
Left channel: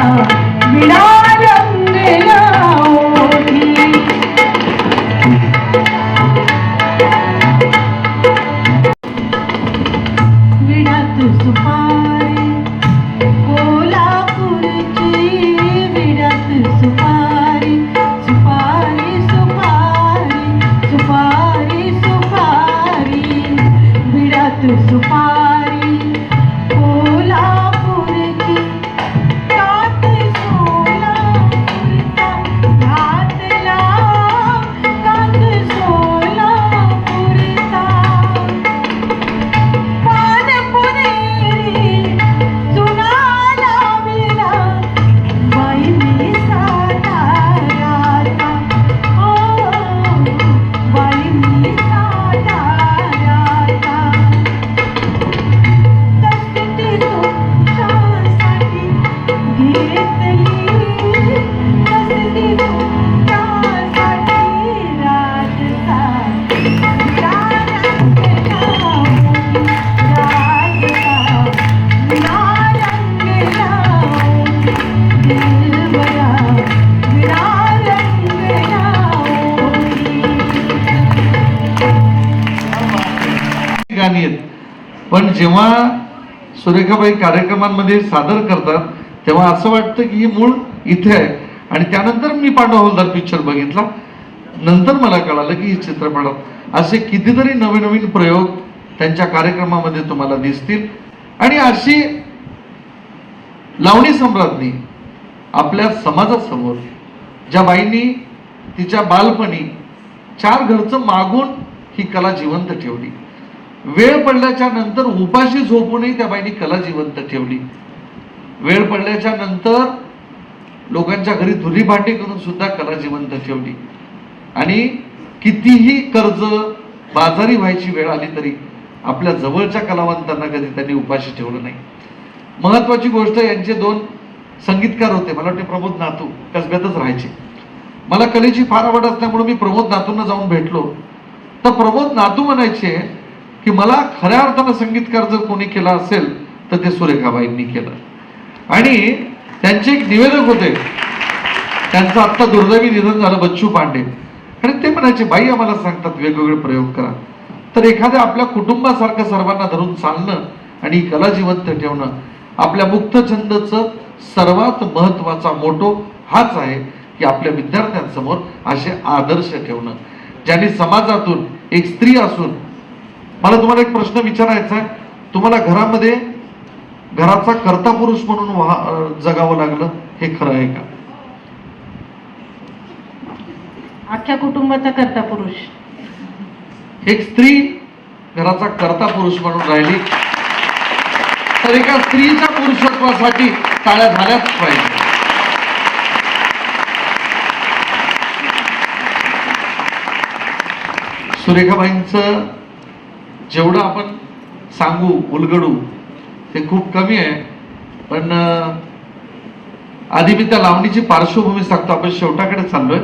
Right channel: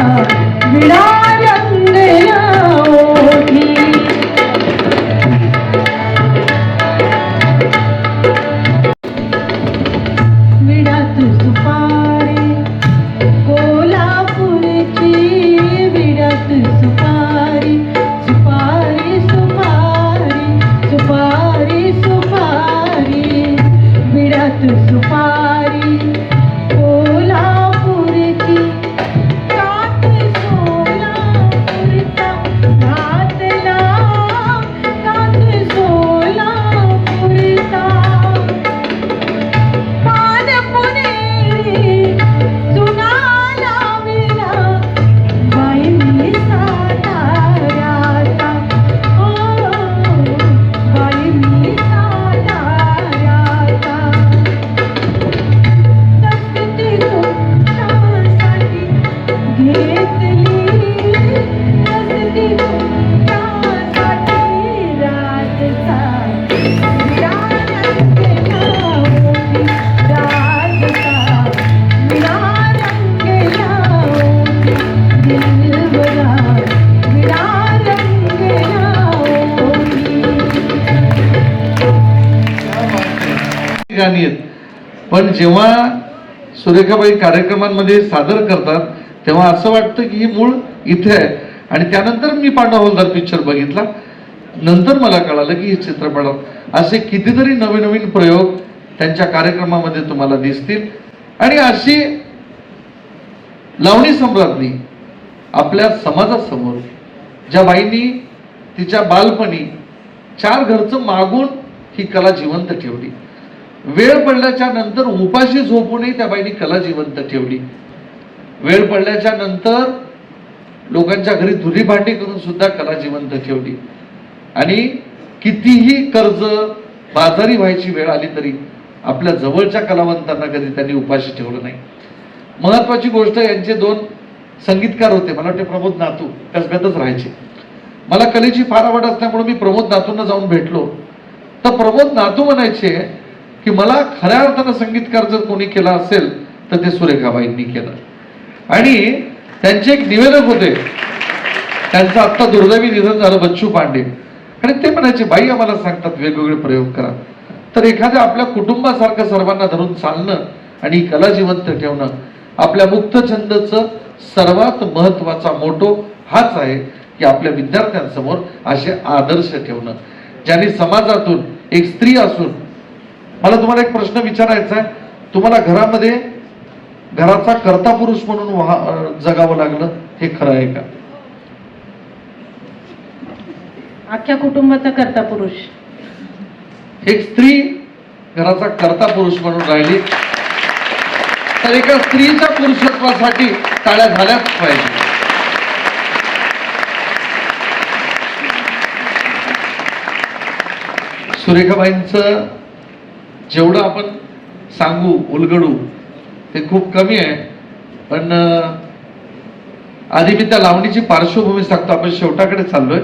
विडा रंगला मोठी. विडात सुपारी कोल्हापूरची, विडात सुपारी सुपारी सुपारी सुपारी सुपारी, विडात सुपारी कोल्हापूरची, कात सोलापूरचा घातला, कात सोलापूरचा पानपुनेरी जुनाला विरा, बाईंनी साताऱ्याचा, ओ बाईंनी साताऱ्याचा. कष्टी तुमच्यासाठी घेतली, कष्टी तुमच्यासाठी राजचा विडा रंगला मोठी, राजचा विडा रंगला मोठी, दिलबरा विडा रंगला मोठी. गाणी आहेत, पण जेव्हा सुरेखाबाई कार्यक्रमांमध्ये सादर करतात तेव्हा असं वाटतं की ही मूळ इथे आहे. आणि त्यानंतर मी पांडव हवालदार पिक्चर बघितला, नंतर मला कळालं की ही चित्रपटात असे कितीतरी नवीन नवीन प्रयोग त्यांच्या कार्यक्रमामध्ये तुम्हाला दिसतील. आणि अशी लावणी सम्राज्ञी आपल्या समाजासमोर, ज्या बाईंनी तिच्या बालपणी 4 घरचं मागून ही कला जिवंत ठेवली, वेळ पडल्याच्या नंतर उपाशी झोपूनही त्या बाईंनी कला जिवंत ठेवली, वेळ पडल्याच्या नंतर लोकांच्या घरी धुली भांडी करून सुद्धा कला जिवंत ठेवली. आणि कितीही कर्ज बाजारी व्हायची वेळ आली तरी आपल्या जवळच्या कलावंतांना कधी त्यांनी उपाशी ठेवलं नाही. महत्वाची गोष्ट, यांचे 2 संगीतकार होते, मला वाटते प्रमोद नातू, कसगतच राहायचे. मला कलेची फार आवड असल्यामुळे मी प्रमोद नातूंना जाऊन भेटलो तर प्रमोद नातू म्हणायचे की मला खऱ्या अर्थानं संगीतकार जर कोणी केला असेल तर ते सुरेखाबाईंनी केलं. आणि त्यांचे एक निवेदक होते, त्यांचं आत्ता दुर्दैवी निधन झालं, बच्चू पांडे. आणि ते म्हणायचे, बाई आम्हाला सांगतात वेगवेगळे प्रयोग करा. तर एखाद्या आपल्या कुटुंबासारखं सर्वांना धरून चालणं आणि कला जिवंत ठेवणं, आपल्या मुक्त छंदचं सर्वात महत्वाचा मोटो हाच आहे की आपल्या विद्यार्थ्यांसमोर असे आदर्श ठेवणं. ज्यांनी समाजातून एक स्त्री असून, मला तुम्हाला एक प्रश्न विचारायचा आहे, तुम्हाला घरामध्ये घराचा कर्ता पुरुष म्हणून जगावं लागलं, हे खरं आहे का? अख्ख्या कुटुंबाचा कर्ता पुरुष. एक स्त्री घराचा कर्ता पुरुष म्हणून राहिली तर एका स्त्रीच्या पुरुषत्वासाठी टाळ्या झाल्याच पाहिजे. सुरेखाबाईंचं जेवढं आपण सांगू उलगडू ते खूप कमी आहे. पण आधी मी त्या लावणीची पार्श्वभूमी सांगतो, आपण शेवटाकडे चाललोय.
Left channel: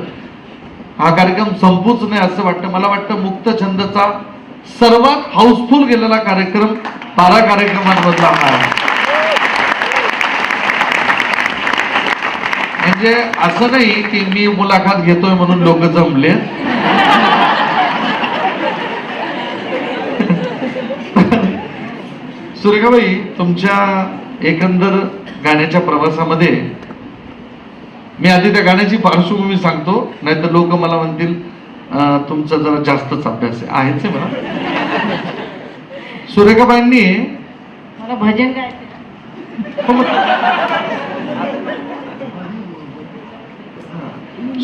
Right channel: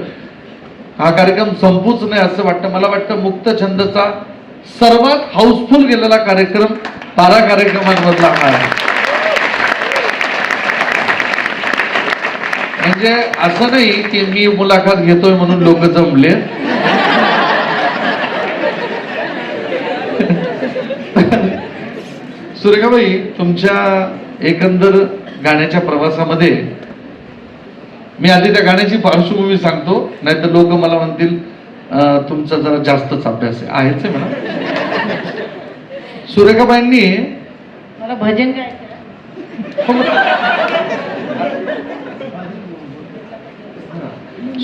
हा कार्यक्रम संपूच नाही असं वाटतं. मला वाटतं मुक्त छंदचा सर्वात हाऊसफुल गेलेला कार्यक्रम 12 कार्यक्रमांमधला हा आहे. म्हणजे असं नाही की मी मुलाखत घेतोय म्हणून लोक जमले. सुरेखाबाई, तुमच्या एकंदर गाण्याच्या प्रवासामध्ये मी आधी त्या गाण्याची पार्श्वभूमी सांगतो, नाहीतर लोक मला म्हणतील तुमचा जरा जास्तच अभ्यास आहेच आहे म्हणा. सुरेखाबाईंनी मला भजन काय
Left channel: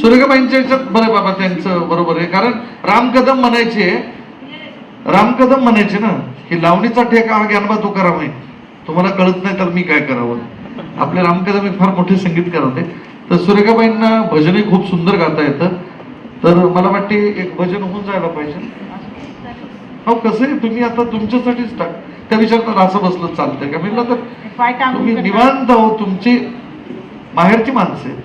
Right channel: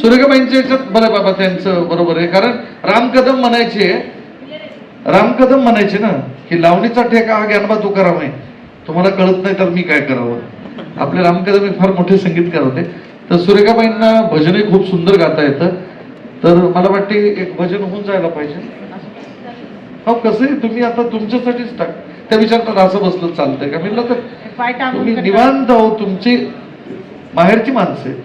सुरेखाबाईंच्या याच्यात बरं बाबा, त्यांचं बरोबर आहे. कारण राम कदम म्हणायचे ना की लावणीचा ठेका हा ज्ञानोबा तुकाराम आहे, तुम्हाला कळत नाही तर मी काय करावं. आपले राम कदम एक फार मोठे संगीतकार होते. तर सुरेखाबाईंना भजनही खूप सुंदर गाता येतं. तर मला वाटते एक भजन होऊन जायला पाहिजे. हो, कसं आहे, तुम्ही आता तुमच्यासाठीच टाक त्या विचारात असं बसलं चालतंय का? म्हणलं तर तुम्ही निवांत हो, तुमची माहेरची माणसं आहेत.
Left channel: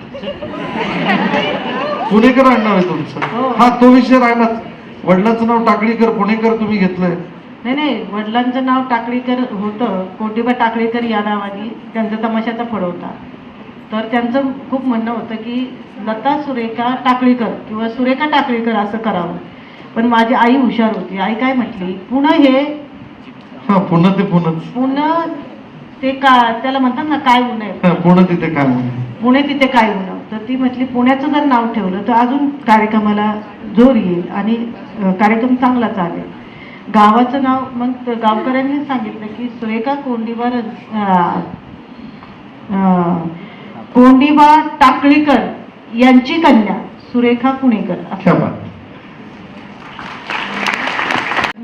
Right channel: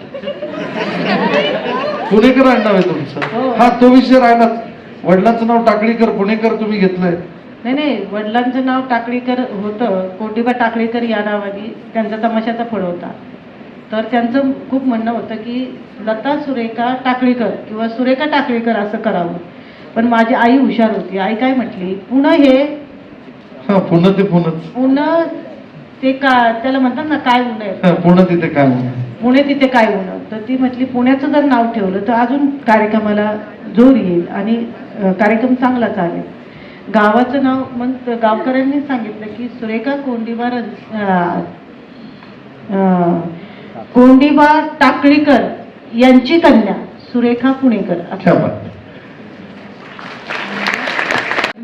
पुणेकर आडनाव आहे तुमचं. हा, तो विषय राहिलाच. वडिलांचं नाव टाकळीकर, पुणेकर तुम्ही घेतलंय. नाही, वडिलांचं नाव टाकळीकर होतं. कोटिबा टाकळीकर या नावाने त्यांचा तमाशाचा फळ होता. तर त्यांचं खूप म्हणणं होतं की लता सुरेखा टाकळीकर किंवा सुरेखा टाकळीकर असं करावं. पण माझी आई हुशार होती. आई काय म्हटली, पुणे हे पुणे ते का त्याला म्हणतात ना, काय उन्ह पुणे तिथे काय पुणे तिथे काय उन्ह. तर ती म्हटली पुण्याचं जर नाव ठेवलं तर अजून कार्यक्रमाला जोर येईल आणि कार्यक्रम चांगला चालेल. गावाचं नाव मग गावकऱ्यांनी सांगितलं की सुरेखा कोंडिबा टाकळीकर यांची कन्या सुरेखा पुणेकर.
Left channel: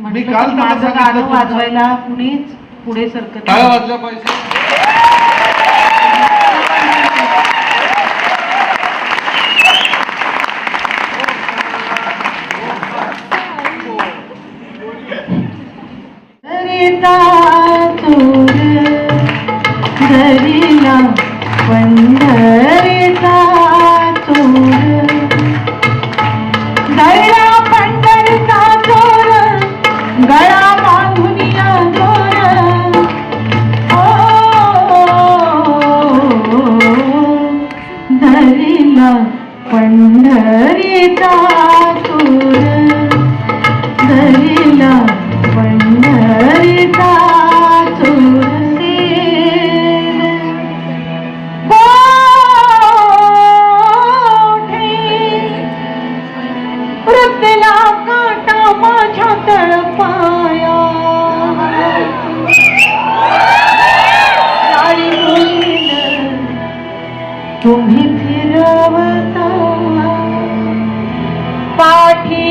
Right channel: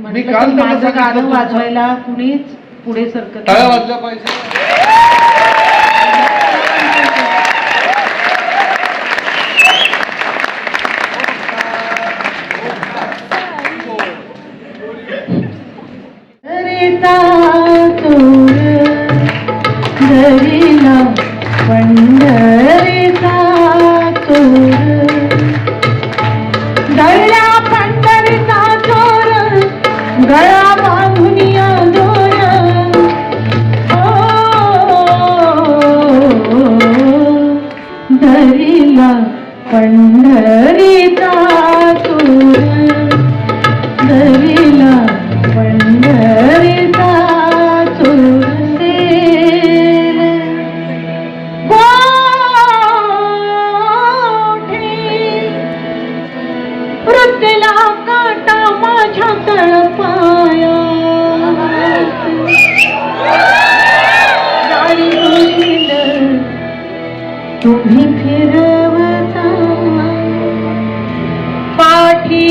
माझं गाणं वाजवायला कुणीच पुढे सरकत वाजला पाहिजे. दरीला पंढरीचा चोर, दर्या पंढरीचा चोर, गळा बांधुनिया दोर. दरीला पंढरीचा चोर, दरीला पंढरीचा चोर. वृद्धीला काटा माझ्या तळपाया, गाडी होईल तुम्ही फिरवता पाठी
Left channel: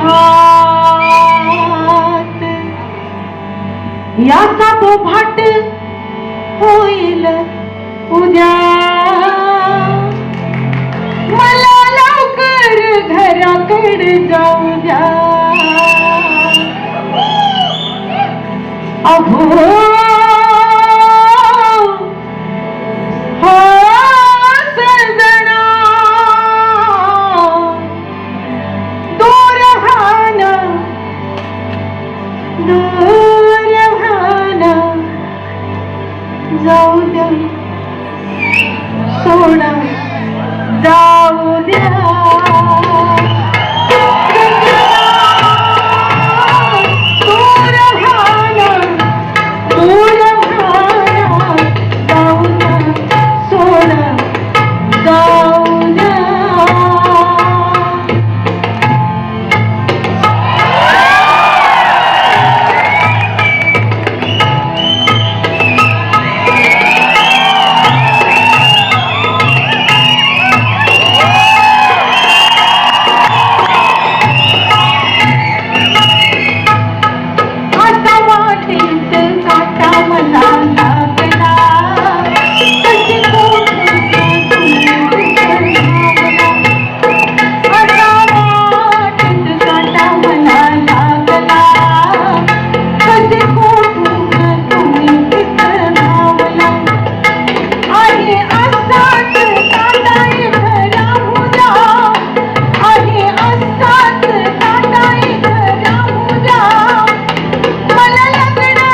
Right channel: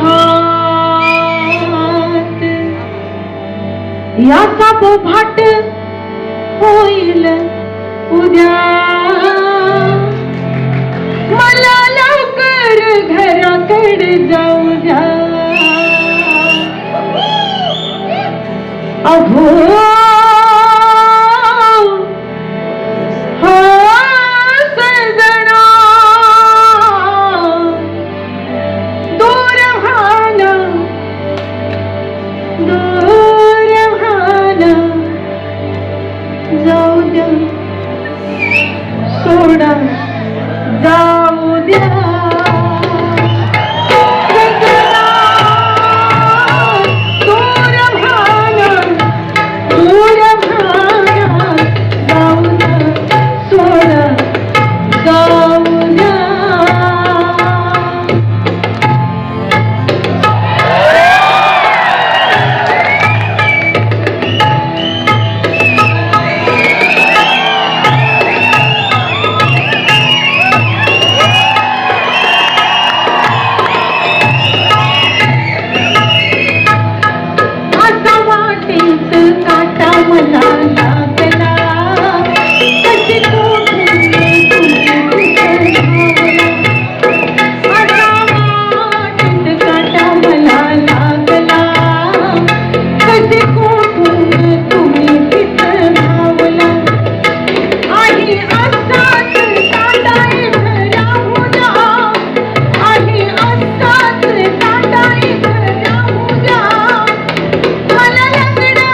हात. याचा बोभाट होईल उद्या, मला लवकर घराकडे जाऊ द्या. अभो सजना दूर भान जाऊ द्या, सोडा जाऊ द्या. मला लग्न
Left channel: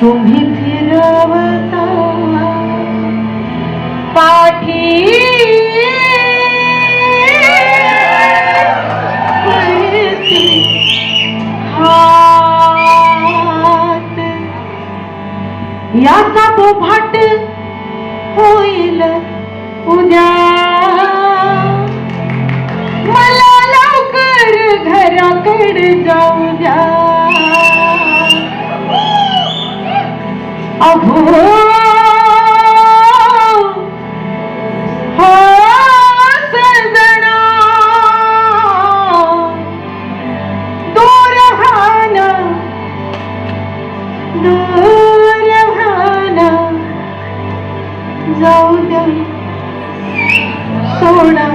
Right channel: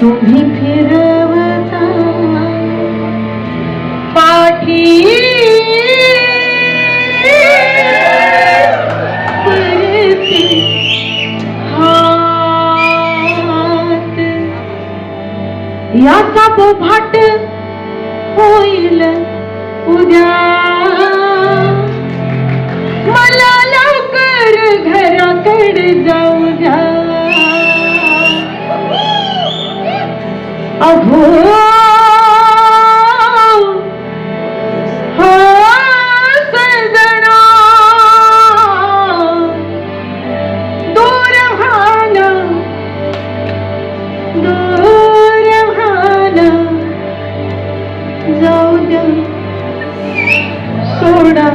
तुम्ही फिरवता पाठी करते हात याचा बोभाट होईल उद्या मला लवकर घराकडे जाऊ द्या अभो सजना दूर भान जाऊ द्या सोडा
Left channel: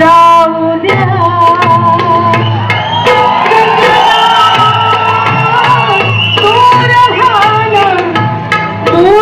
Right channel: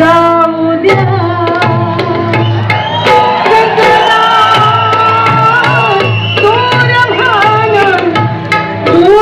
जाऊ द्या दूर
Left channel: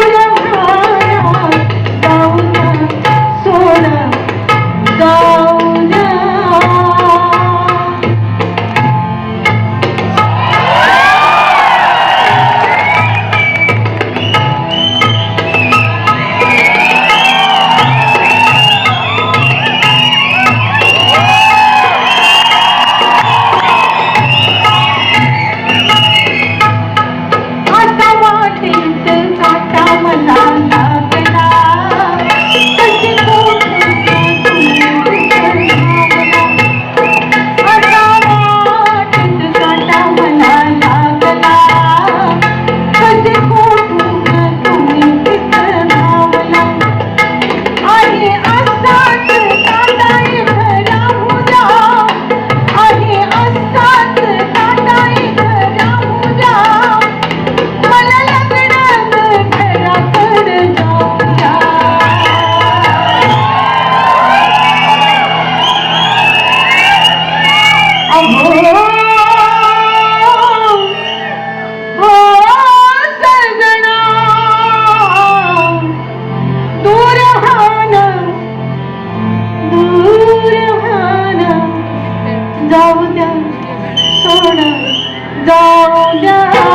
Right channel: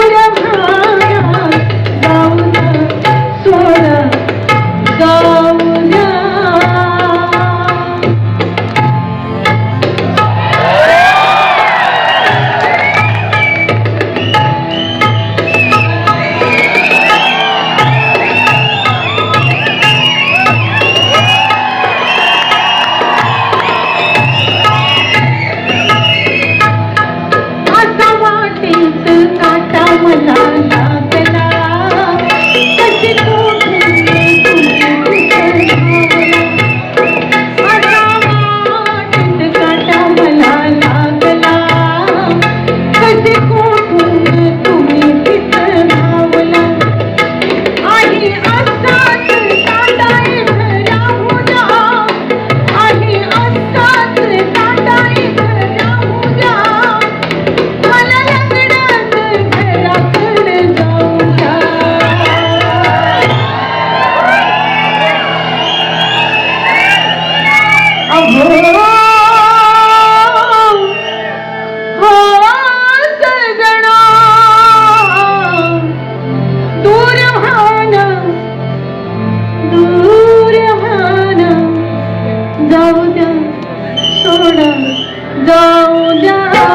जाऊ द्या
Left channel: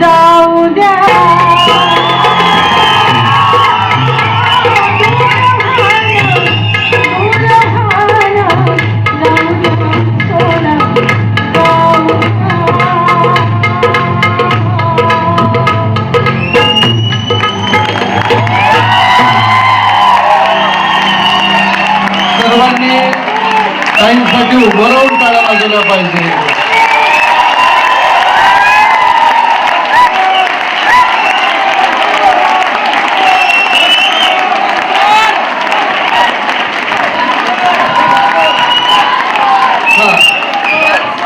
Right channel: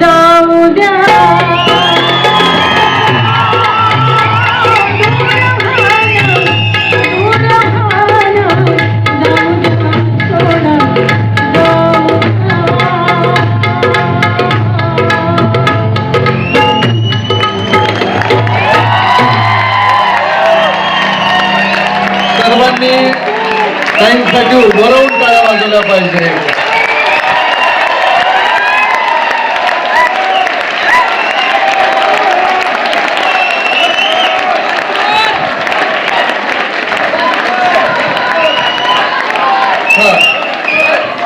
जाऊ द्या सर्वांनी त्यांच्यासाठी उभं राहून टाळ्या वाजवल्या पाहिजे.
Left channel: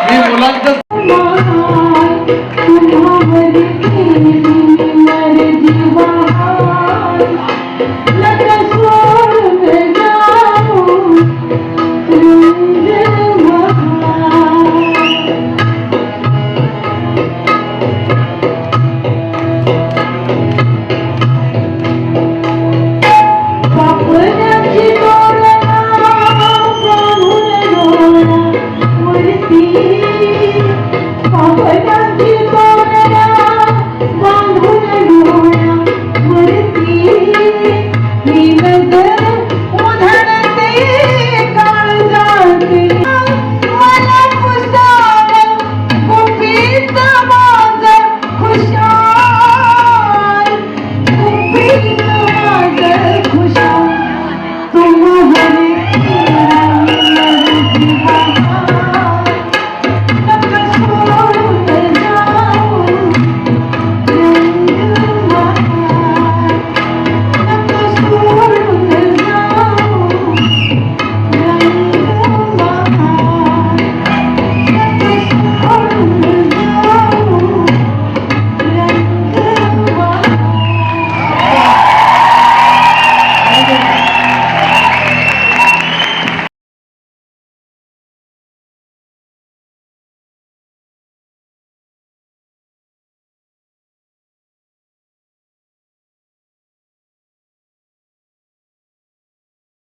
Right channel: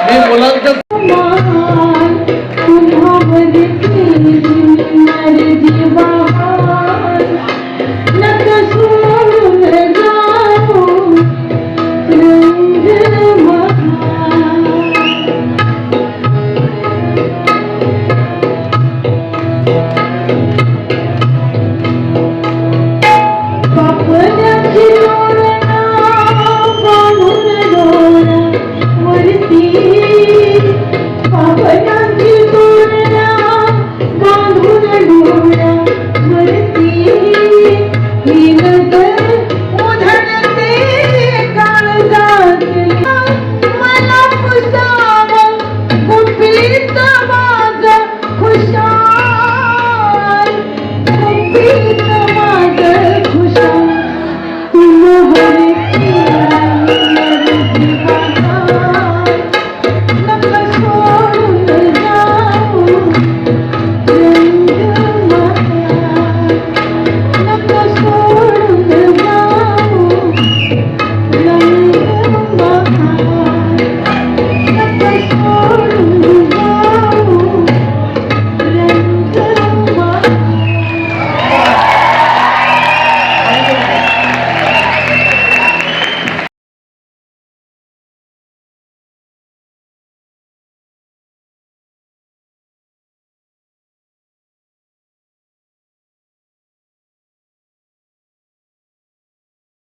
मी मुलांचं पापनाची